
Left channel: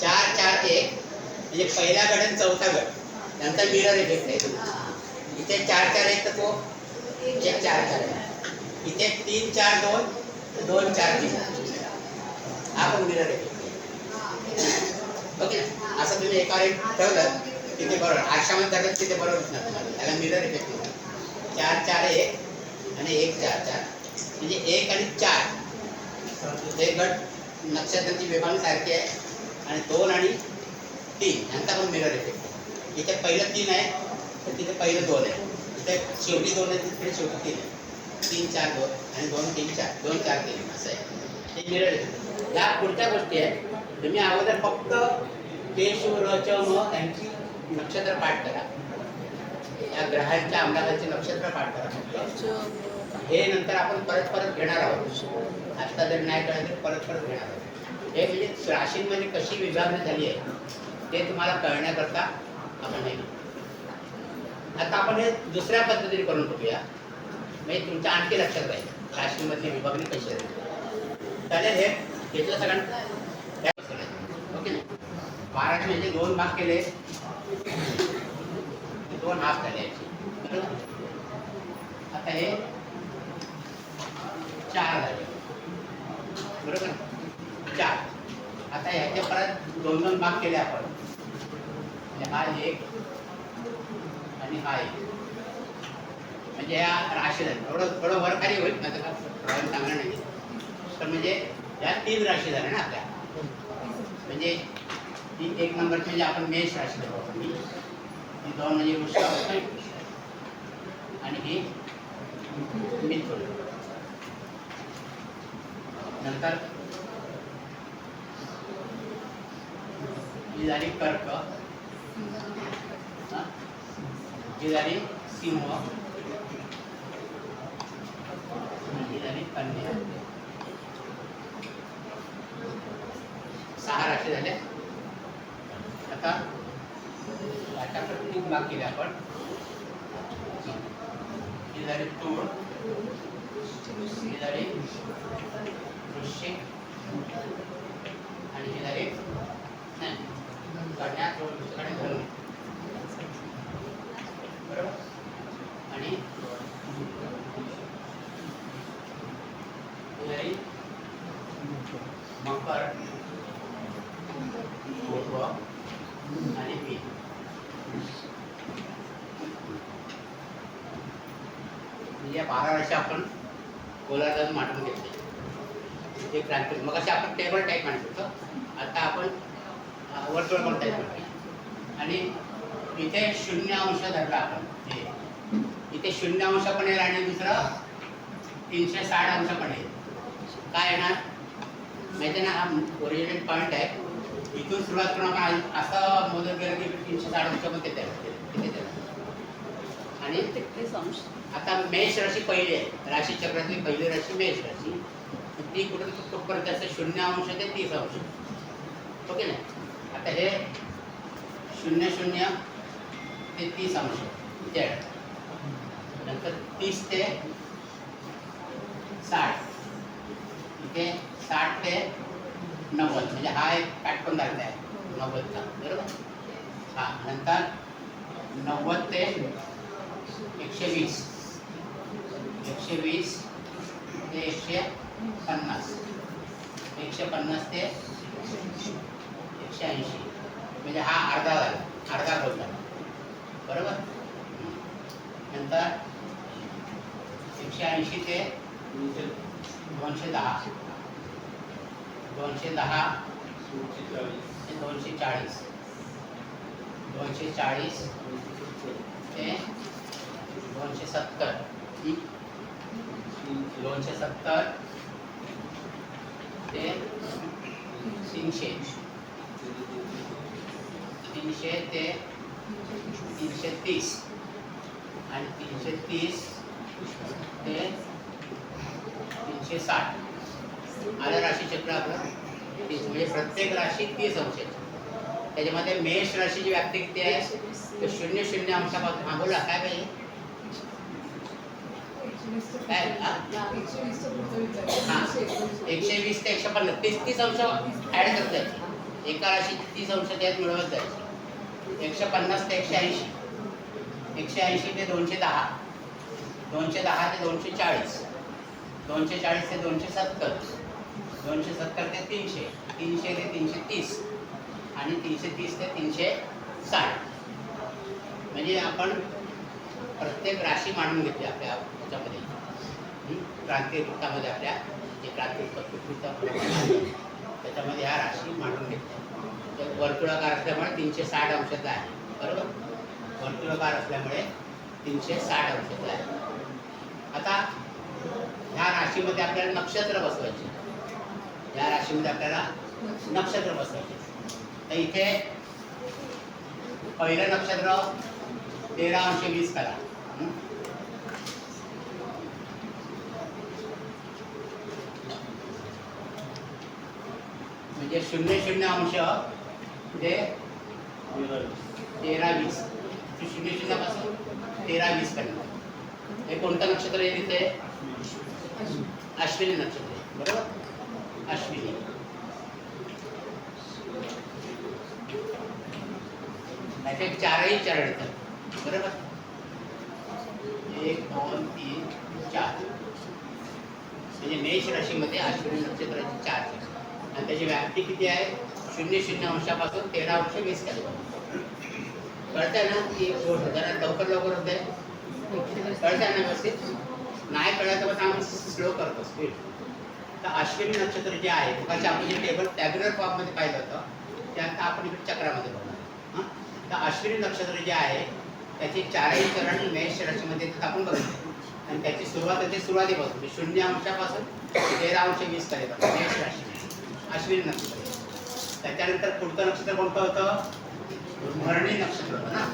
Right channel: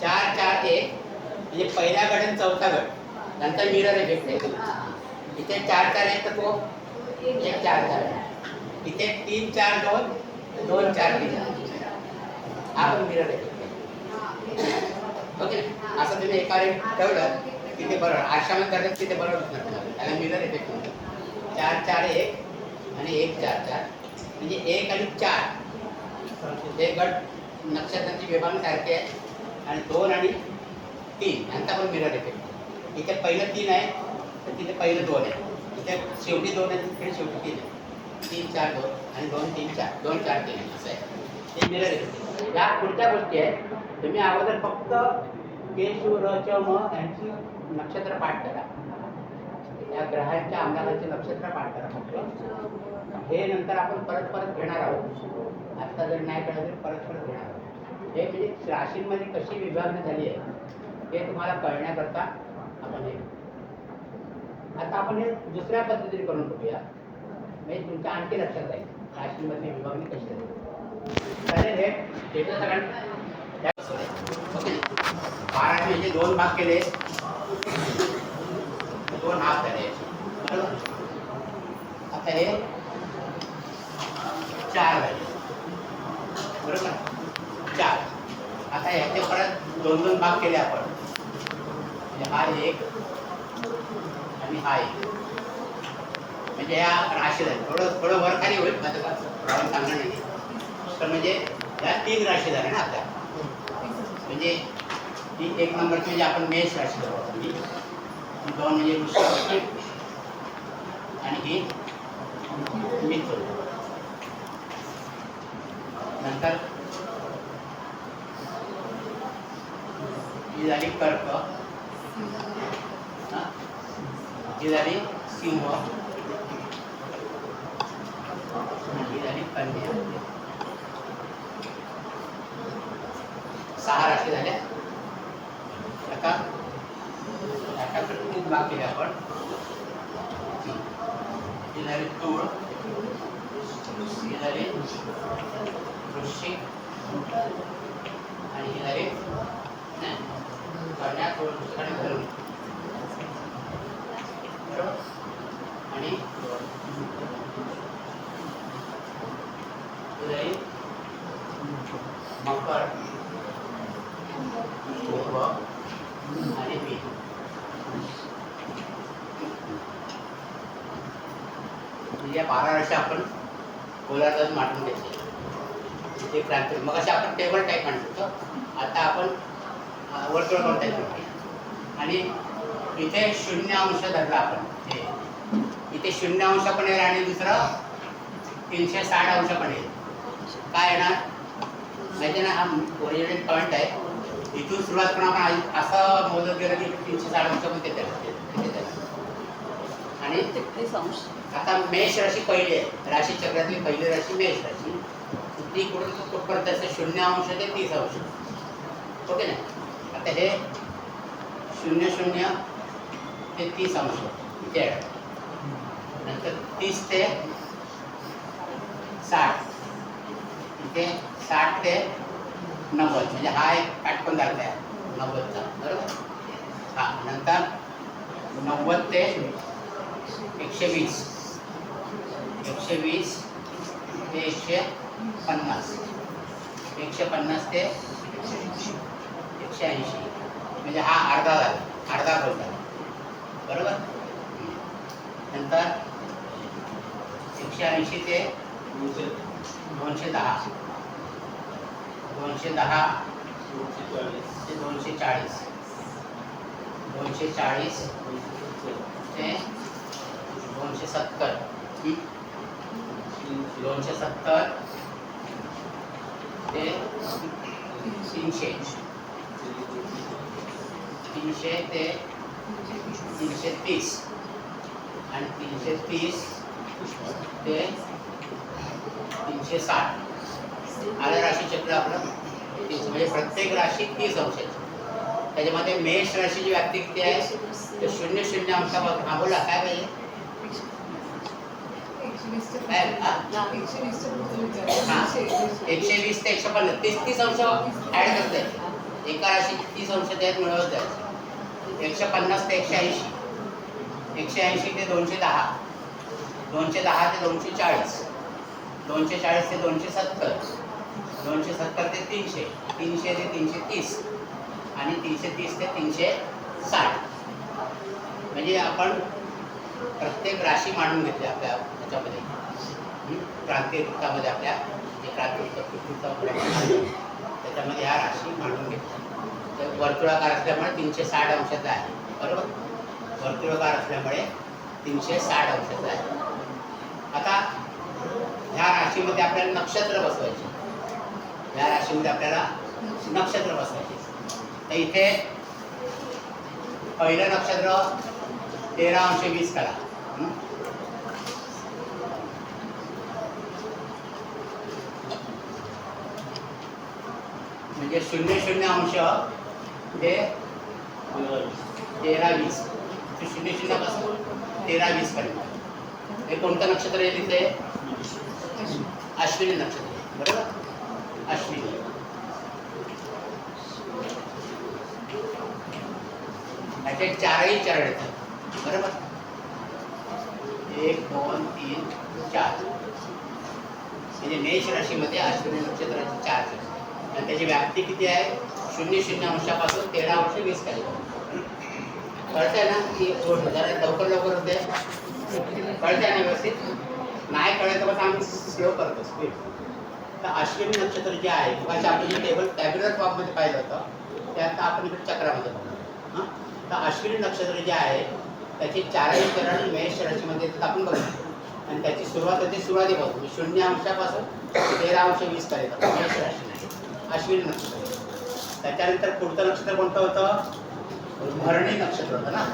4 4 1 म्हणजे पहिला गट आणि चौथा गट त्यांचा मिरर इफेक्ट आहे. इथे 4 4 1 तर तो 1 4 4 आहे. इथे 3 4 2 2 4 3 हा पण मिरर इफेक्ट आहे. ओके, असं तुम्ही एका रेट ठेवलं की ते बरोबर आरशामध्ये करतात की ते बरोबर दिसणार तुम्हाला. त्याला मिरर इफेक्ट म्हणतात. 4 4 1 आणि 1 4 4 म्हणजे 1 आणि 4 ते गट नक्षत्रांची विभागणी सारखी आहे आणि 2 आणि 3 यांचा पण मिरर इफेक्ट आहे. इथे पहिलं 3 आहे तर तिथे पहिलं 2 आहे. इथे शेवटी 2 आहे तिथे शेवटी 3 आहे. 3 4 2 आणि 2 3 4 2 4 3 असं आहे. ते मिरर इफेक्ट. या पुढच्या गोष्टी आहेत. तुम्ही अगोदर फक्त केशू र च म यांची नक्षत्र पाठ करा. या ग्रहांच्या अंगाचे नक्षत्र पाठ करा फक्त. हे नंतर आपण परत परत घेणार आहोत. आता जर नाही कळलं तर परत परत घेणार आहोत. हे म्हणजे राशींमध्ये कशी विभागणी झाली आहे ते तुम्हाला कळण्याकरता आपण हे. आता आपण हे दुसऱ्या पद्धतीने करून बघूया म्हणजे तुमच्या आणखी लक्षात राहील राशींमधली विभागणी कशी आहे. चालेल, हे घेतलं सगळ्यांना. ओके, 12 म्हणजे 2 भाग केले, 2 भाग झाले बरोबर. आता हे 4 झाले बरोबर. 4 आता ह्याचे परत 2 2 भाग केले आपण. हा 1 आणि हा 1 म्हणजे या राशी झाली. थोडं वर खाली होईल माझं का प्रॉब्लेम चांगला नाही. तर म्हणजे या 3 राशी झाल्या ना आपल्या. म्हणजे ही 1 नंबरची म्हणजे आपण मेष राशी धरतो. 2 म्हणजे वृश्चिक आणि ही मिथुन. नंतर ही झाली कर्क, ही झाली सिंह आणि ही झाली कन्या. 6 राशी झाल्या. आता खूप भाग केले आपण. ही झाली तूळ, ही झाली वृश्चिक आणि ही झाली कन्या. थोडं दुसऱ्याने धरून आणि ही झाली मकर आणि मीन. म्हणजे 12 राशी आपण गोलार्धात मांडून घेतले. ते क्रांती मग असे आपण टेबल टाईप मांडतो. आता आपण वर्तुळ टाईप मांडूया. आणि इथे 0 अंश धरला आपण, हे इथे 0 अंश पण येईल आणि दुसरं 360 अंश पण येईल. काय येणार माहिती ना, हा ओरिजिनल पॉईंट आहे. इथून सुरुवात करून आपण असं मोजत गेलं की 360 अंश पण तिथे आणि 33 अंश. आता मेष राशी पहिली आहे, राशी चक्रातली पहिली राशी मेष राशी. ती कुठपर्यंत असते 0 अंश ते 30 अंश. ओके ना. आता हे 00 ते 30 अंश इथे आहे. नंतर 30 ते 60 इथे 60 ते 90 म्हणजे हा एक पॅटर्न दाखला आहे 90चा, बरोबर. हा नंतर 90 ते 120, 120 ते 150, 150 ते 180 म्हणजे हा अर्धा झाला, अर्धा भाग झाला, बरोबर. नंतर 180 ते 210, 210 ते 240, 240 ते 270, 270 ते 300, 300 ते 330 आणि 330 ते 360. आलं राशी चक्र आपलं 30. म्हणजे प्रत्येक राशी 30 अंशाची. त्याच्यामध्ये मेष राशीची व्याप्ती किती आहे तर 00 अंशापासून. हा बोला काय पाहिजे काय. हा 120 ते 150, 30 अंश ऍड करता येते. एका राशीची 30 अंश त्यात मिळवत जायचे. 150 ते 180, 180 ते 210, 210 ते 240, 240 ते 270, 270 ते 300, 300 ते 330 आणि 330 ते 360. म्हणजे आपण प्रत्येक राशी मांडून घेतली आपल्या ह्याच्यामध्ये, क्रांती वृत्तामध्ये आपल्या जे क्रांती वृत्त त्याच्यामध्ये ह्या राशी मांडून घेतल्या. तर वर्तुळाकार असल्यामुळे 360 अंशाचा आहे, बरोबर. वर्तुळाकार असल्यामुळे 360 अंशाचा आहे. आता ह्या राशीमध्ये आपल्याला नक्षत्र बसवायचे. ह्या राशीमध्ये आपल्याला नक्षत्र बसवायचे. तर इथे पहिलं नक्षत्र 13 अंश 20 कला. म्हणजे 00 अंश ते 13-20, 00 पासून 13-20 पर्यंत. हे कोणतं नक्षत्र आहे तिथे अश्विनी नक्षत्र आहे, बरोबर. अश्विनी त्याचे 4ही चरण येतात, बरोबर. 1 2 3 4 म्हणजे मेष राशीमध्ये अश्विनी नक्षत्राचे 4 चरण. आणि त्याची व्याप्ती किती आहे 00 अंशापासून 13 अंश 20 खाली. कळतंय ना की जरा लवकर होते. कळतंय ना व्यवस्थित. नाही कळायचं बस आम्ही स्लो करतो स्पीड. तर अश्विनी नक्षत्र जे आहे मग आपण जे टेबल टॅब्युलर फॉर्ममध्ये पाहिलं होतं त्यात आपण इकडे चक्रामध्ये बघणार. हां तर अश्विनी नक्षत्र जे आहे त्याची 4ही चरण मेष राशीमध्ये आपण बघितले. आणि त्याची सुरुवात होते सुरुवातीपासून 0 अंशापासून 13 अंश 20 पर्यंत मेष राशी अश्विनी नक्षत्र. त्याच्यानंतर पुढचं नक्षत्र कोणतं होतं भरणी नक्षत्र होतं ना.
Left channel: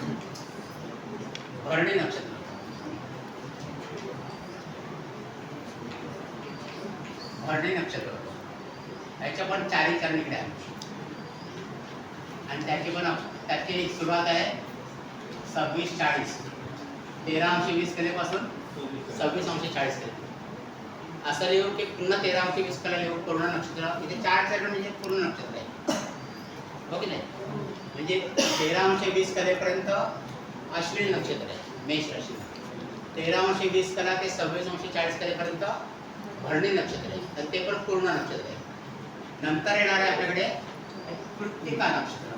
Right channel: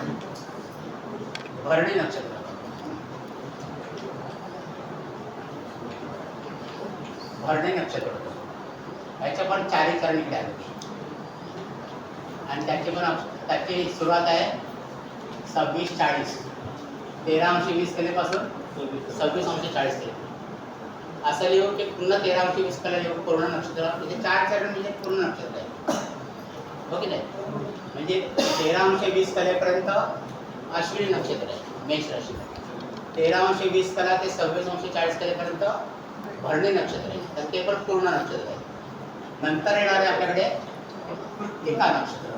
भरणी नक्षत्र होतं. त्याच्या पण 4ही चरण इकडे आले आणि त्याची सुरुवात आहे 26-40, 13 अंश 20 कलेपासून 26 अंश 40 कले. असं लिहू की पुन्हा 13 अंश 20 कला लिहू पूर्ण नक्षत्र. म्हणजे 4 चरण म्हणजे पूर्ण नक्षत्र आहे, हो की नाही. म्हणजे 13 अंश 20 कलेपर्यंत अश्विनी नक्षत्र आहे मेष राशीमध्ये. 13 अंश 20 कला ते 26 अंश 40 कलेपर्यंत भरणी नक्षत्र आहे. तर ते पण पूर्ण नक्षत्र आहे. नंतर येणार आहे आपल्याकडे कृत्तिका नक्षत्र.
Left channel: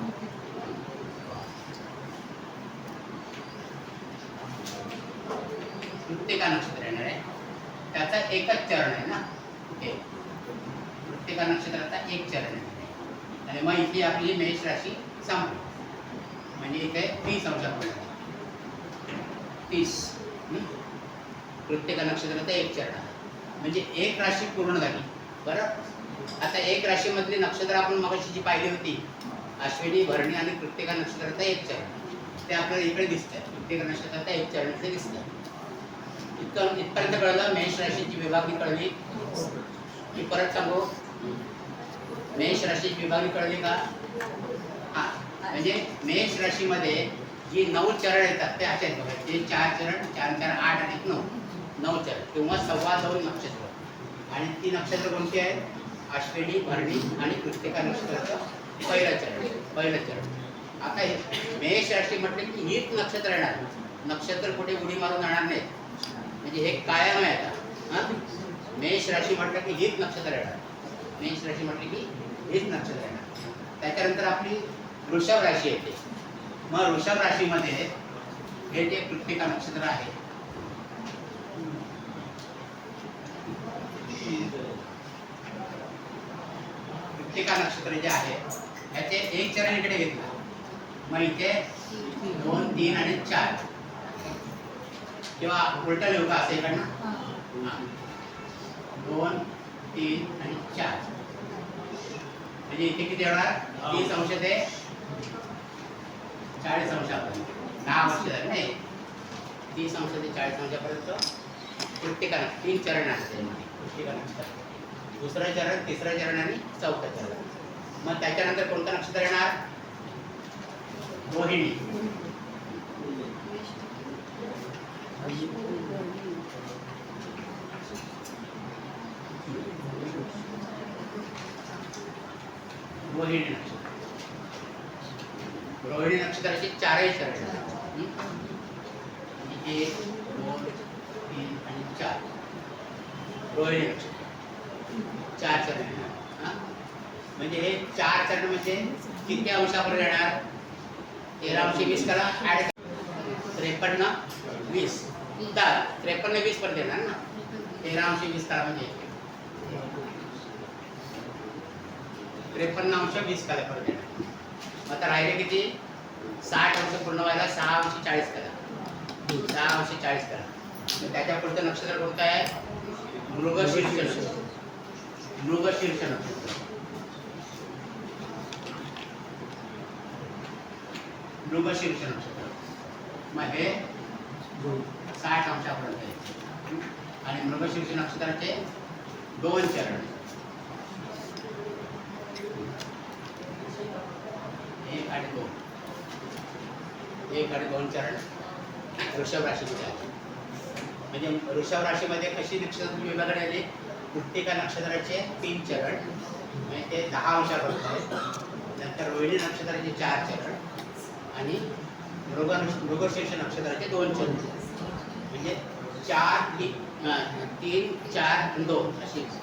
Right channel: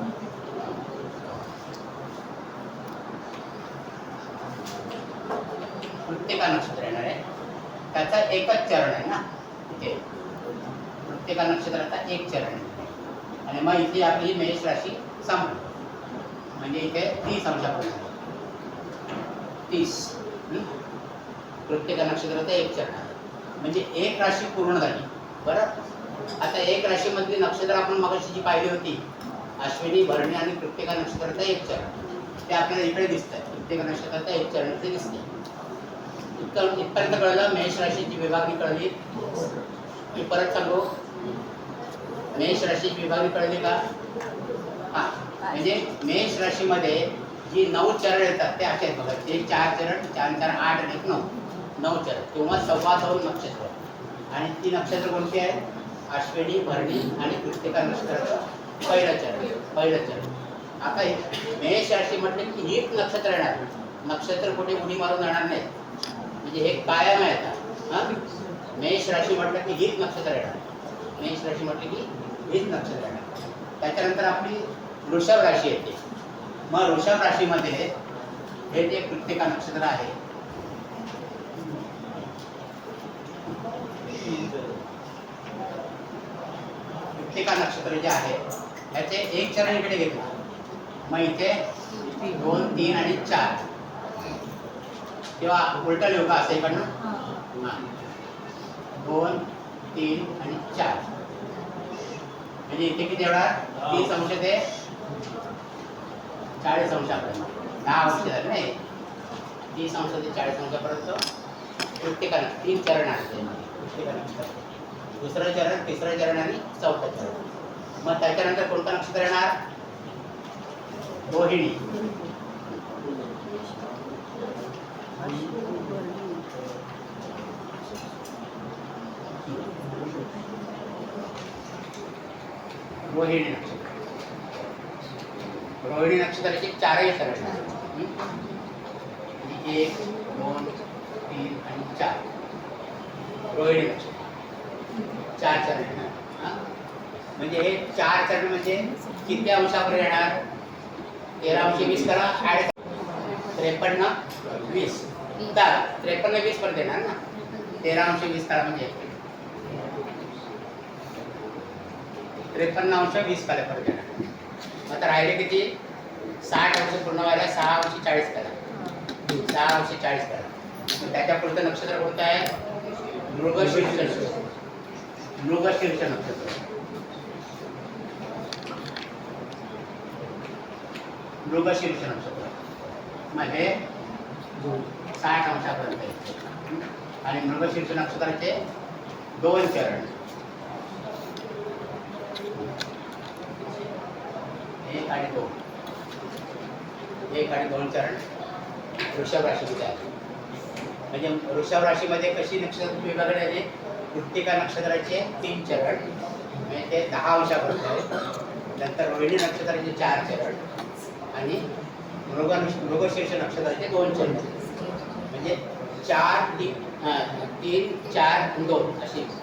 कृत्तिका नक्षत्र येणार आहे. त्याचा एकच चरण आहे ना इथे. कृत्तिका नक्षत्राचा एक चरण आहे आणि मग इथे आपली मेष राशी संपली. मग म्हणजे इथे 30 अंशापर्यंत 30. प्रत्येक नक्षत्रात एक चरण आहे. म्हणजे एक राशी पूर्ण झाली. बरं, आता एक राशीमधली नक्षत्र आपण मगाशी जी पाहिली होती, अश्विनी, भरणी आणि प्रत्येक नक्षत्रात एक चरण, ते आपल्याला इकडे दिसत आहे. प्रत्येक नक्षत्रात एक चरण ते दिसते. इथपर्यंत कळलं. मेष राशीची विभागणी कळली. मी परत सांगू, मेष राशीची विभागणी कळली का? हा, म्हणजे मेष राशीमध्ये जी 9 चरण येतात ते असे आहेत बघा. ते 4 चरण, 4 4 8 आणि 1 9, 9 चरण किंवा 2.25 नक्षत्र. आणि ती नक्षत्र कोणती आहेत? अश्विनी, भरणी आणि कृत्तिका नक्षत्राचं पहिलं चरण. आता मेष राशी म्हटलं की हीच नक्षत्र येणार. नक्षत्र कुठे उडी मारून येणार नाही. म्हणजे हे कायम आहे आता. हां, मेष राशी म्हटलं की हीच नक्षत्र येणार. मेष राशी म्हटलं की हीच नक्षत्र येणार. त्याच्यानंतर आपली वृषभ राशी येते. मग वृषभ राशीमध्ये हे जे कृत्तिका नक्षत्र आहे, कृत्तिका नक्षत्र जे आहे ह्याचे एक चरण इकडे घेतलं. मग इथे 2 3 आणि 4 किंवा उलटा लिहू का असं इकडनं? हां, 2 3 आणि 4. म्हणजे इथे किती होणार? 30 अंश ते 40 अंशापर्यंत 10 अंश झाले नाही. 30 अंश ते 40 अंशापर्यंत प्रत्येकाने 3 चरण आहेत त्यामध्ये. प्रत्येकाने दुसरं चरण, तिसरं चरण आणि चौथं चरण. मग त्याच्यानंतर कोणतं नक्षत्र येणार? रोहिणी. रोहिणी नक्षत्र. रोहिणी नक्षत्राचे 4ही चरण आहेत. 1 2 3 आणि 4. रोहिणी नक्षत्र 4 चरण येणार. म्हणजे हे 4 चरण म्हणजे किती अंशापर्यंत येणार? 13 अंश 20 करा, ॲड 53 20 10 53 20 पर्यंत येणार ना. 13 अंश 20 करा म्हणजे 53 अंश 20 पर्यंत येणार. मग आता राहिले किती? 60 अंश पूर्ण व्हायला 6 अंश 40 करा. 6 अंश 40 करा. मग त्याच्या पुढचं नक्षत्र कोणतं आहे? मृगशीर्ष नक्षत्र. मृगशीर्ष नक्षत्र. मृगशीर्ष नक्षत्र मध्ये 60 अंशापर्यंत आहे. आणि मृगशीर्ष नक्षत्राचे 2 चरण. 1 आणि 2. 1 आणि 2 चरण वृषभ राशीमध्ये आहे. म्हणजे वृषभ राशीमध्ये कशी नक्षत्र विभागणी आली? कृत्तिका नक्षत्राचे 3 चरण म्हणजे ते 10 अंशापर्यंत आहे. नंतर रोहिणी नक्षत्राचे 4 चरण आणि मृगशीर्ष नक्षत्राचे 2 चरण. म्हणजे 4 3 4 आणि 2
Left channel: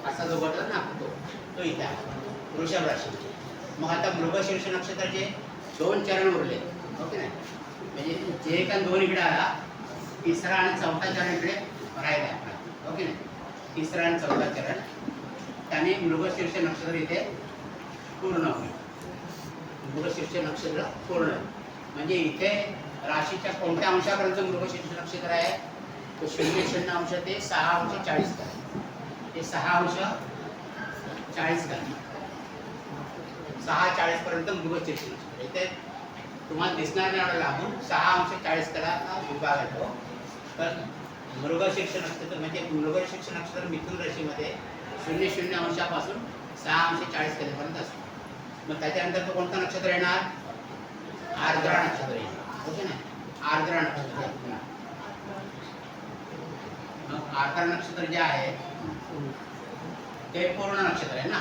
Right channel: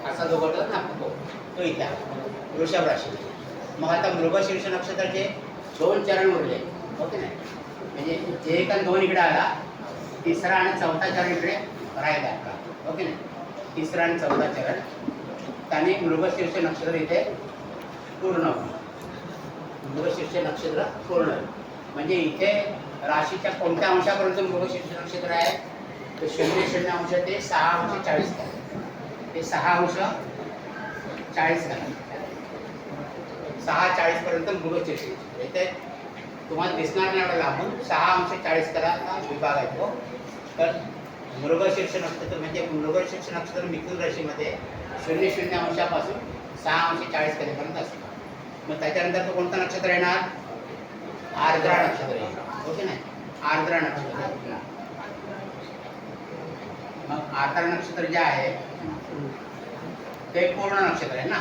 असा जो गट ना तो इथे आहे वृषभ राशी. मग आता मृगशीर्ष नक्षत्राचे 2 चरण उरले. ओके नाही? म्हणजे 1 आणि 2 इकडे आला, तिसरा आणि चौथा चरण इकडे राहिला आपला. ओके नाही? तिसरा आणि चौथा चरण त्याने मृगशीर्ष नक्षत्र इथे पूर्ण होईल. मृगशीर्ष नक्षत्र पूर्ण होईल. म्हणजे इथे राशीच्या कोणत्या अंशापर्यंत मृगशीर्ष नक्षत्र आहे? तर 0 अंश ते 6 अंश 40 करा. ते 6 अंश 40 करा. 6 40 पर्यंत मृगशीर्ष. इथे तुम्हाला दिसणार नाही एवढं लांबून. 6 अंश 40 कला विभाग आहे तो. तर मृगशीर्ष नक्षत्र म्हणजे मृगशीर्ष नक्षत्र मिथुन राशीमध्ये 0 अंशापासून 6 अंश 40 कलेपर्यंत असतो. मग त्याच्यानंतर तो कोणतं नक्षत्र येणार? आर्द्रा नक्षत्र येणार. ओके नाही? आर्द्रा नक्षत्र. मग आर्द्रा नक्षत्र जे आहे ते पूर्ण नक्षत्र आहे ना.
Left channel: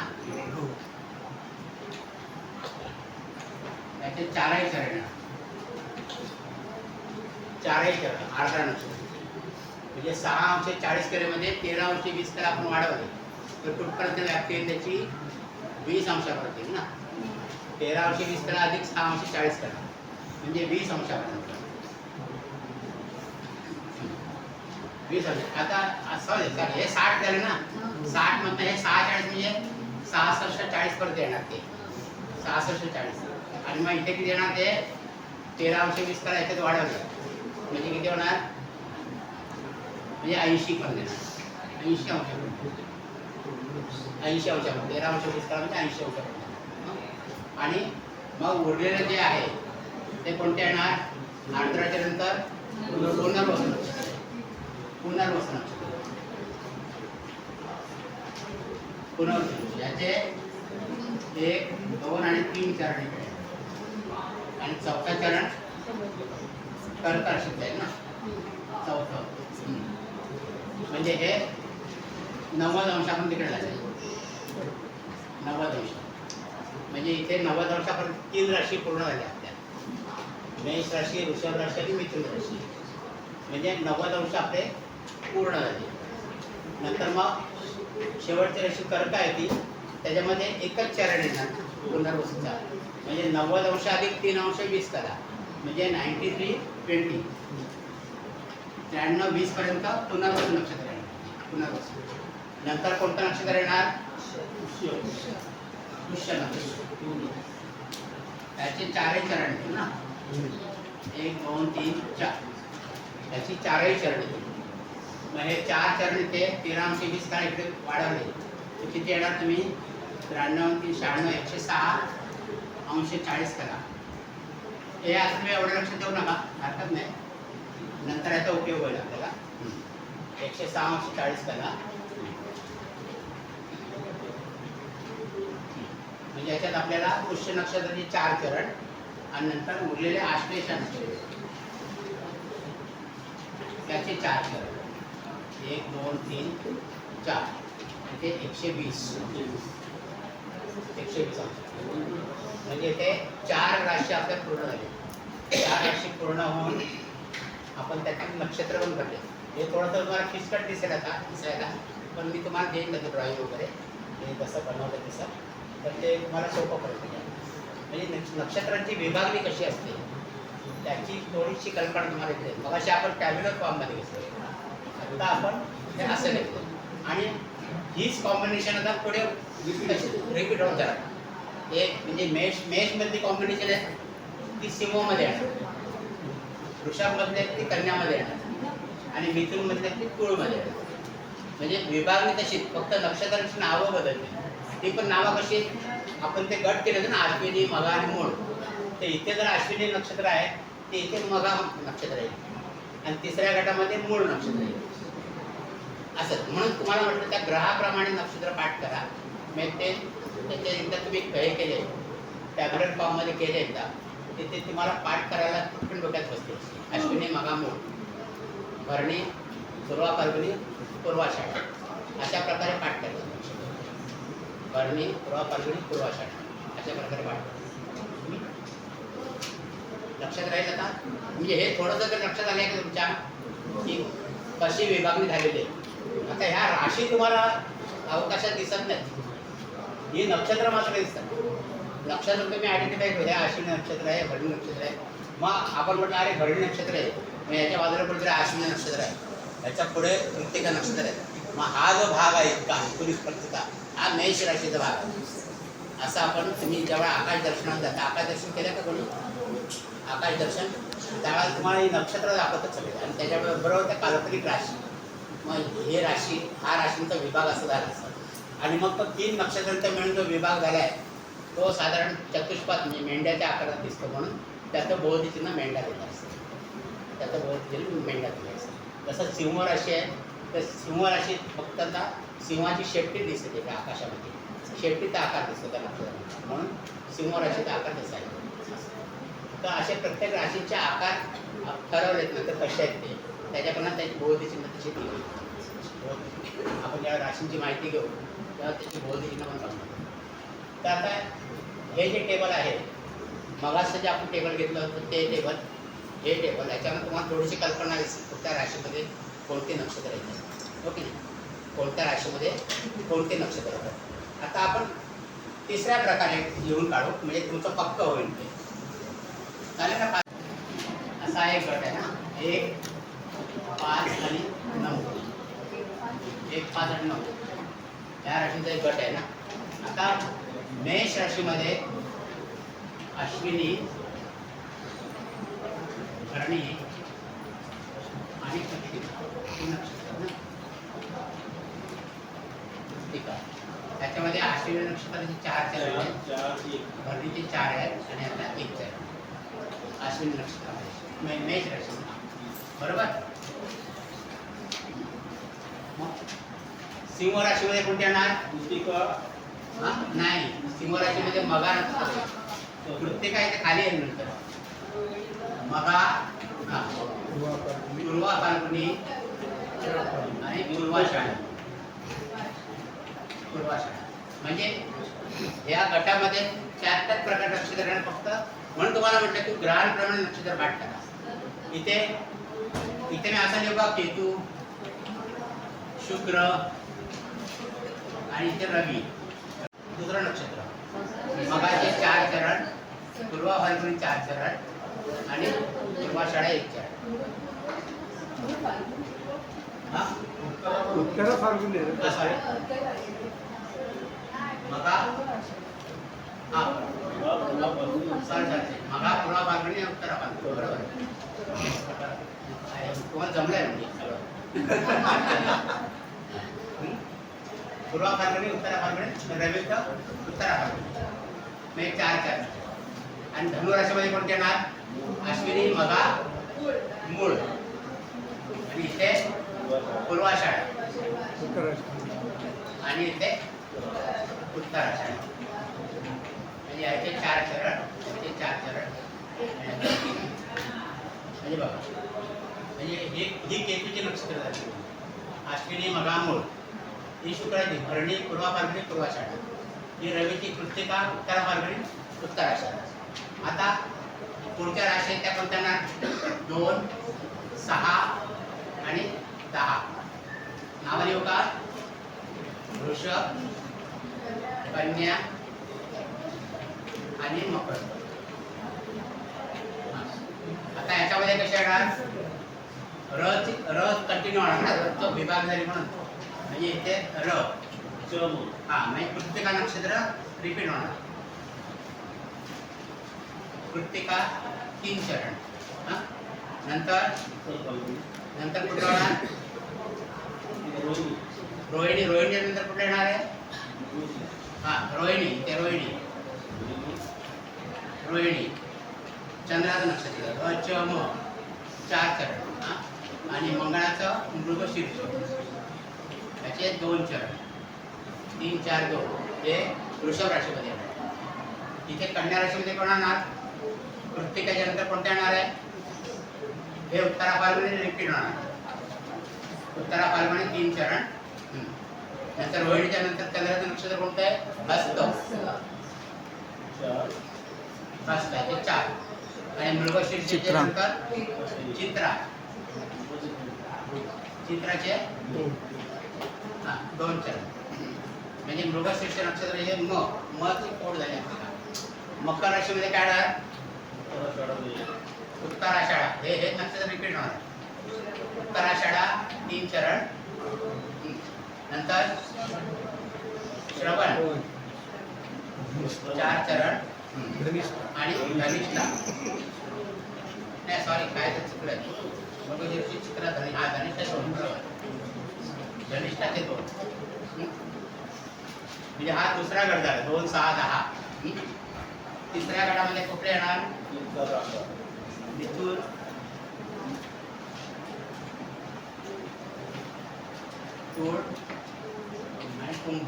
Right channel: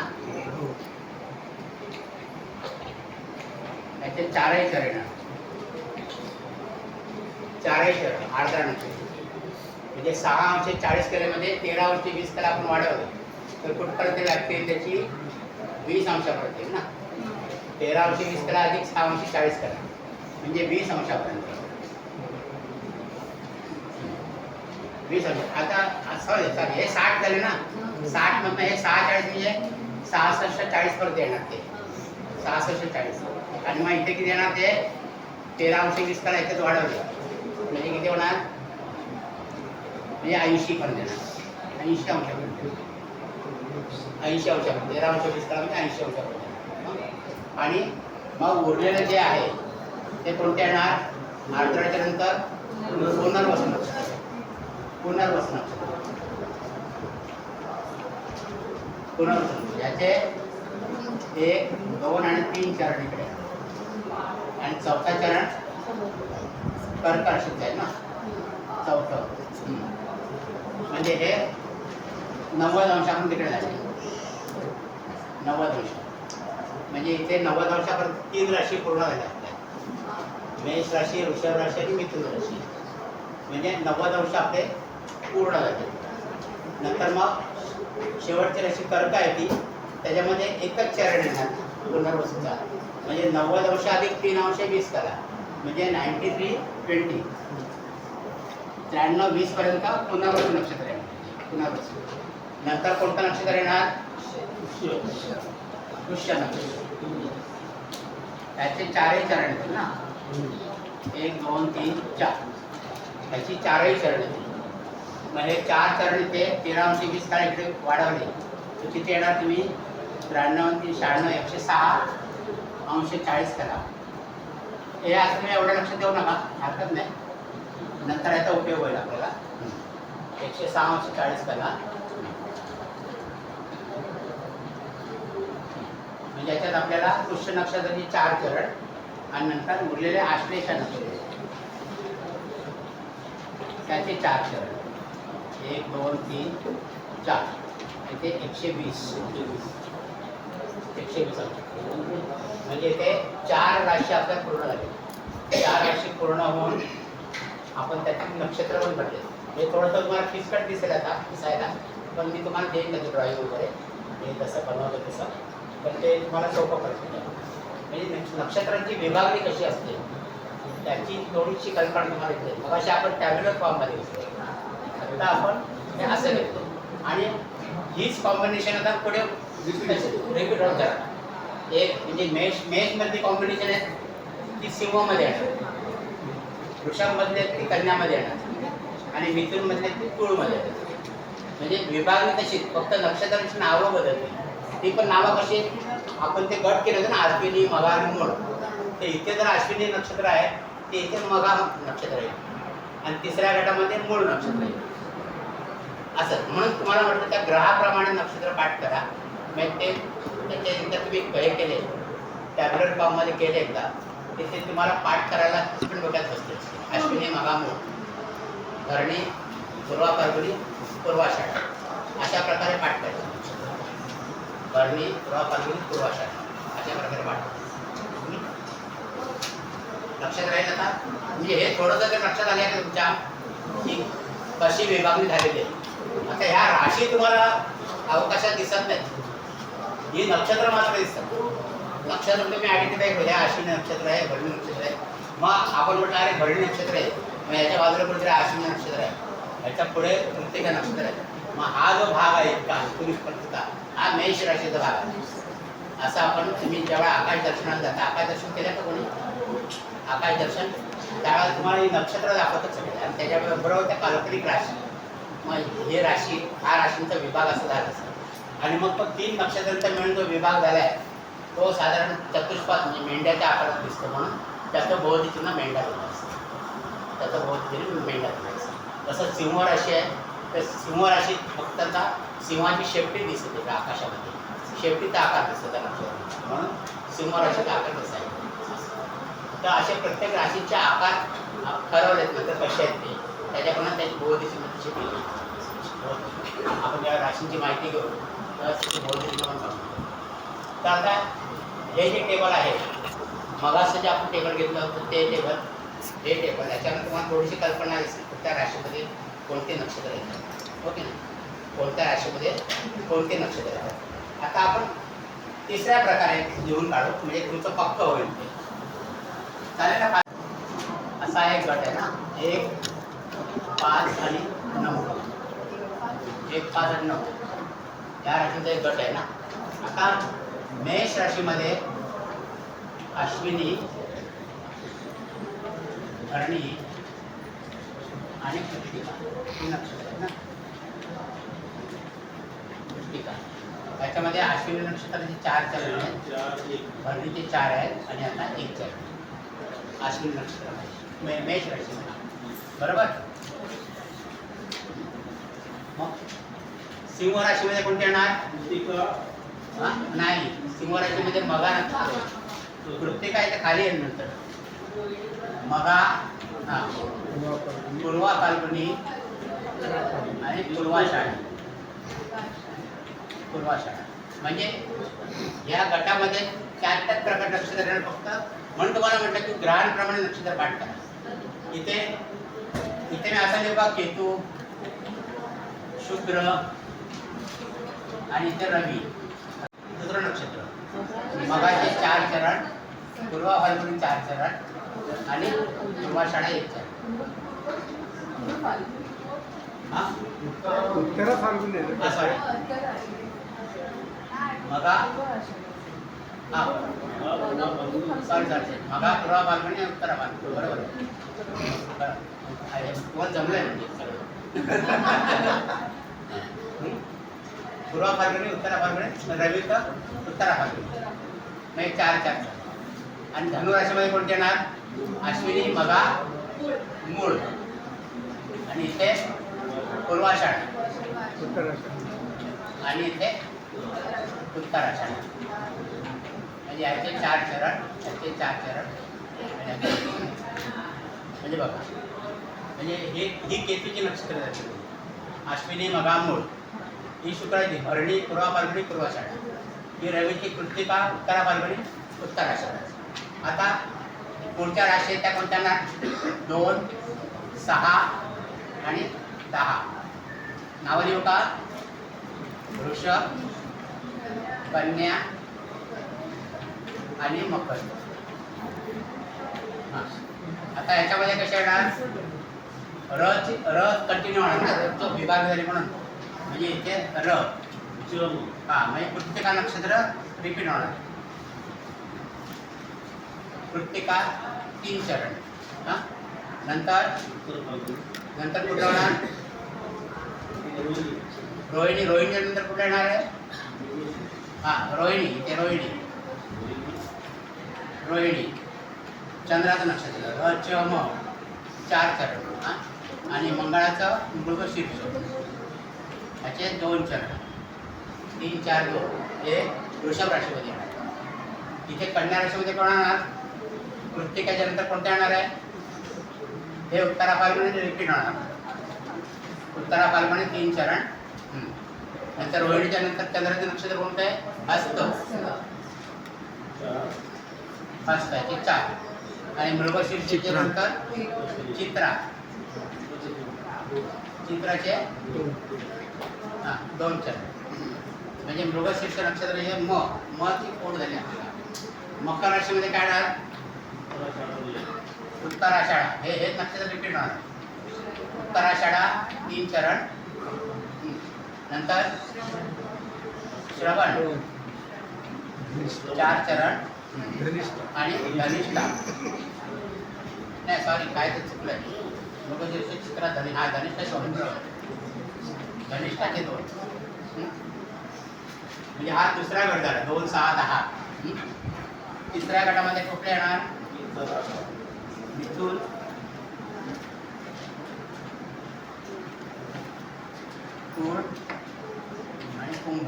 त्याचे 4ही चरण येणार. 4ही चरण आर्द्रा नक्षत्र. म्हणजे 6 अंश 40 कलेमध्ये 13 अंश 20 कला आपण वाढवले तर कुठपर्यंत व्याप्ती त्याची 20 अंशापर्यंत येईल ना. 13 अंश 20 कला अधिक 6 अंश 40 कला म्हणजे 20 अंशापर्यंत. 20 अंश. आता असं चालेल. हे 60 झाले ना. 60 मधनं हे 6 40 म्हणजे 66 40 पर्यंत येणार ते. 66 40. आणि मग इथे किती येणार ते? 13 करा याच्यात वाढवले म्हणजे किती होणार म्हणजे 80 पण देणार 80 अंशापर्यंत 80 अंशापर्यंत 13 करा म्हणजे 80 अंशापर्यंत आणि मग उरलेलं जे आहे ते कोणते येणार आर्द्राच्या नंतर पुनर्वसन नक्षत्र पुनर्वसन नक्षत्र पुनर्वसन याचे 1, 2 आणि 3 चरण इकडे आणि चौथा चरण कर्क राशीत आहे ना चौथं म्हणजे हे 90 अंशापर्यंत तिकडे लागले 90 अंश म्हणजे इथे 90 अंशापर्यंत 3 राशी पूर्ण झाल्या आपल्या मेष राशी वृषभ राशी आणि मिथुन राशी म्हणजे 90 अंश आपले पूर्ण झाले नंतर मग शेवटची राशी कर्क आहे ती त्याच्यामध्ये एकच चरण येणार पुनर्वसूचा म्हणजे 90 अंश अधिक 3 अंश 20 करा म्हणजे 93 20 93 20 पर्यंत पुनर्वसू नक्षत्र येणार पुनर्वसू नंतर कोणतं नक्षत्र येणार पुष्य नक्षत्र त्याचे 4ही चरण येतील ना 1 2 3 4 त्याची 4ही चरण येतील मग हे 4 चरण इथे 13 अंश 20 करा इकडे वाढवले तर किती येणार तुम्ही 93 3 96 106 अंश 40 करा हे असं तुम्ही एवढं लक्ष देऊ नका हरकत नाही नंतर याचा उपयोग होईल आपल्याला 106 अंश 40 करा म्हणजे याच्यात आपल्याला पुष्य नक्षत्राचे 4 चरण आणि नंतर उरलेले आश्लेष नक्षत्र त्याचे 4 चरण 1 2 3 4 ते 120 अंश म्हणजे ते 4 राशी आपल्या पूर्ण झाले 4 राशी पूर्ण होऊन आपण त्यातील नक्षत्र पण पडले हे थोडंसं तुम्हाला किचकट दिसेल आता दिसायला पण मी तुम्हाला देईन नंतर ड्रॉईंग वगैरे हे तसं बनवलं तसं तर ते तुम्हाला सोपं पडतं म्हणजे नक्षत्रांची विभागणी कशी असते त्याची थोडीशी कल्पना तुम्हाला येते मग अशी आपण टॅब्युलर फॉर्ममध्ये घेतो आता आपण हे असं घेतो आणि हीच कॉम्बिनेशन आता पुढे रिपीट होत जाणार एक म्हणजे मेषमधली कॉम्बिनेशन आहे ती सिंहमध्ये येणार वृषभमधली आहे ती कन्यामध्ये येणार आणि मिथुनमधली ती तुळमध्ये येणार म्हणजे विभागणी तशी फक्त नक्षत्रांची नावं बदलली ती पण नावं कशी आपण ते गट केलं ना अश्विनी मघा आणि मूळ ते इथे जर अश्विनी नक्षत्र आहे ते इथे मघा नक्षत्र आहे आणि तिसऱ्या गटामध्ये मूळ नक्षत्र आहे असं म्हणून तुम्हाला म्हटलं त्या ग्रहाप्रमाणे नक्षत्र पाठ करा मग ते त्याचे एकदा तुम्ही हे केले टॅब्लेट फॉर्ममध्ये केले एकदा ते तुम्हाला पाठ करायला पण डोक्यात बसते अश्विनी मघा मूळ भरणी पूर्वा फाल्गुनी पूर्वाषाढा अशा प्रकारे पाठ करायचं भरणी पूर्वा फाल्गुनी पूर्वाषाढा अशा प्रकारे पाठ करायचं लक्षात राहील आता म्हणजे हे थोडंसं जर लक्षात आलं आहे तुमच्या की कशी विभागणी झालेली आहे आता ह्या राशी तुम्हाला अवकाशात दिसत नाहीत ही नक्षत्र मात्र दिसतात नक्षत्र तुम्ही आयडेंटिफाय करू ह्या अश्विनी नक्षत्र आहे भरणी नक्षत्र आहे मग आपण म्हटलं अरे भरणी नक्षत्र आहे मग ह्याच्या बाजूला कुठेतरी अश्विनी नक्षत्र आहे ह्याच्या पुढे प्रत्येक नक्षत्र आहे मग हा जो भाग आहे इतका पोलीस स्पर्धेचा हा मेष राशीचा भाग आहे असं आपण तुम्ही जेव्हा आकाश दर्शनाला जाता आकाश दर्शन केलं का कोणी आकाश दर्शन त्यावेळेला तुम्हाला ही नक्षत्र दाखवतच सगळे आणि त्याच्याबरोबर त्या काल्पनिक राशी मग हे राशी हा राशींचा विभाग असं झाला आणि मग तो 3 नक्षत्रांचा मिळून जो विभाग झाला आहे तो साधारण चतुष्पाद म्हणजे मेंढ्याच्या आकारात दिसतो म्हणून त्याचं भोवतीचिन्ह मेंढा दिला असतं त्याचं भोवतीचिन्ह मेंढा दिला असतं जसं सिंह राशी आहे तर सिंह राशीत फक्त आता सिंहाची शेपटी दिसते त्या आकाशामध्ये शेपटीचा आकार दिसतो त्या नक्षत्रात म्हणून सिंह राशीचा आकार तसा आहे तर असे प्रत्येक राशीचे आकार ठरवलेत ना तर कसे आहेत ते त्याच्याप्रमाणे त्याची भोवतीचिन्ह तशी दिली आपण या राशींची माहिती घेऊ तर त्याची भोवतीचिन्ह पण काढू तर आता हे जे टेबल आहे मगाचं जे आपण टेबल घेतलं होतं ते टेबल हे टेबल याच्यामध्ये तुम्हाला थोडीशी कल्पना दिसेल कोणत्या राशीमध्ये कोणते नक्षत्र येतात ओके ना कोणत्या राशीमध्ये कोणते नक्षत्र येतात आता आपण तिसऱ्या प्रकारे लिहून काढू म्हणजे तुमचं पक्क होईल ते चालेल ना असा एक गट आहे ना 1 5 आणि 9 1 5 आणि 9 या राशींचा एक गट आहे ना आता मेष राशीमध्ये अश्विनी भरणी आणि कृत्तिका ही नक्षत्र आहेत ना. कृत्तिका त्याच्यामध्ये अश्विनी नक्षत्राचे 4 चरण आहेत, भरणीचे 4 आहेत आणि आता 1 चरण अश्विनी नक्षत्रामध्ये मेष राशी बरोबर. मग सिंह राशीमध्ये कोणते येणार? हा? नाही, सिंह राशीमध्ये मघा नक्षत्र. कृत्तिका इथे खाली येईल नंतर. मघा, हा, पूर्वा फाल्गुनी आणि पूर्वाषाढा. पूर्वाषाढा म्हणजे या गटामध्ये 4 प्रकार नक्षत्र येणार फक्त. म्हणून तुम्हाला म्हटलं की ग्रहांप्रमाणे नक्षत्र पाठ करा. इथे इथे मी असा लिहू, केतू, शुक्र आणि इथे रवी. दुसरं नक्षत्र मघाचे 4 चरण, पूर्वा फाल्गुनी 4 चरण आणि पूर्वाषाढा 1 चरण. हा उत्तरा फाल्गुन आहे. सॉरी मघा, हा सॉरी मघा, पूर्वा फाल्गुनी आणि उत्तरा फाल्गुनी बरोबर. तुम्हाला जमलंय म्हणजे सगळं. पूर्वा फाल्गुनी, उत्तरा फाल्गुनी, रवी तर उत्तरा फाल्गुनी म्हणजे 4 चरण. आणि धनुराशीमध्ये कोणते येणार? अश्विनी, मघा, मूळ आणि इथे पूर्वाषाढा आणि इथे उत्तराषाढा. म्हणजे याचे 4 चरण, याचे 4 चरण. म्हणजे बघा, म्हणजे ही केतूची नक्षत्र झाली. अश्विनी, मघा, मूळ ही शुक्राची भरणी, पूर्वा फाल्गुनी, पूर्वाषाढा. ही रवीची कृत्तिका, उत्तरा फाल्गुनी, उत्तराषाढा. आता पुढच्या राशी आहेत त्या कोणत्या ना? 2, 6 आणि 10. नावं लिहू का? वृषभ, कन्या आणि मकर. आता याच्यामध्ये कसे येणार? र कंटिन्यू होणार ना, रचा विभाग झाली म्हणून. म्हणजे इथे र, हा म्हणजे कृत्तिका नक्षत्र रिपीट होणार. कृत्तिका 3 चरण. हा नंतर कुठं होणार? रोहिणी. रोहिणी नंतर कुठे येणार आहे? हा रोहिणी, ते रोहिणी. रोहिणी चंद्राचं नक्षत्र र, च, म 4 चरण. हा आणि मंगळाचं मृगशीर्ष याचे 2 चरण. 3, 4, 2 हे वृषभ राशीमध्ये येणार. इथे कन्या राशीमध्ये कोण येणार? कृत्तिकाच्या नंतर कोणत्या येणार आहे? हे उत्तरा फाल्गुनी रिपीट होणार. उत्तरा फाल्गुनी 3 चरण. नंतर रोहिणीच्या नंतर चंद्राचं नक्षत्र कोणतं आहे? हस्त. हस्त याचे 4 आणि मृगशीर्षाचे नंतर चित्रा. चित्राचे 2 चरण. म्हणजे मृगशीर्ष नक्षत्र हे म ची पोट झाली आपल्याला. मकर राशीमध्ये काय येणार? उत्तराषाढा. हे नक्षत्र रिपीट होणार. उत्तराषाढा 3 चरण. नंतर श्रवण 4 चरण आणि धनिष्ठा. नाही सॉरी, काय ते चुकलं. मृगशीर्ष, चित्रा, धनिष्ठा 2. धनिष्ठाचे 2. म्हणजे हा दुसरा गट झाला. 2, 6, 10. तिसऱ्या गटामध्ये कुठले येणार? मिथुन, तूळ आणि कुंभ.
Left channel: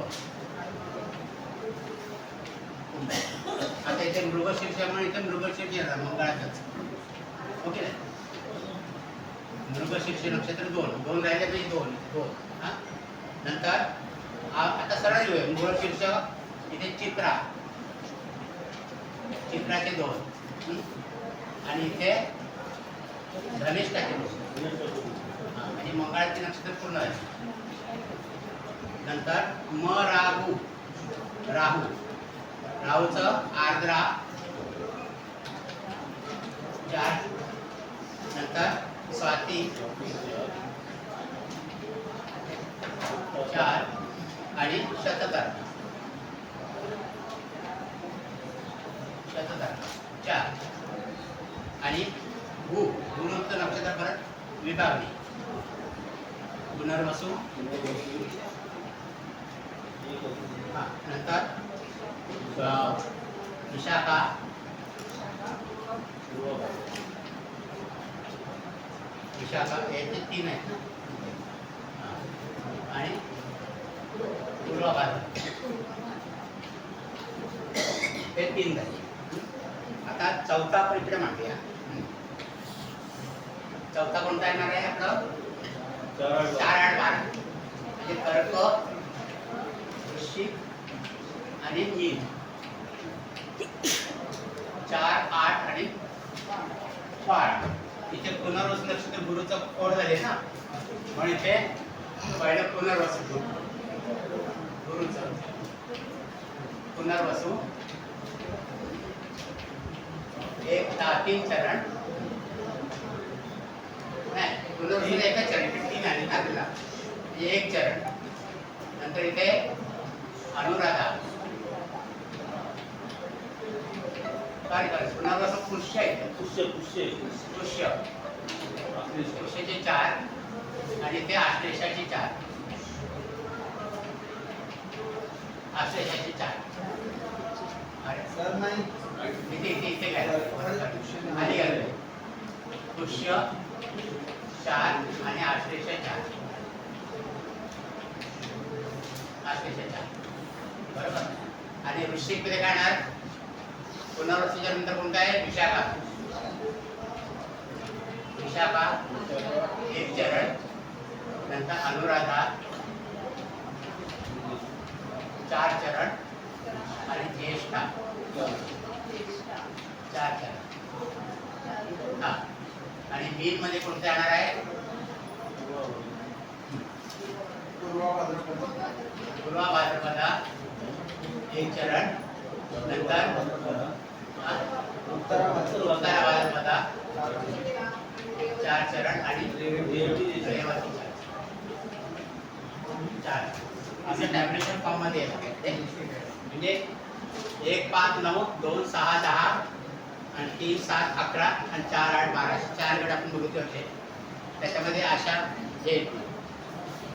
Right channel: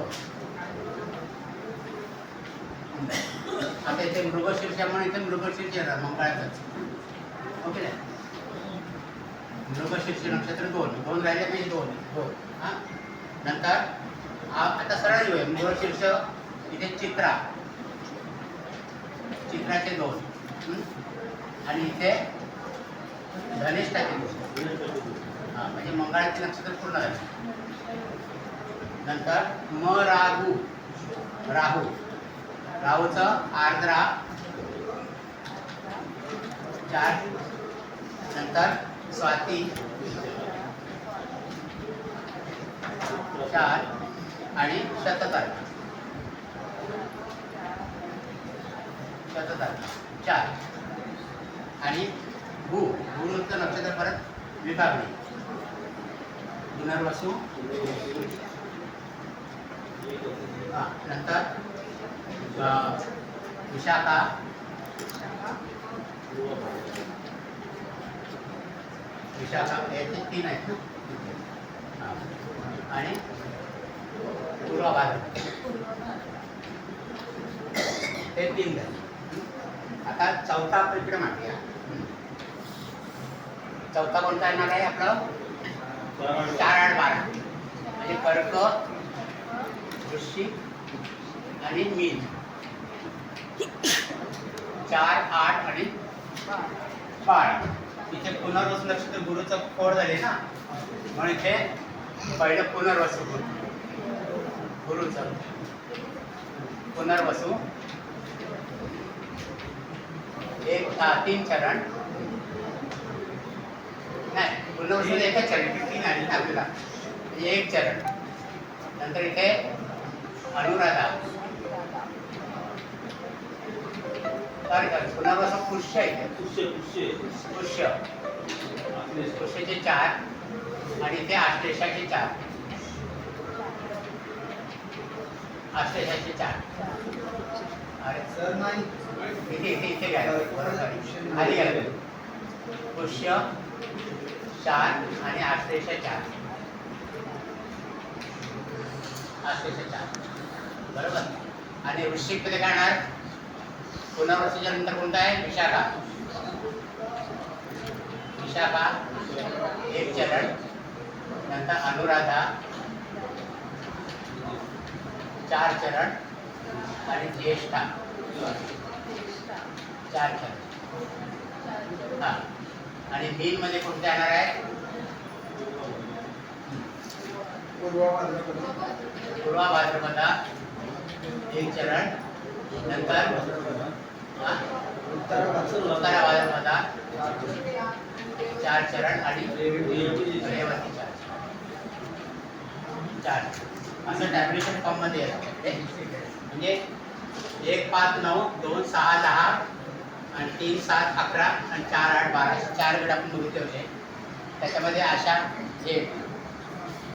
आता इथे मृगशीर्ष म्हणून इथे मृगशीर्ष येणार मंगळाचंच. ओके नाही? मृगशीर्ष नक्षत्र 2 राहिले म्हणजे 2. हा नंतर आता सरळ लिहूया. मृगशीर्ष इथे चित्रा, चित्राचे 2 आणि इथे धनिष्ठाचे 2. हा म्हणजे मंगळाचे नक्षत्र पूर्ण झाले. नंतर म राहू, राहूचं आर्द्रा 4. नंतर स्वाती 4 आणि शततारका 4 आणि गुरुचं नक्षत्र परत विभागणी. पुनर्वसू नंतर विशाखा, विशाखा याचे 3 आहेत ना. आणि पूर्व भाद्रपद हे 3 झाले. आता चौथा आपण इकडे मांडूया. चौथा कोणता येणार आहे आपलं? 4, 8, 12 म्हणजे कर्क, वृश्चिक आणि मीन. 4, 8 आणि 12. इथे पुनर्वसू नक्षत्र गुरुचं कोड झाले ना, म्हणून इथे पहिलं पुनर्वसू गुरुचं पुनर्वसू 3 चरण. नाही, पुनर्वसूला एकच चरण, 3 आले ना आपल्याला, म्हणजे 1 चरण. नंतर इथे अनुराधा, पुनर्वसू पुष्य आहे, पुष्याचे 4 आणि ते आश्लेषाचे 4, आश्लेषाचे 4. अरे सर नाही इथे घ्यायला खाली घ्यायला. पुष्य 4 आणि आश्लेषा 4, आश्लेषा 4 बरोबर. आणि वृश्चिक मध्ये काय येणार? पुनर्वसूच्या नंतर कोणता आहे? विशाखा. विशाखा 1 चरण. नंतर अनुराधा 4 चरण आणि ज्येष्ठा 4 चरण. हा, आणि मीन मध्ये कोणतं येणार आहे? पूर्व भाद्रपद पूर्व भाद्रपदा 1 चरण. नंतर उत्तर भाद्रपदा 4 चरण आणि रेवती 4. असं टॅब्लेशन फॉर्म मध्ये येतं. म्हणजे 1, 5, 9, 2, 6, 10 आणि 3, 7, 11 आणि 4, 8, 12 असे 4 गट आपण बघितले होते. त्याच्यामध्ये अशा हे